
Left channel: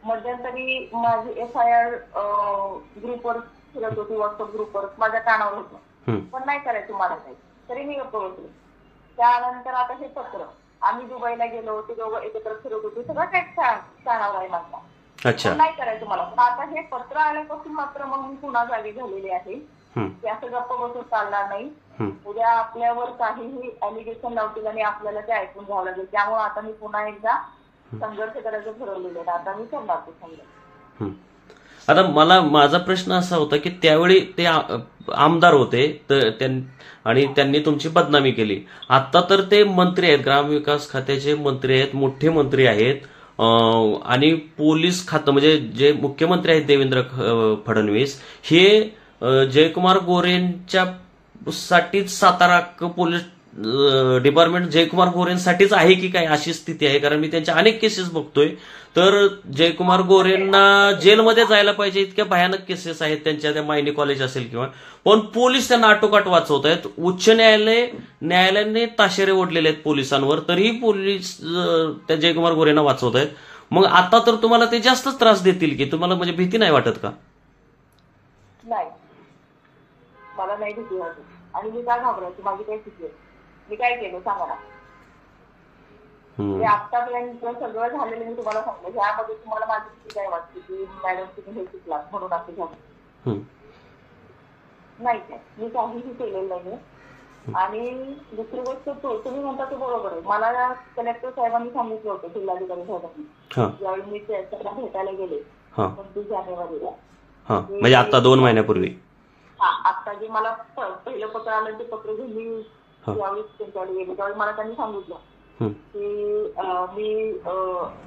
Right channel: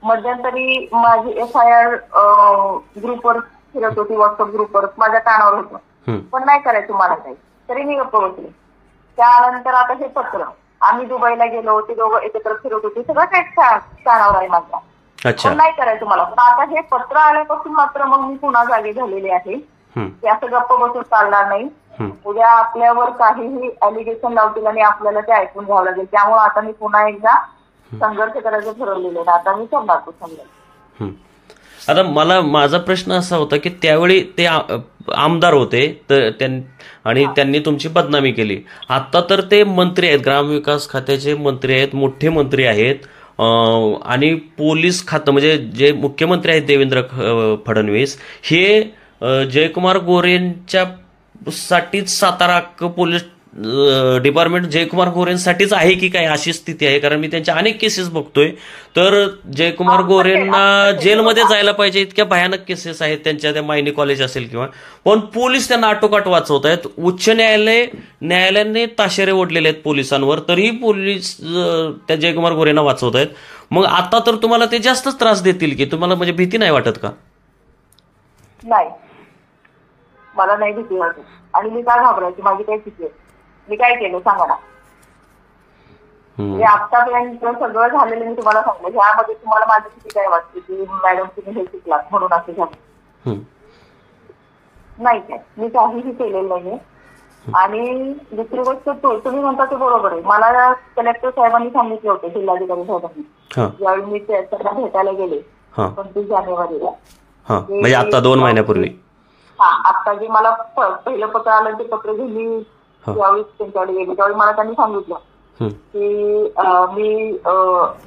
मध्यंतरी माझी FIR ग्रुपवर फिरत होती, व्हॉट्सअप ग्रुपवर माझ्या कानावर होतं, पण नाही करायचं मला काही, तरी मी गप्प बसले. त्यानंतर आता हे पत्र, आम्ही दुबईला गेलो, ते दोघं एकत्र फिरत होते, सगळं काही कानावर आहे माझ्या, पण नाही करायचं मला. पण आता हे पत्र आल्यापासून मात्र मग मी पुन्हा जागी झालेले आहे की असं गप्प बसून चालणार नाही. उद्या आपल्यावर काहीही अलिगेशन लावतील आणि आपल्याला ते ऐकून घ्यावं लागेल. त्यामुळे आता मी पुन्हा एकदा संघर्ष करायचं ठरवलेलं आहे. आता मी करणार तो संघर्ष. आता माझा प्रश्न असा होता की त्यावेळी ते आमदार होते आणि त्यांनी तुमची बदनामी केली. आता तर ते मंत्री आहेत, ग्रामविकास खात्याचे मंत्री आहेत, मोठे मंत्री आहेत. आणि पोलीस खातं म्हणजे जे मुख्यमंत्री आहेत देवेंद्र फडणवीस हे जयकुमार गोरेंच्या साठीच सातारा पोलीस डिपार्टमेंट जयकुमार गोरेंसाठीच आहे की काय अशी स्थिती आहे. कारण मी त्यांच्या अनेक केसेस बघतोय तर जयकुमार गोरेंना जेलमध्ये जायला पाहिजे इतक्या भयानक केसेस आहेत त्यांच्या. त्या मायनी कॉलेज असेल किंवा, पण पोलीस त्यांना आटोकाट वाचवत आहेत. उच्च न्यायालयाने ताशेरे ओढलेले आहेत पोलिसांवर, तरीही पोलीस त्या जयकुमार गोरेंना वाचवत आहेत. मग आता तर तुम्हाला ते जास्तच त्रास देतील की, तुम्हाला म्हणजे भीती नाही वाटत का? नाही, मला नाही भीती वाटत. आणि मी काय घाबरायची, माझी काय चुकी आहे? मी काय केलं सांगा ना. आतापर्यंत सगळं झालेलं मी तुम्हाला सांगलं. ह्यामध्ये तुम्हाला माझी चुकी काय वाटते की मॅडम तुम्ही हे शिकलात म्हणून असं झालं? नाही, काय मी काहीही केलेलं नाहीये. आणि दुसरी गोष्ट तुम्ही म्हणता ते बरोबर आहे. मला कलेक्टर साहेबांनी सांगितलं होतं, जिल्हाधिकारी साहेबांनी, ज्यावेळी मी त्यांना भेटायला गेले 29 जानेवारीला, म्हणजे आता 2 महिन्यापूर्वी. आता जे मला पहिलं पत्र आलं ते पत्र घेऊन मी ज्यावेळी त्यांच्याकडे गेले त्यावेळी मला त्यांनी सांगितलं की मी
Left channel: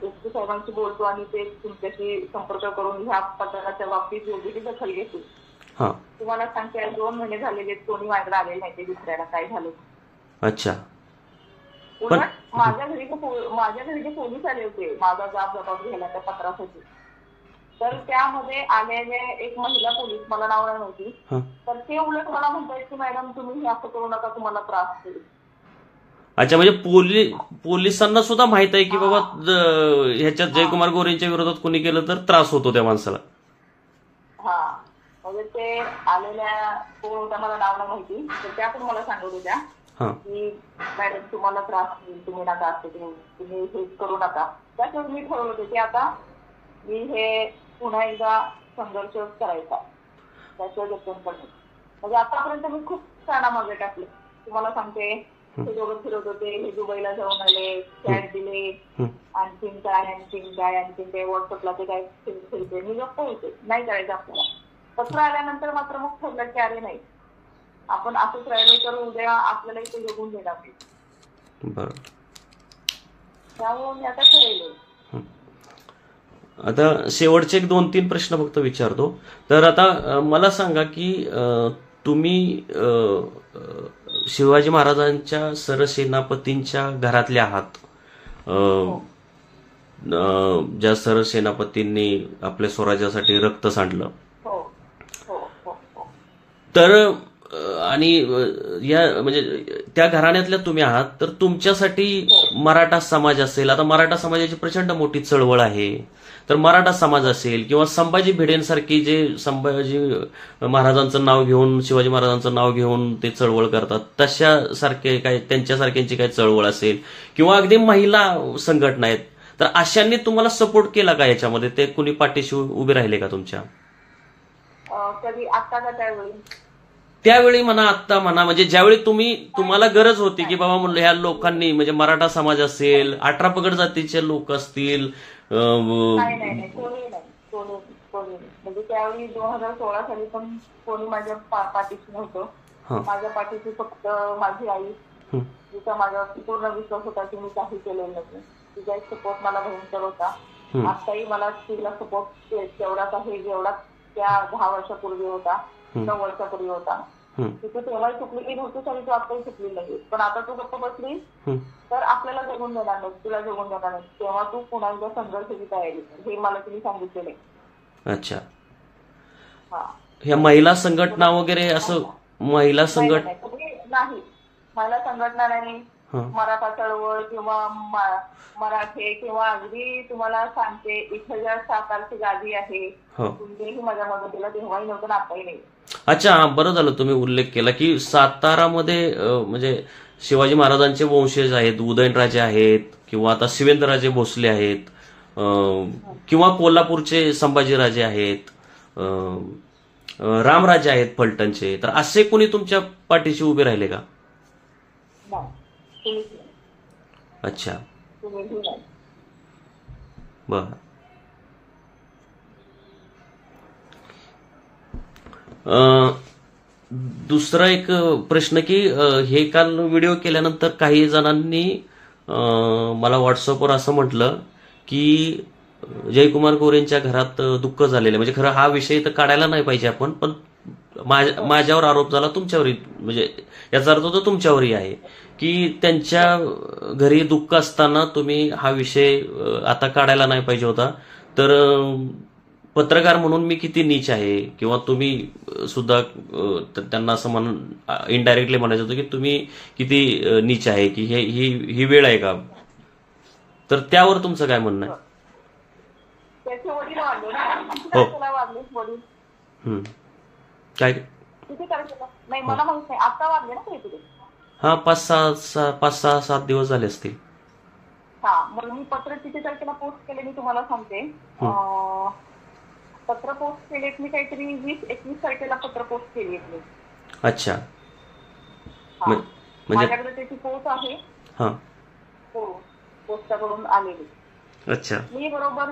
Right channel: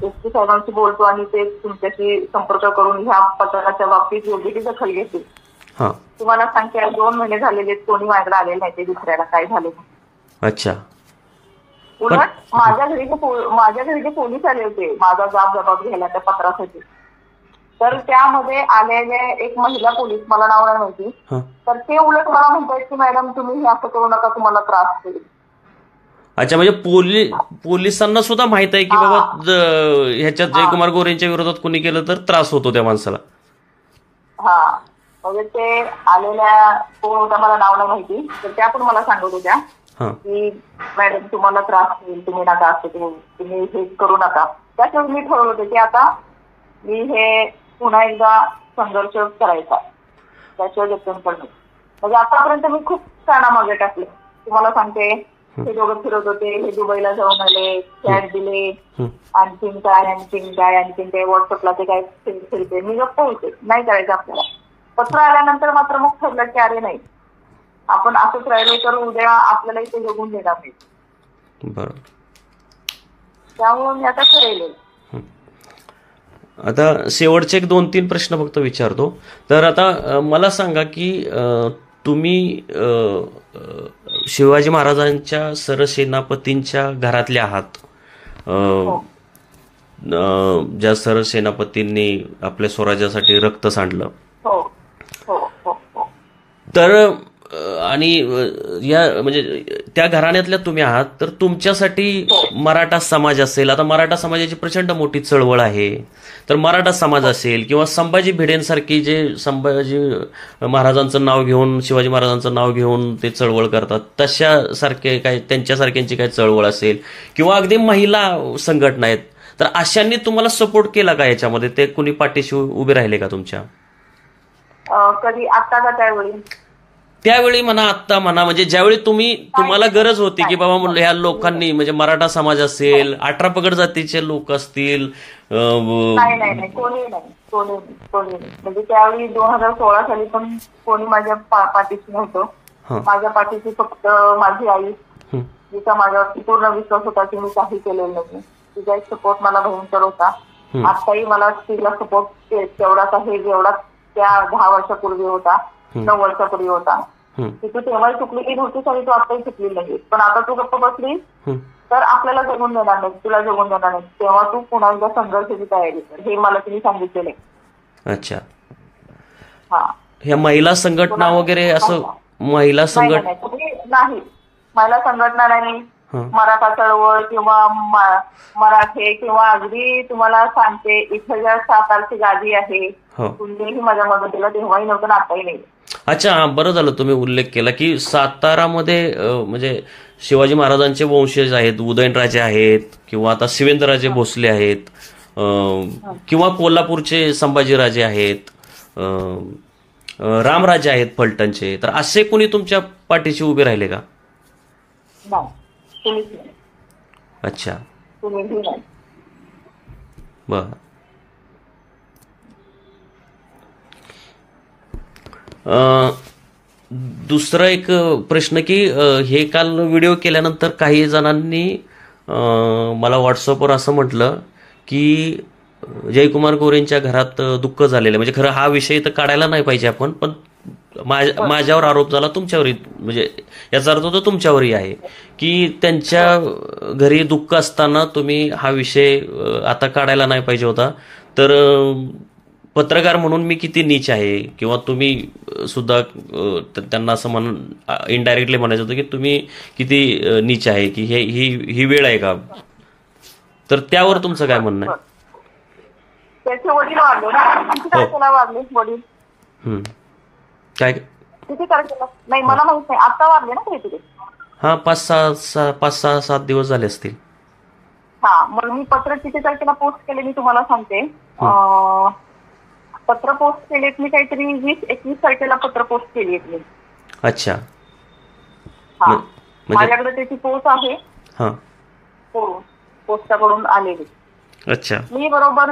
SP साहेबांशी बोलतो आणि ते तुमच्याशी संपर्क करून ह्या पत्राच्या बाबतीत योग्य ती दखल घेतील. तुम्हाला सांगते 2 महिने झालेले कोणी माझ्याकडे आलेले नाही ते दुसऱ्याला काय झाले. अच्छा. उलट माझ्या घरी जे पोलीस आले होते माझा जबाब घ्यायला त्या पत्रासाठी, तर त्यामध्ये आलेले एक महिला पोलीस, मला नाव नाही माहिती, तर ते उलट मला म्हणतात की मॅडम तुम्ही हे असं करू नका, तुम्हाला त्रास होईल. अच्छा, म्हणजे पोलिसांना सुद्धा माहित आहे की बाबा ह्याच्यात जयकुमार गोरेंच्या विरोधात कोणी केलं तर त्रास होतो त्या माणसाला. हा, म्हणजे ते आलेल्या कोण होता मला नाव नाही माहिती, तर त्या पण मला सांगत होत्या की मॅडम तुम्हाला त्रास होईल, तुम्ही नका असं तुम्ही हे करू नका. त्याच्यावर मी ठरवलं होतं की आता मी हे पुन्हा एकदा संघर्ष करायचा, त्याशिवाय जतन पण नाही. म्हणजे आतापर्यंत मी खूप कानामागे टाकले. तुम्हाला सांगते, हे दोघं फिरत होते, हे दुबईला जाऊन आले, फ्लॅट दिले, आणखीन काय व्हॉट्सअपला ते काय फिरते. मी गप्प होते, नाही करायचं आपल्याला. पत्र आल्यानंतर मात्र मग ठरलं की अरे नाही, आपण असंच राहिलो तर उद्या आपल्याला इथे जगून देणार नाही. बरोबर. त्यामुळे मी आता ठरवले. आता शेवटचे एक 2-3 प्रश्न फक्त विचारतो. तर आता मला सांगा की तुम्ही शिवाजी महाराजांच्या सरसेनापतींच्या घरातले आहात, ज्या सरसेनापतींनी आपल्या स्वराज्यासाठी रक्त सांडलं. तर आणि या म्हणजे त्या घराण्यातल्या तुम्ही आहात, तर तुमच्यासाठी मराठा समाज असेल, आता मराठा समाजाची प्रचंड मोठी चळवळ आहे, तर मराठा समाज असेल किंवा संभाजी भिडेंसारखी जे संभाजी महाराजांचं नाव घेऊन, शिवाजी महाराजांचं नाव घेऊन ते चळवळ करतात, तशा सारखे काय त्यांच्यासारख्यांची काय चळवळ असेल किंवा अगदी महिला संघटना आहेत, तर अशांनी तुम्हाला सपोर्ट केला का याच्यामध्ये? ते कुणी पाठीशी उभे राहिले का तुमच्या? कधी आता का त्यावेळी म्हणा, आत्ता म्हणा, म्हणजे ज्यावेळी तुम्हाला गरज होती की बाबा म्हणलं ह्या लोकांनी, म्हणजे मराठा समाज असेल, 18 पगड जातीचे लोक असतील. नाही, कोणी नाही. म्हणजे त्यावेळी 2016 साली पण कोणी माझ्या पाठीशी नव्हतं. माझ्या पाठीशी फक्त माझी आई, जिचा माझ्यावरती पूर्ण विश्वास होता की मी काही केलेलं नाही. तिचा एक सपोर्ट मला भयंकर होता. आताही मला तिला सपोर्ट तेवढाच आहे जेवढा त्या 10 वर्षापूर्वी होता, 9 वर्षापूर्वी होता. की तू तेव्हाही चुकलेली नव्हतीस आणि तू आताही चुकली नाही, पण आता तू गप्प बसली तर आपल्याला जगून देणार नाही, तुला जगून देणार नाही, तेव्हा तू पुन्हा एकदा संघर्षाची तयारी कर, हे मला तिने सांगितलेलं आहे. अच्छा. ह्या महिला संघटना वगैरे असं महिला संघटना नाही, महिला संघटना नाही, मराठा चळवळ किंवा मराठे किंवा अगदी तुम्हाला सांगते इथं ज्या सातारची गादी आहे, कुणीही माझ्या मदतीला तेव्हाही नव्हतं, आताही नाही. अच्छा, बरं झालं तुम्ही उल्लेख केला की सातारामध्ये म्हणजे शिवाजी महाराजांचे वंशज आहेत, उदयनराजे आहेत किंवा आता शिवेंद्रराजे भोसले आहेत किंवा कोल्हापूरचे संभाजीराजे आहेत, रामराजे आहेत फलटणचे, तर असे कुणी तुमच्या पाठीशी उभे राहिले का? अच्छा, बर. दुसरा एक प्रश्न की हे काल व्हिडिओ केल्यानंतर काही जणांनी मला व्हॉट्सअपवर असं म्हटलं की जयकुमार गोरेंच्या घरात दुःख झालेलं, म्हणजे खरं हा विषय तर काढायला नाही पाहिजे आपण, पण माझ्यावर आरोप झाला, तुमच्यावरही, म्हणजे याचा अर्थ तो तुमच्यावरही आहे की त्यांच्या घरी दुःख असताना तुम्ही हा विषय आता काढायला नाही पाहिजे होता. तर पत्रकार म्हणून मी किती नीच आहे, किंवा तुम्ही सुद्धा त्यांना असं म्हणून इनडायरेक्टली म्हणायचं होतं की तुम्ही किती नीच आहे, की ही वेळ आहे का? तर त्यावर तुमचं काय म्हणणं आहे? त्याचे वडील वाढले ना, किती तारखेला वाढले वडील? काय किती तारखेला? नाही मला माहित नाही, आता वाढले ना काहीतरी. हा, 5-6-7 दिवस झाले असतील. हा, मग मी पत्र किती तारखेला पोस्ट केले मी तुम्हाला सांगते. पत्र पोस्ट केलेत मी काहीतरी 20-21 तारखेला पत्र पोस्ट केली आहेत मी. अच्छा. हा, माझ्याकडे त्याची पोस्ट आहे. पोस्टाकडून आलेली. अच्छा. मी बरोबर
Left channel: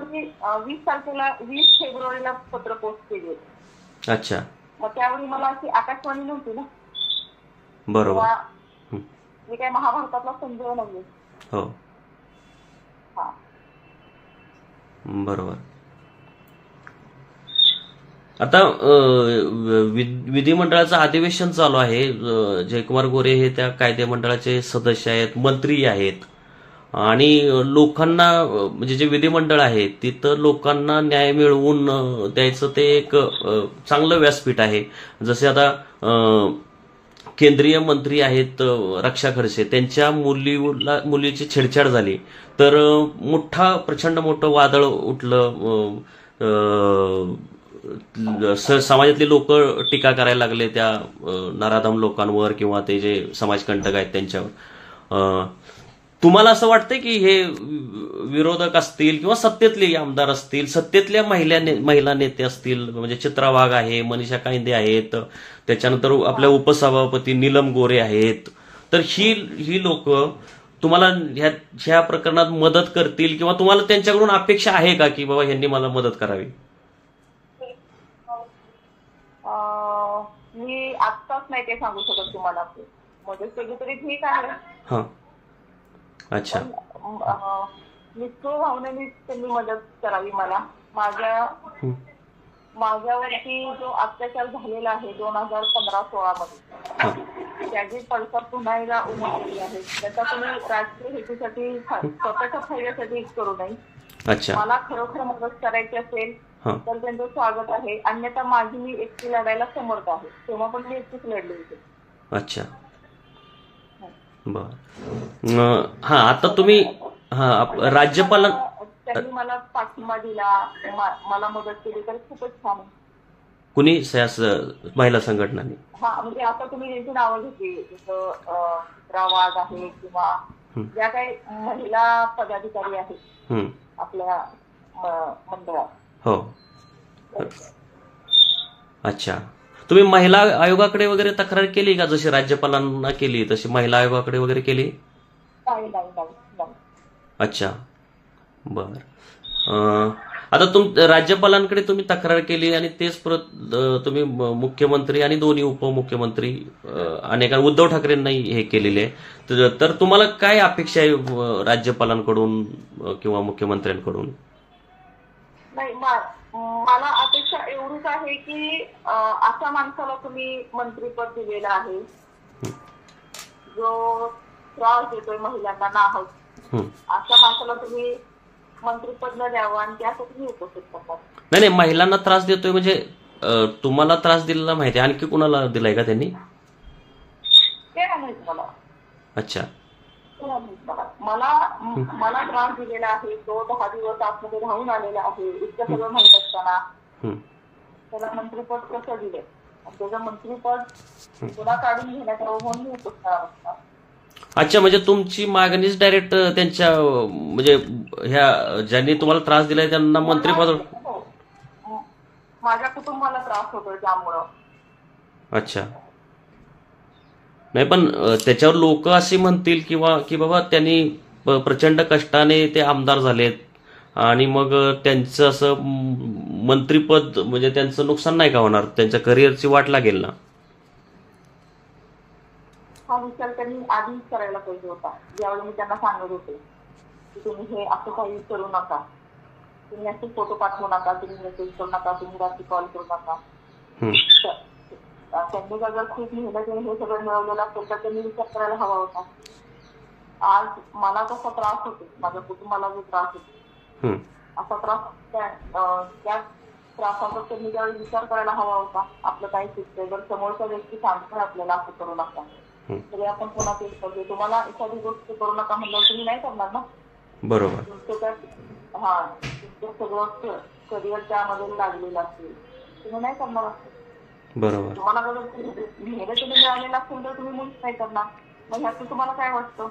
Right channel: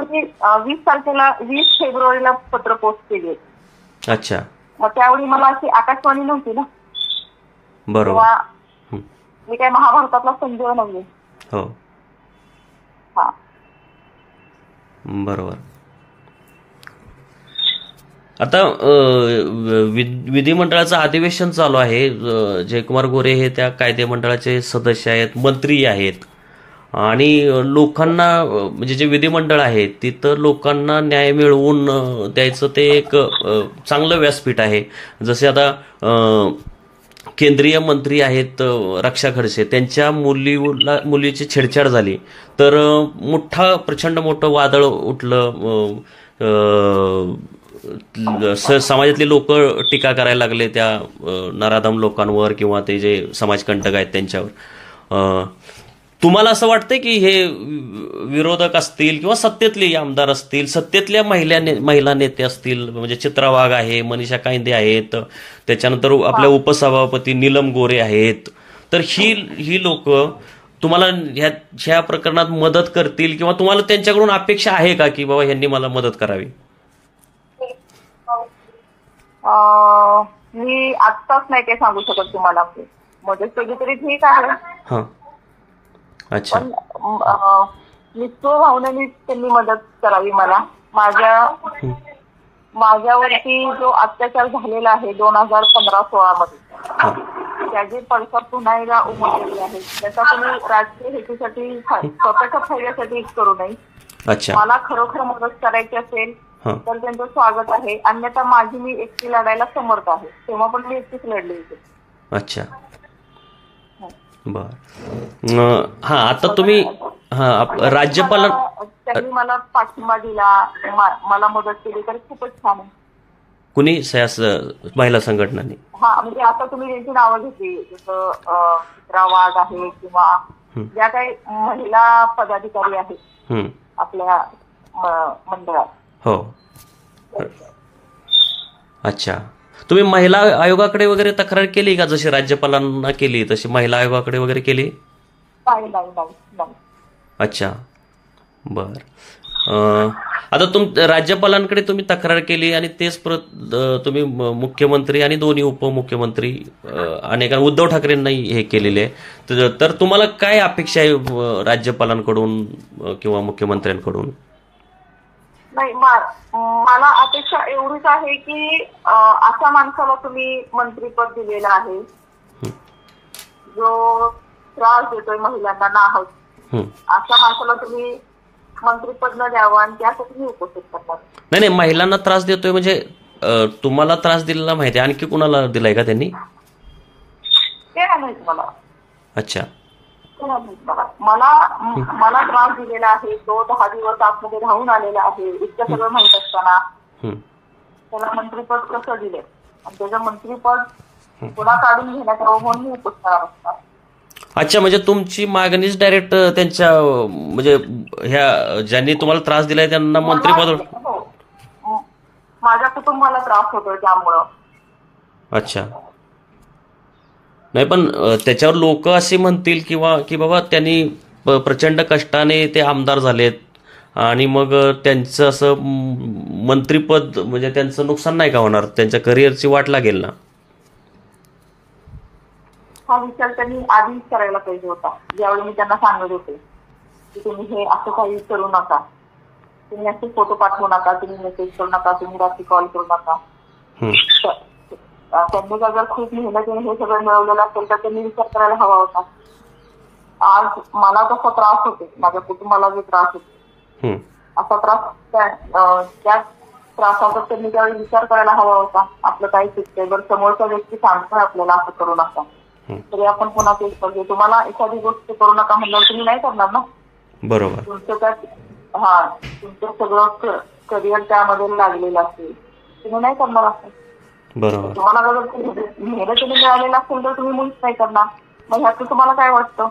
20 फेब्रुवारीला पत्र पोस्ट केली. अच्छा. मग त्यावेळी मला अशी आकाशवाणी नव्हती ना. बरोबर. मी काय महाभारतातला संजय नाहीये. हो. हा, बरोबर. आता विधिमंडळाचं अधिवेशन चालू आहे. जयकुमार गोरे हे त्या कायदे मंडळाचे सदस्य आहेत, मंत्री आहेत, आणि लोकांना, म्हणजे जे विधिमंडळ आहे तिथं लोकांना न्याय मिळवून द्यायचं ते एक चांगलं व्यासपीठ आहे. जसे आता केंद्रीय मंत्री आहेत रक्षा खडसे, त्यांच्या मुलीची छेडछाड झाली तर प्रचंड मोठं वादळ उठलं. समाजातले लोक टीका करायला लागले त्या नराधम लोकांवर किंवा ते जे समाजकंटक आहेत त्यांच्यावर. तुम्हाला असं वाटतंय की हे विरोधक असतील किंवा सत्तेतले आमदार असतील, सत्तेतल्या महिला नेते असतील, म्हणजे चित्रा वाघ आहे, मनीषा कायंदे आहेत, त्याच्यानंतर आपल्या उपसभापती नीलम गोरे आहेत, तर ही लोक तुम्हाला ह्या प्रकरणात मदत करतील किंवा तुम्हाला त्यांच्याकडून अपेक्षा आहे का की बाबा ह्यांनी मला मदत करावी? मी आत्ताच नाही ते सांगू शकत तुम्हाला. मदत केली तरी ठीक आहे. अच्छा. पण भावनेने त्यांनी मदत करावी मला. माझ्यावरती जो अत्याचार झालेला आहे 2015-16 मध्ये, त्याचे पडसाद पुन्हा एकदा उमटलेले आहे. त्याचा तुम्ही राजकीय हेतूसाठी स्वतःच्या फायद्यासाठी करू नये. मला खरोखर मदत करायची असेल तर त्यांचं स्वागत आहे, अन्यथा मी एकटी लढायला समर्थ आहे. तेव्हा पण मी एकटीच लढली होती. अच्छा, बर. आता तुम्ही राज्यपाल त्यांनी मला पाठिंबा दिला, मला मदत केली तर खूपच छान आहे. कुणी महिला संघटनांनी? म्हणजे आता तुम्ही त्यांची नावं घेतली, जसं चित्रा वाघ आहे किंवा ज्या काही महिला पदाधिकारी आहेत आपल्या मंडळात. हो. अच्छा, तुम्ही महिला आयोगाकडे वगैरे तक्रार केली का? जशी राज्यपालांना केली तशी महिला आयोगाकडे वगैरे केली? नाही. अच्छा, बर. आता राज्यपालांकडे तुम्ही तक्रार केली आणि तेच परत तुम्ही मुख्यमंत्री आणि दोन्ही उपमुख्यमंत्री अनेक उद्धव ठाकरेंनाही हे केलेले आहे, तर तुम्हाला काय अपेक्षा आहे राज्यपालांकडून किंवा मुख्यमंत्र्यांकडून? नाही, मला अपेक्षा एवढीच आहे की अशा माणसाला तुम्ही मंत्रीपद दिलेलं आहे जो त्रास देतोय महिलांना नाहक, अशा माणसाला तुम्ही मंत्रीपद न द्यावं आणि त्यासाठी उपोषित करतात. नाही, महिलांना त्रास देतोय म्हणजे तुम्हाला त्रास दिलेला माहिती, आणखी कुणाला दिलाय का त्यांनी? ते नाही माहित मला. अच्छा. मला त्रास दिलेला आहे, तो 10 दिवस आतमध्ये राहून आलेला आहे. इतकं सगळं माहित असताना त्याला मंत्रीपद कसं दिले आणि त्याचं मंत्रीपद पुन्हा काढून घेण्यात यावं म्हणून मी उपोषणाला बसणार. अच्छा, म्हणजे तुमची मागणीच डायरेक्ट त्यांच्या म्हणजे ह्या ज्यांनी तुम्हाला त्रास दिलाय त्यांना मंत्रिपद? माझ्या कुटुंबाला त्रास होतोय त्यामुळं. अच्छा. नाही, पण त्याच्यावर लोक असे म्हणतील किंवा की बाबा त्यांनी प्रचंड कष्टाने ते आमदार झालेत आणि मग त्यांचं असं मंत्रिपद म्हणजे त्यांचं नुकसान नाही का होणार? त्यांच्या करिअरची वाट लागेल ना? हा विचार त्यांनी आधीच करायला पाहिजे होता. ज्यावेळी मी त्यांना सांगत होते की तुम्ही हे असं काही करू नका, तुम्ही असे फोटो पाठवू नका, तुम्ही मेसेज करू नका, तुम्ही रात्री कॉल करू नका. त्यांनी जर खूप मेहनतीने हे सगळं मिळवलेलं असेल तर त्यांनी विचार करायला हवा होता. आज मला कसा त्रास होतो, माझ्या कुटुंबाला जो त्रास होतो, असा त्रास त्या त्रासाचा त्यांनी त्यावेळी विचार करायला हवा होता. आपलं काही चुकतंय, बरं समोरच्या व्यक्ती सांगतोय आपल्याला असं करू नका, तरी आपण पुन्हा तेच करतो. तुम्हाला एखादी गोष्ट करू नका म्हणल्यावर तुम्ही नाही करणार ना. बरोबर. तुमचं सगळं करिअर त्यामध्ये लागलेलं असेल, तुम्ही नाही करणार असं. बरोबर. तुम्हाला जर मेहनतीने मिळालेलं असेल तर तुम्ही मुळीच नाही करणार. मग ह्याचं तुम्हाला काय वाटतं?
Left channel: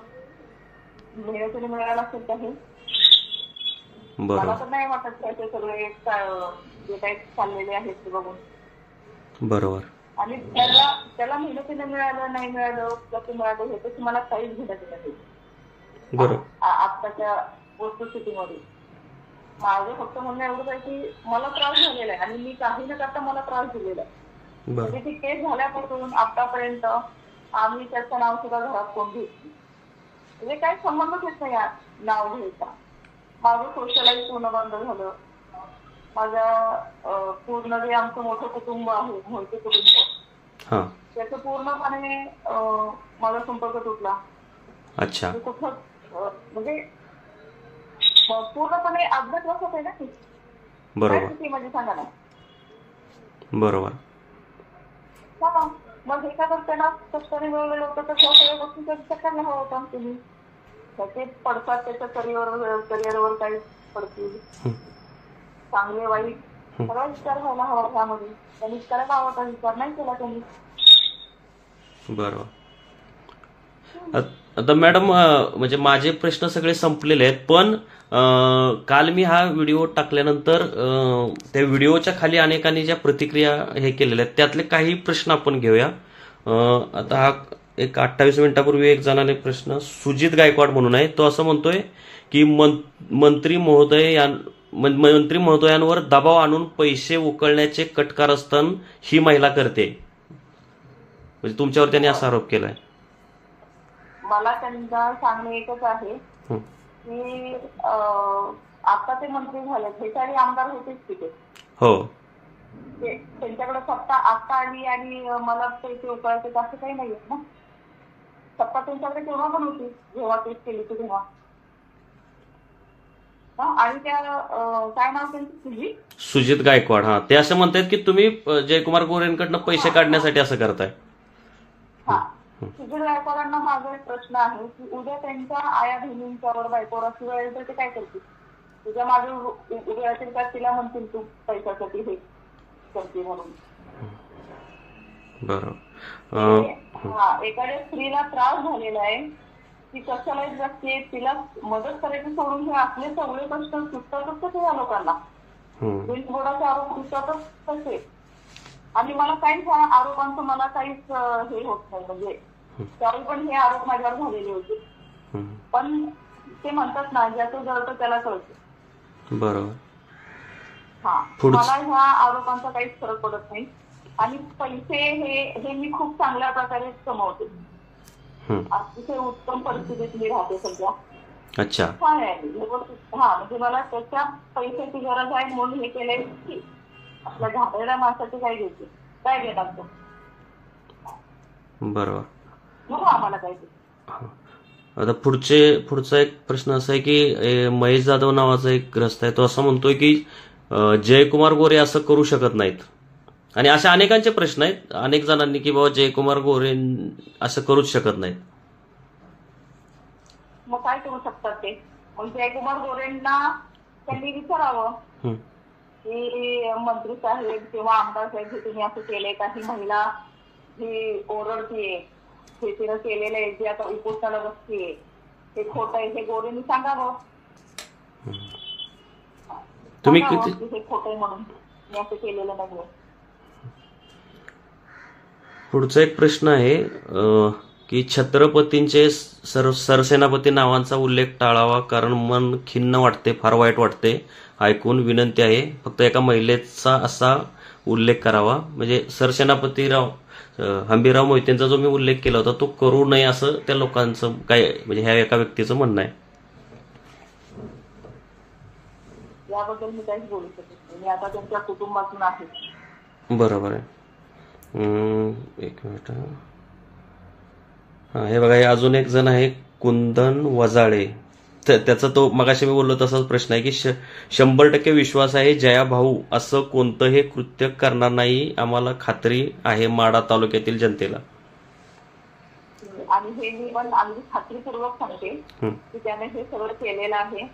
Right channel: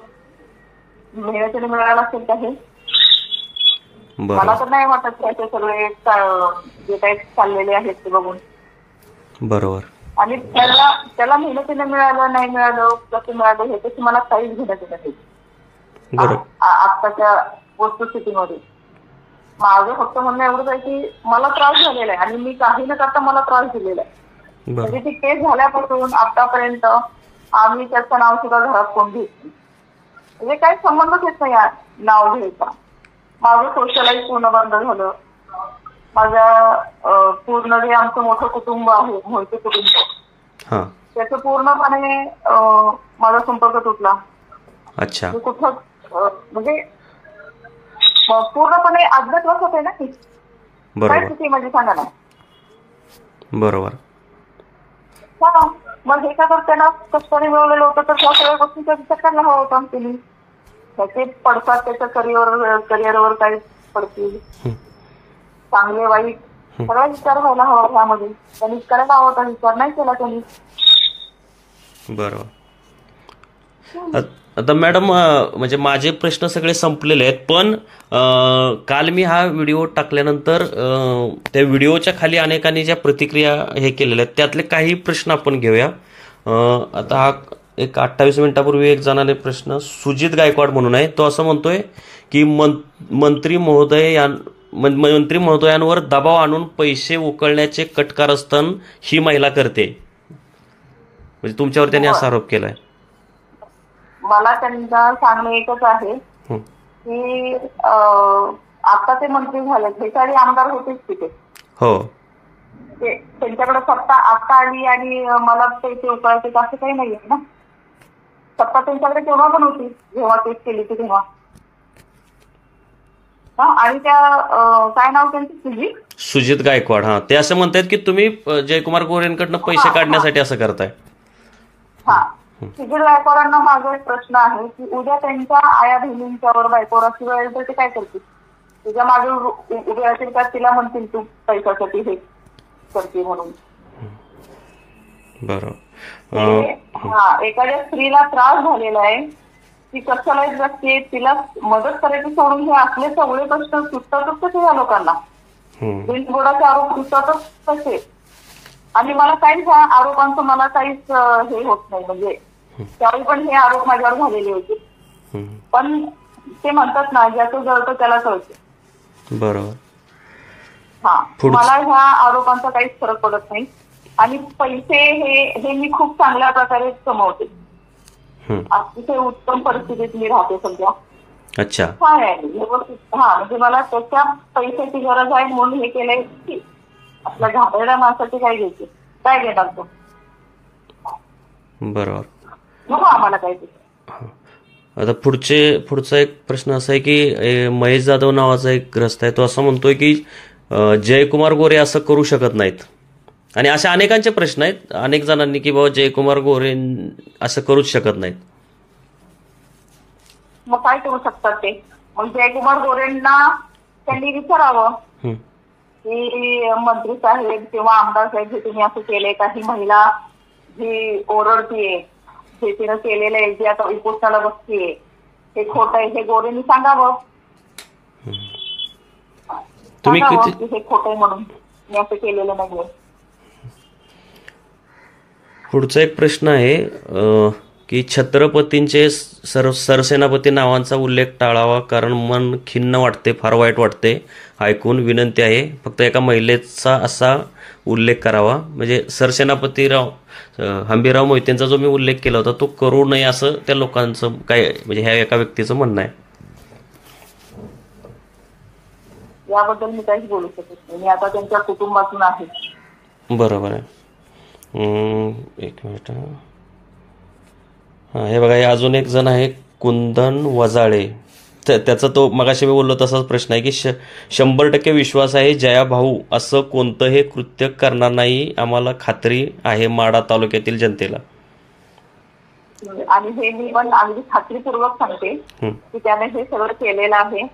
मेहनतीने मिळालेलं असेल का हे? मला तर नाही वाटत त्याचे सगळे जे काही चाललेले आहेत ते बघून. बरोबर. आणि त्याला मेहनतीने मिळालं नाही मिळालं कसं मिळालं हे त्याची मला काहीच घेण्यात येत नाही आत्ताच्या वस्तुस्थितीमध्ये. माझं फक्त म्हणणं एवढंच आहे की मला त्रास झालेला आहे आणि मी काही न करता मला त्रास दिलेला आहे. म्हणजे ती केस झाल्यापासून आतापर्यंत आम्ही त्याचं नाव सुद्धा घरात कोण घेत नाही, म्हणजे काही संबंधच येत नाही नाव घ्यायचा. माझं सोशलाईज पूर्ण बंद झालं. माझ्या पूर्ण जे आमचं मोठं कुटुंब आहे, मोठे कुटुंब, त्याचं पूर्णपणे माझा संपर्क तुटला. अच्छा. कुठं म्हणजे पूर्णपणे अज्ञातवास होते ना की काय चुकी माझी सांगा ना. बरोबर. हा, मग हे का तर त्यांना कष्टाने मिळवलेलं होतं, तर त्या सगळ्या गोष्टींचा विचार करायला हवा होता तुम्ही. त्याचे पडतात त्याच्या करिअरवर काही पडतील, चांगले वाईट सगळा विचार व्हायला हवा ह्यामध्ये. त्यांनी करायला हवा होता विचार, नाही केला त्यांनी. बरोबर. आता मॅडम म्हणजे माझे प्रश्न सगळे संपलेले आहेत, पण काल मी हा व्हिडिओ टाकल्यानंतर त्या व्हिडिओच्या खाली अनेकांनी ज्या प्रतिक्रिया हे केलेल्या आहेत त्यातले काही प्रश्न आपण घेऊया. आता हा एक 28 मिनिटापूर्वी एक जणाने प्रश्न, सुजित गायकवाड म्हणून आहे, तो असं म्हणतोय की मंत्री महोदयांवर दबाव आणून पैसे उकळण्याचे कटकारस्थान ही महिला करते, म्हणजे तुमच्यावर त्यांनी असा आरोप केलाय. मला त्यांना सांगणं एकच आहे की आता ते मंत्री झाले, हे सारे आमदार होतेच तिथे. हो, त्यांच्याकडे सत्ता आता आली आणि मला पैसे उकळायचे असं काही नाहीये ना. सत्ता त्यांच्याकडे तेव्हा पण होती जेव्हा तेच केली होती तेव्हा. आणि त्या काय नाव त्यांचं, सुजित गायकवाड. हा, ते असं म्हणतात की तुम्ही जयकुमार गोरेंकडनं पैसे काढण्यासाठी असं करताय. हा, सुजित गायकवाडांना माझा एक प्रश्न आहे की उद्या त्यांच्या आया बहिणींच्यावर बायकोवर अशी वेळ तर ते काय करतील? तुझ्या मागे उभे असेल का तिला म्हणतील तू पैशासाठी हे करते म्हणून? बरोबर. हा, एखाद्या स्त्रीला त्रास झालेला आहे, ती कशाला जगते, तिला मदत करायची सोडून हे असले सगळे प्रश्न सुटतातच कसे या लोकांना? बिनबुडाचे आरोप सुटतातच कसे? आणि मला काहीच ह्या आरोपांचं मला काहीच हे होत नाही. म्हणजे त्यावेळी पण हे आरोप माझ्यावर झालेले होते, पण ते म्हणतात ना, ज्याचं जळतं त्याला कळतं. बरोबर. हा, मला ह्या आरोपांचा काहीच फरक पडत नाही. आणि पैसे हे मी खूप चांगल्या प्रकारे कमवते, अतिशय उत्तम परिस्थितीत मी राहते सध्या. अच्छा, काय आहे व्यवस्थित. हा, म्हणजे मला त्याच्या पैशाची गरज आहे म्हणून हे केलंय की आपल्या घाबरड्या माणसाची काय घ्यायची, काय घेणार तो? बरोबर. नको आम्हाला काय. आता पुढचा एक प्रश्न असा आहे की महेश जाधव नावाचा एक ग्रस्त आहे, तो असं म्हणतोय की जयकुमार गोरे असं करू शकत नाहीत. आणि अशा अनेकांचे प्रश्न आहेत अनेक जणांनी की बाबा जयकुमार गोरे असं करूच शकत नाहीत. मग काय करू शकतात ते? मग जयकुमार गोरेंना त्यांनी विचारावं की मंत्री साहेब किंवा आमदार साहेब, हे तुम्ही असं केलंय का? ही महिला जी ओरडतीये, हे तिनं केलेलं आहे, जी आता उपोषणाला बसतीये, हे खोटं आहे, हे गोरेंनी सांगावं. तुम्ही हे खोटं आहे म्हणून मी असं केलेलं नाहीये. पुढचा एक प्रश्न आहे की छत्रपतींचे सरसेनापती नावांचा उल्लेख टाळावा, कारण मन खिन्न वाटते, फार वाईट वाटते ऐकून. विनंती आहे फक्त एका महिलेचा असा उल्लेख करावा. म्हणजे सरसेनापतीराव हंबीरराव मोहितेंचा जो मी उल्लेख केला होता तो करू नये असं त्या लोकांचं काय, म्हणजे ह्या एका व्यक्तीचं म्हणणं आहे. याबद्दल मी काहीच बोलू शकत नाही, मी आता त्यांच्या कुटुंबातून आहे. बरोबर आहे. एक मिनिट. हा, हे बघा, हे अजून एक जण आहे कुंदन वजाळे. त्याचा तो मगाशी मी बोललो तसाच प्रश्न आहे की 100% विश्वास आहे जया भाऊ असं कोणतंही कृत्य करणार नाही, आम्हाला खात्री आहे माढा तालुक्यातील जनतेला. आणि हे मी पण अगदी खात्रीपूर्वक सांगते की त्याने हे सगळं केलेलं आहे.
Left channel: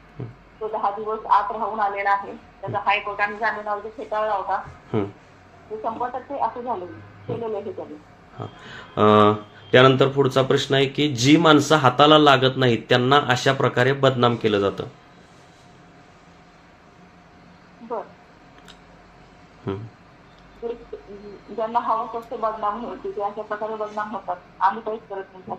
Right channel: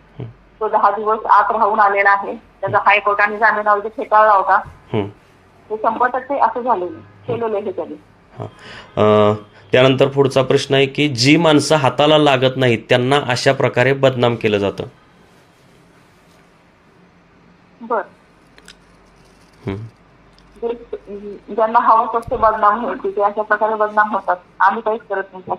तो 10 दिवस आत राहून आलेला आहे, त्याचा हायकोर्टाने जामीन अर्ज फेटाळला होता. हे 100% असं झालेलं केलेलं आहे त्यांनी. त्यानंतर पुढचा प्रश्न आहे की जी माणसं हाताला लागत नाहीत त्यांना अशा प्रकारे बदनाम केलं जातं. बर, ज्यांना हवं असते बदनाम व्हायची ते अशा प्रकारे बदनाम होतात, आम्ही काहीच करत नाही.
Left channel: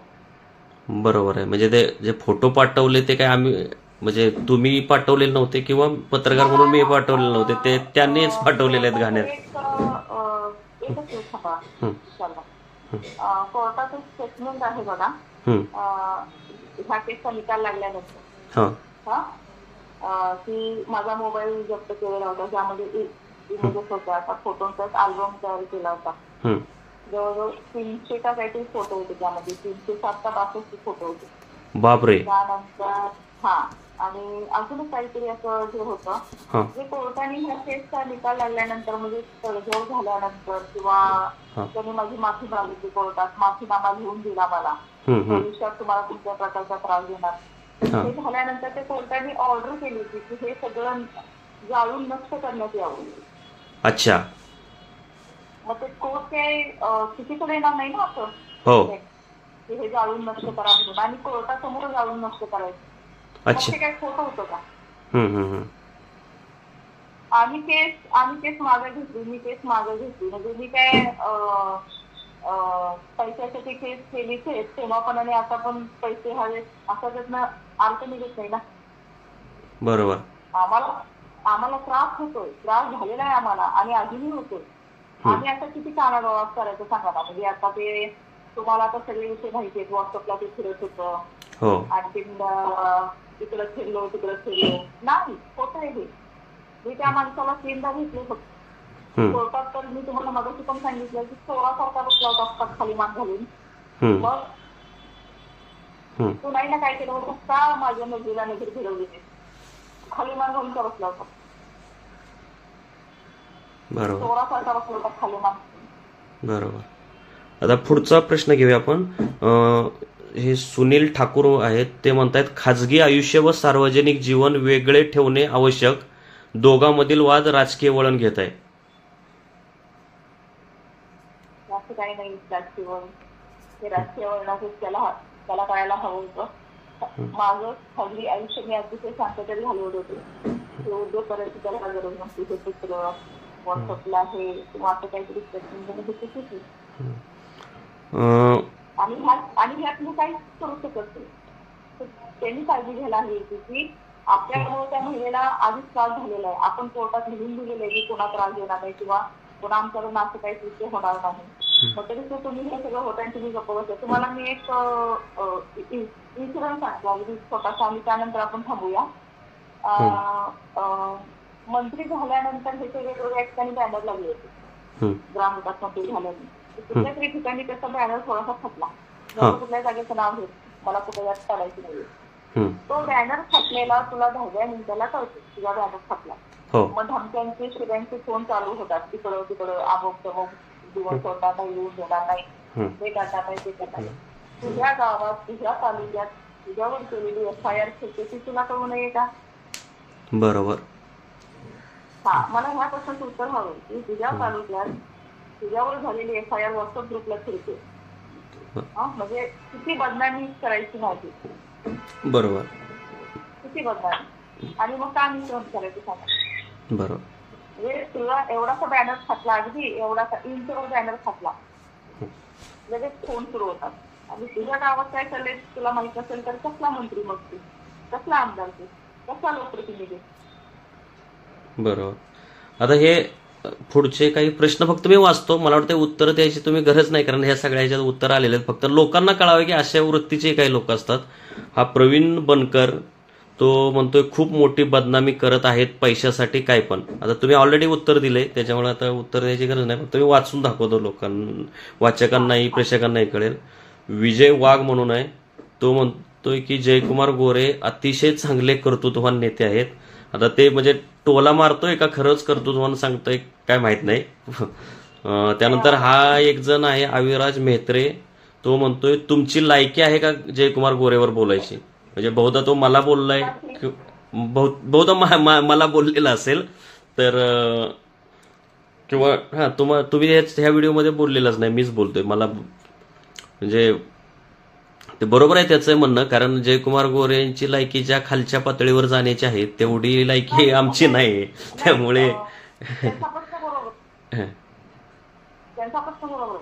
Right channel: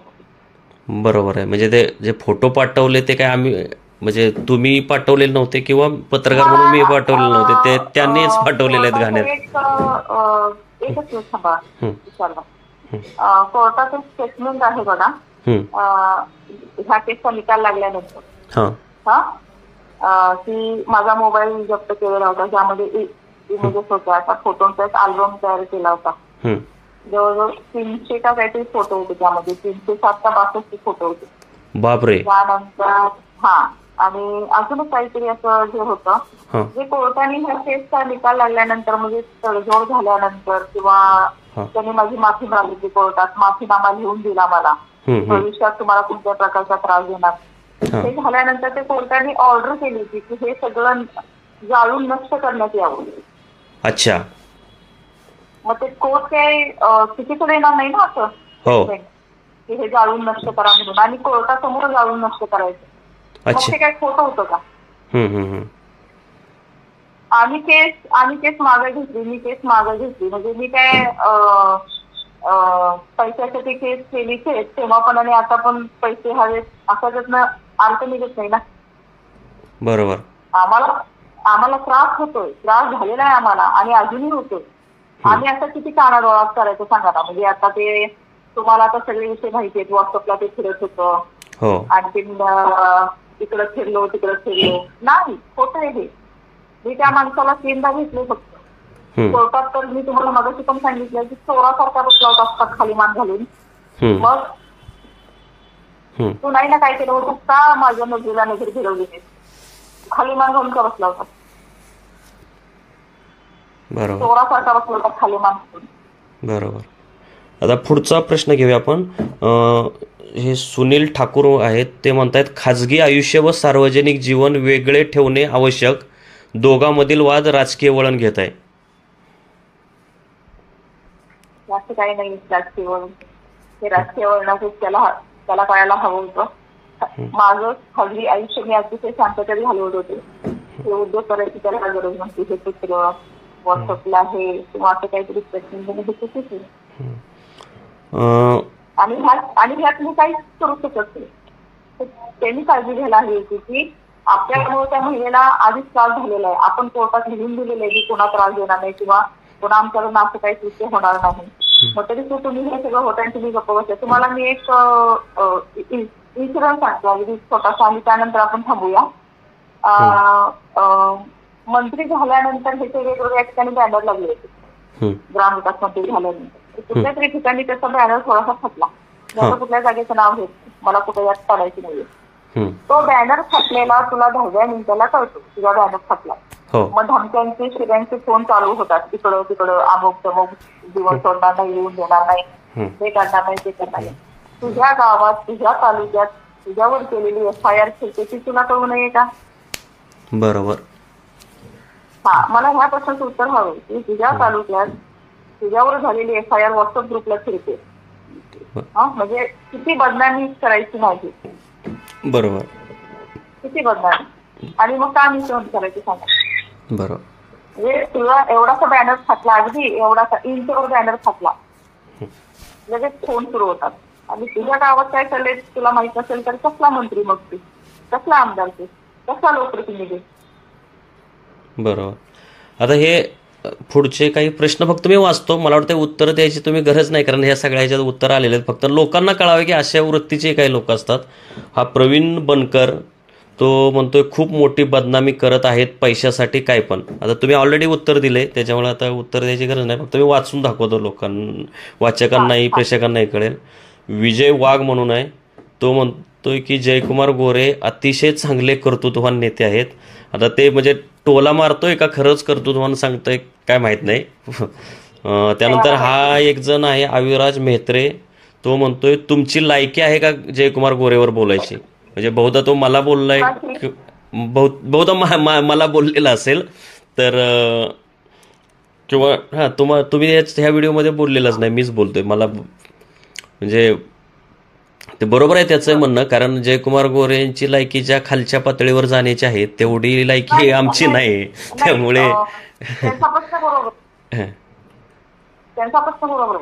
बरोबर आहे. म्हणजे ते जे फोटो पाठवले ते काय आम्ही, म्हणजे तुम्ही पाठवलेले नव्हते किंवा पत्रकार म्हणून मी पाठवलेले नव्हते, ते त्यांनीच पाठवलेले आहेत घाण्यात. एकच थांबा विचारला. कोर्टाचं स्टेटमेंट आहे बघा ह्या केसचा निकाल लागल्यानंतर, की माझा मोबाईल जप्त केलेला होता, ज्यामध्ये इमेजेस होत्या, आता फोटोंचा एक अल्बम तयार केला होता. जवळजवळ 300 का काहीतरी फोटो होते त्यामध्ये, 307 का 62 फोटो होते. बापरे. त्यानंतर आणि अजूनच काहीतरी असं जे होतं हा जे कोर्टाने ह्या केसचा निकाल लागल्यानंतर म्हणजे तडजोड झाल्यानंतर किंवा हा त्यांनी माझी माफी मागितली कोर्टात, माफीनामा लिहून दिला मला, भविष्यात तुम्हाला कुठल्या प्रकारचा त्रास देणार हा हे झाल्यानंतर ते कोर्टाने ऑर्डर केली होती की हे सगळं जाळून नष्ट करण्यात यावं. अच्छा मग ते कोर्ट काही चुकीचं देणार नाही ना असं हो की हे जाळून नष्ट करा म्हणून, आणि कोर्टासमोर जाळून नष्ट करायचं, मग अच्छा ते काय खोटं होतं का? हम्म. आम्ही केस मागे घेतली, मी केस मागे घेतली, म्हणजे मी काय पैशासाठी केस केली तेव्हा पण आणि आता पण पैसे हवेत असा त्यातनं अर्थ निघत नाही ना. बरोबर आम्हाला त्रास होतोय, त्रास झालेला आहे आम्हाला आणि अजूनही होतोय. आम्ही आता किती कानाडोळा करायचं सांगा ना. म्हणजे आता ते तुम्हाला आता सगळे विषय माहिती आहेत, व्हॉट्सअपला ते फिरत होतं, हो आणखी इकडं फिरलो तिकडं फिरलो, नाही होत आहे हे. मी त्या माणसाला 3दा भेटले फक्त कोर्टात, तर मी तुम्हाला मगाशी पण सांगितलं की चोरासारखा बसला होता असतात खाली मान घालून. मग तू नाही ना काय केलं होतं का माझ्या नजरेला नजर फिरवली, खाली मान घालून का बसला होता, बरोबर चोरासारखा बसला होता खाली मान घालून. बरोबर. आता पुढचा प्रश्न घेऊया आपण. हे सुनील ठाकूर आहेत, ते म्हणतात खाजगी आयुष्य व सार्वजनिक जीवन वेगळे ठेवणे आवश्यक, दोघांमधील वाद राजकीय वळण घेत आहे. असं काही नाही राजकीय वळण, हे राजकीय वळणाचं त्याला कळायला हवं होतं. माझं खाजगी आयुष्य मी अतिशय शांततेत घालवत होते, हे उद्योग करायची त्याला गरज नसते, हे चित्र व्हॉट्सअपला आहे किंवा असं काहीतरी प्रश्न आणि ह्यात मी काहीच करू शकत नाही. त्यांनी काळजी घ्यायला हवी होती की आपल्यामुळे त्या महिलेला आधीच त्रास झालेला आहे, आपण कोर्टात लिहून दिलेलं आहे की कोणा त्रास देणार नाही किंवा कोणा आमच्याकडून असं काही कृत्य होणार नाही. मग तरी तुम्ही हे सगळं होतं आणि तुम्ही गप्प बसता. तुम्हाला मी एक इन्सिडन्स सांगतो अगदी छोटासा आणि त्यानंतर आपण थांबूया. मंत्री झाल्यानंतर हे वेगवेगळ्या ठिकाणी बॅनर लागले होते, ग्रामविकास मंत्री झाल्यानंतर कुठल्या तरी ठिकाणी त्याचा बॅनर थोडासा फाटला. त्याचं कुठल्या जागेचं नाव घेत मला कुठे यात काढायची नाहीये. तो बॅनर फाटलेला तुला 10व्या मिनिटाला कळतो, तुझा बॅनर फाटला. मग धमक्यांचे शिऱ्यांचे फोन चालू होतात, तिकडं अमुक तमुक, दिवस सोडणार नाही, येऊन देणार नाही, हे करणार नाही, ते करणार नाही. तुझ्या गावात तुझ्या तालुक्यात तुझ्यावर केलेली FIR ती तुला कळू नये का? बरोबर. हा, मला ह्या प्रश्नाचं उत्तर हवं की तुझ्या तालुक्यात तुझ्यावर झालेली FIR व्हॉट्सअप ग्रुपला फिरते, म्हणजे किती बदनामी करायची माझी. बरोबर. किती बदनामी, आणि मग का मी सहन करायची सांगा. बरोबर. म्हणजे तुला एवढासा बॅनर फाटला, अगदी एवढासा इंचवर बॅनर फाटला, लगेच फोन सुरू होतात. आणि तुझ्या गावात काय चाललंय तुला माहित नसेल तर कसला मंत्री मग तू, कसला आमदार तू, कसला लोकप्रतिनिधी. बरोबर. आता हे पुढचे काही प्रश्न फक्त मी वाचतो, मला वाटतं उत्तर द्यायची तुम्ही गरज नाही, कारण ह्या सगळ्या ह्याच्यात उत्तर आलेले आहेत. फक्त लोकांना कळावे की अशा वृत्तीचे काही लोक असतात. हा प्रवीण बनकर, तो म्हणतोय खूप मोठी बदनामी करत आहेत पैशासाठी काय पण. आता तुम्ही ऑलरेडी उत्तर दिले, त्याच्यामुळे आता उत्तर द्यायची गरज नाही, फक्त मी वाचून दाखवतो लोकांना, वाचकांनाही प्रेक्षकांनाही कळेल. विजय वाघ म्हणून आहे, तो म्हणतोय की जयकुमार गोरे अतिशय चांगले कर्तृत्ववान नेते आहेत. आता ते म्हणजे टोला मारतोय का खरंच कर्तृत्ववान सांगतोय काय माहित नाही. त्यानंतर हा एक जण आहे अविराज मेहत्रे, तो म्हणतोय तुमची लायकी आहे का जयकुमार गोरेवर बोलायची. म्हणजे बहुधा तो मला बोललाय, बहुधा मला बोललेला असेल तर, किंवा हा तुम्ही ह्या व्हिडिओमध्ये बोललेलाच नाही, मीच बोलतोय. मला म्हणजे ते बरोबर आहे त्याचं म्हणणं, कारण जयकुमार गोरे यांची लायकी ज्या खालच्या पातळीवर जाण्याची आहे तेवढी लायकी आमची नाही, त्यामुळे त्यांचा प्रश्न बरोबर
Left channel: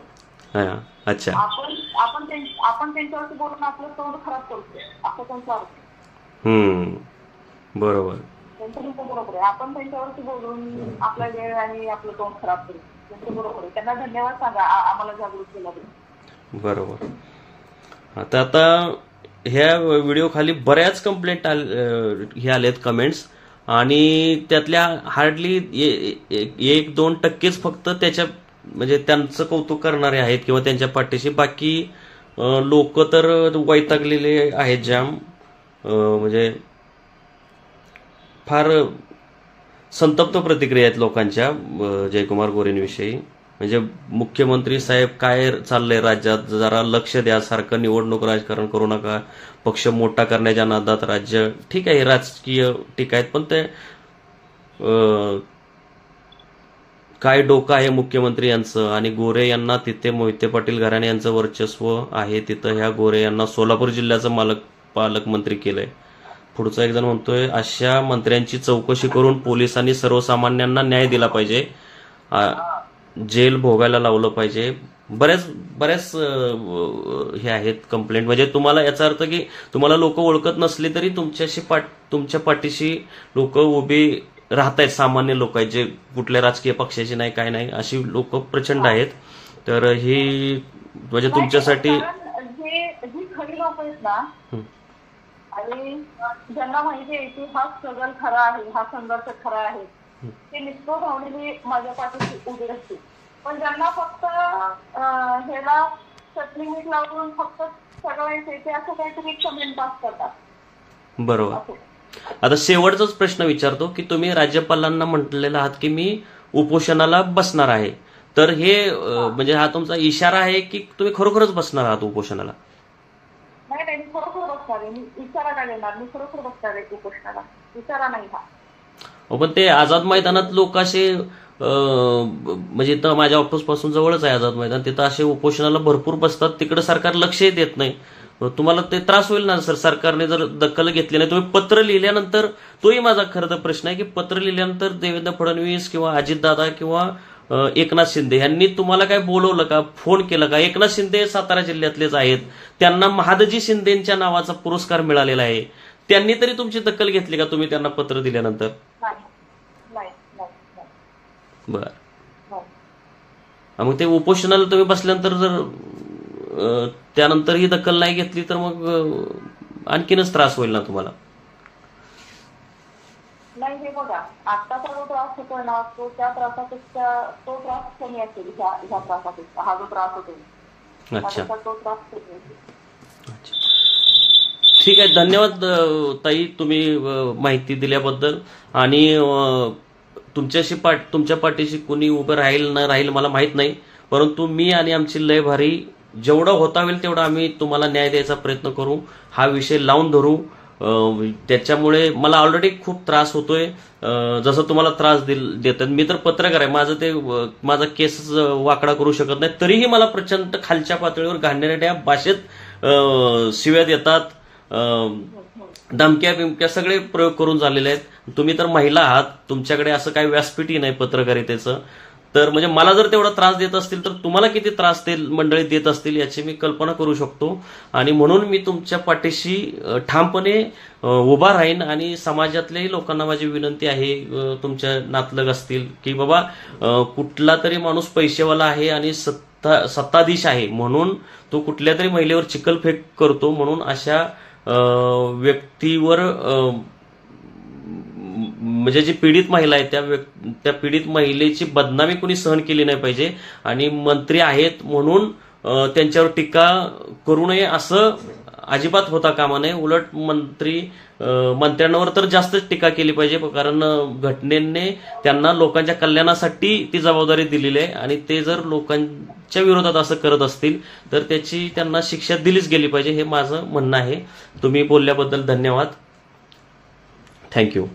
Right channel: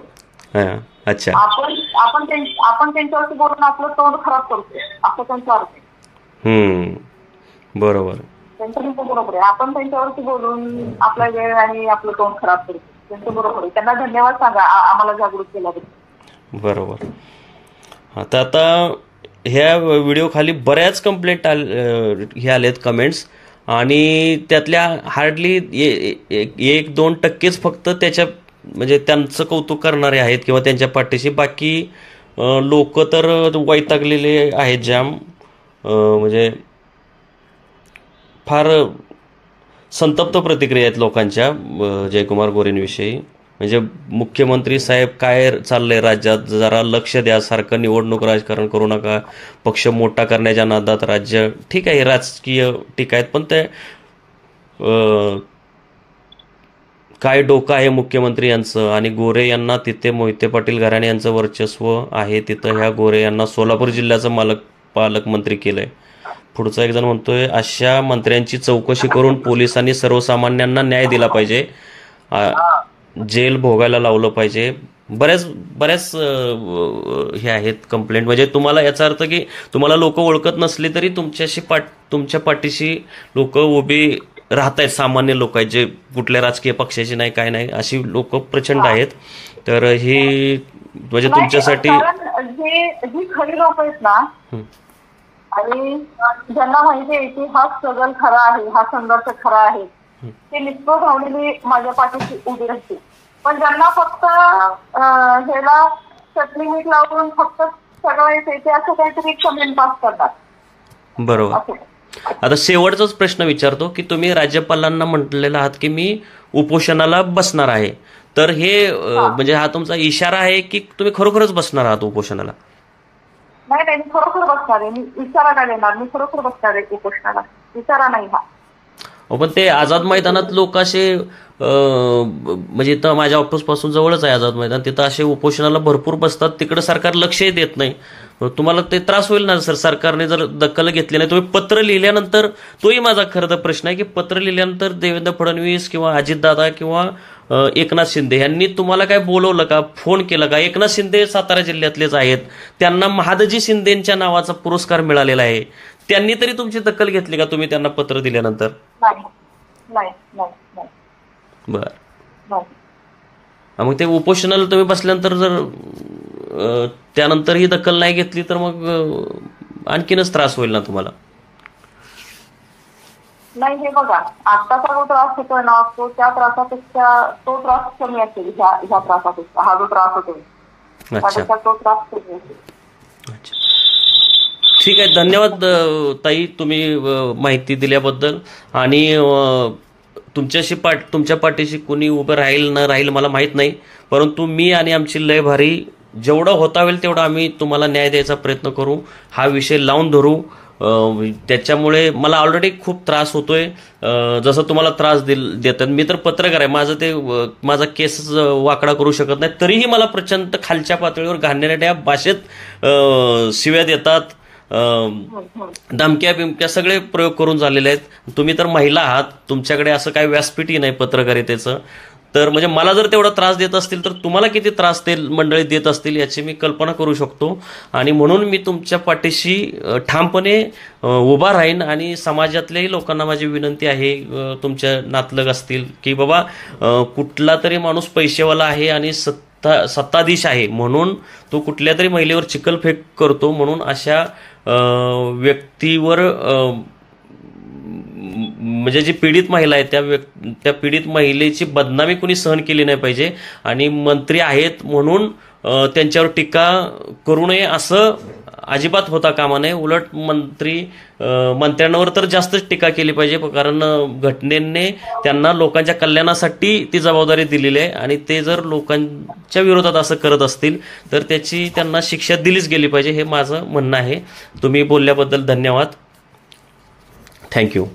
आहे. अच्छा, आपण त्यांच्यावरती बोलून आपलं तोंड खराब करतो असं त्यांचा अर्थ आहे. बरोबर. त्यांचं बरोबर आहे, आपण त्यांच्यावरती बोलून आपला वेळ आणि आपलं तोंड खराब करतो, त्यांचं बरोबर आहे. त्यांना धन्यवाद सांगा आम्हाला जागृत केल्याबद्दल. बरोबर. आता ह्या व्हिडिओ खाली बऱ्याच कंप्लेंट हे आलेत कमेंट्स, आणि त्यातल्या हार्डली 1-2% फक्त त्याच्या म्हणजे त्यांचं कौतुक करणारे आहेत किंवा त्यांच्या पाठीशी. बाकी लोक तर वैतागलेले आहेत जाम. म्हणजे फार संतप्त प्रतिक्रिया आहेत लोकांच्या जयकुमार गोरेंविषयी. म्हणजे मुख्यमंत्री साहेब काय चाललंय राज्यात, जरा लक्ष द्या, सारखं निवडणूक राजकारण करू नका, पक्ष मोठा करण्याच्या नादात राज्य, ठीक आहे राजकीय टीका आहेत, पण ते काय डोकं आहे मुख्यमंत्री यांचं. आणि गोरे यांना तिथे मोहिते पाटील घराणे यांचं वर्चस्व आहे, तिथं ह्या गोरे यांना सोलापूर जिल्ह्याचं पालकमंत्री केलंय. पुढचा एक जण म्हणतोय अशा मंत्र्यांची चौकशी करून पोलिसांनी सर्वसामान्यांना न्याय दिला पाहिजे, जेल भोगायला लावलं पाहिजे. बऱ्याच हे आहेत कंप्लेंट. म्हणजे तुम्हाला याचा अर्थ की तुम्हाला लोक ओळखत नसली तरी तुमच्या पाठीशी लोक उभी राहत आहेत, सामान्य लोक आहेत जे कुठल्या राजकीय पक्षाची नाही काय नाही अशी लोक प्रचंड आहेत. तर ही म्हणजे तुमच्यासाठी जी खरी लोक आहेत ना, आणि ज्यांना माहिती आहे की हा स्ट्रगल खरा आहे, हा संघर्ष खरा आहे, ते निष्ठोर भावनेने माझ्या पाठीशी उभी राहतील. पण ज्यांना फक्त ह्याला चटणी मीठ लावून फक्त सगळं येते असं काहीतरी कमेंट पास करतात. बरोबर. आता शेवटचाच प्रश्न विचारतो की तुम्ही राज्यपालांना म्हटलेला आहात की मी उपोषणाला बसणार आहे, तर हे म्हणजे हा तुमचा इशारा आहे की तुम्ही खरोखरच बसणार आहात उपोषणाला? नाही, मी खरोखर बसणार आहे. मी इशारा काय देणार, मी खरोखर बसणार आहे उपोषणाला, इशारा नाही हा. पण ते आझाद मैदानात लोक असे म्हणजे इथं माझ्या ऑफिस पासून जवळच आहे आझाद मैदान, तिथं असे उपोषणाला भरपूर बसतात, तिकडे सरकार लक्षही देत नाही. तुम्हाला ते त्रास होईल ना सर, सरकारने जर दखल घेतली नाही. तुम्ही पत्र लिहिल्यानंतर, तोही माझा खरं तर प्रश्न आहे की पत्र लिहिल्यानंतर देवेंद्र फडणवीस किंवा अजितदादा किंवा एकनाथ शिंदे यांनी तुम्हाला काय बोलवलं का, फोन केला का? एकनाथ शिंदे सातारा जिल्ह्यातलेच आहेत, त्यांना महादजी शिंदेच्या नावाचा पुरस्कार मिळालेला आहे, त्यांनी तरी तुमची दखल घेतली का तुम्ही त्यांना पत्र दिल्यानंतर? बर. मग ते उपोषणाला तुम्ही बसल्यानंतर जर त्यानंतर ही दखल नाही घेतली तर मग आणखीनच त्रास होईल ना तुम्हाला? नाही, हे बघा, आत्ताचा जो त्रास होतोय ना, तो त्या त्रासापेक्षा तो त्रास कमी असेल. ह्या त्रासापेक्षा हा जो त्रास होतोय तो त्रास कमी असेल. ठीक आहे, धन्यवाद ताई तुम्ही माहिती दिल्याबद्दल. आणि तुमच्या पाठीशी कुणी उभं राहील न राहील मला माहित नाही, परंतु मी आणि आमची लय भारी जेवढं होता होईल तेवढा आम्ही तुम्हाला न्याय द्यायचा प्रयत्न करू, हा विषय लावून धरू. त्याच्यामुळे मला ऑलरेडी खूप त्रास होतोय, जसं तुम्हाला त्रास देतात. मी तर पत्रकार आहे, माझा केस वाकडा करू शकत नाही, तरीही मला प्रचंड खालच्या पातळीवर घाणेरड्या भाषेत शिव्या देतात, धमक्या बिमक्या सगळे प्रयोग करून झालेले आहेत. तुम्ही तर महिला आहात, तुमच्याकडे असं काही व्यासपीठही नाही पत्रकारितेचं. तर म्हणजे मला जर तेवढा त्रास देत असतील तर तुम्हाला किती त्रास ते मंडळी देत असतील याची मी कल्पना करू शकतो. आणि म्हणून मी तुमच्या पाठीशी ठामपणे उभा राहीन. आणि समाजातल्याही लोकांना माझी विनंती आहे, तुमच्या नातलग असतील की बाबा कुठला तरी माणूस पैसेवाला आहे आणि सत्ताधीश आहे म्हणून तो कुठल्या तरी महिलेवर चिखलफेक करतो, म्हणून अशा व्यक्तीवर म्हणजे जी पीडित महिला आहे त्या पीडित महिलेची बदनामी कुणी सहन केली नाही पाहिजे. आणि मंत्री आहेत म्हणून त्यांच्यावर टीका करू नये असं अजिबात होता कामा नये. उलट मंत्र्यांवर तर जास्तच टीका केली पाहिजे, कारण घटनेने त्यांना लोकांच्या कल्याणासाठी ती जबाबदारी दिलेली आहे. आणि ते जर लोकांच्या विरोधात असं करत असतील तर त्याची त्यांना शिक्षा दिलीच गेली पाहिजे, हे माझं म्हणणं आहे. तुम्ही बोलल्याबद्दल धन्यवाद. थँक्यू.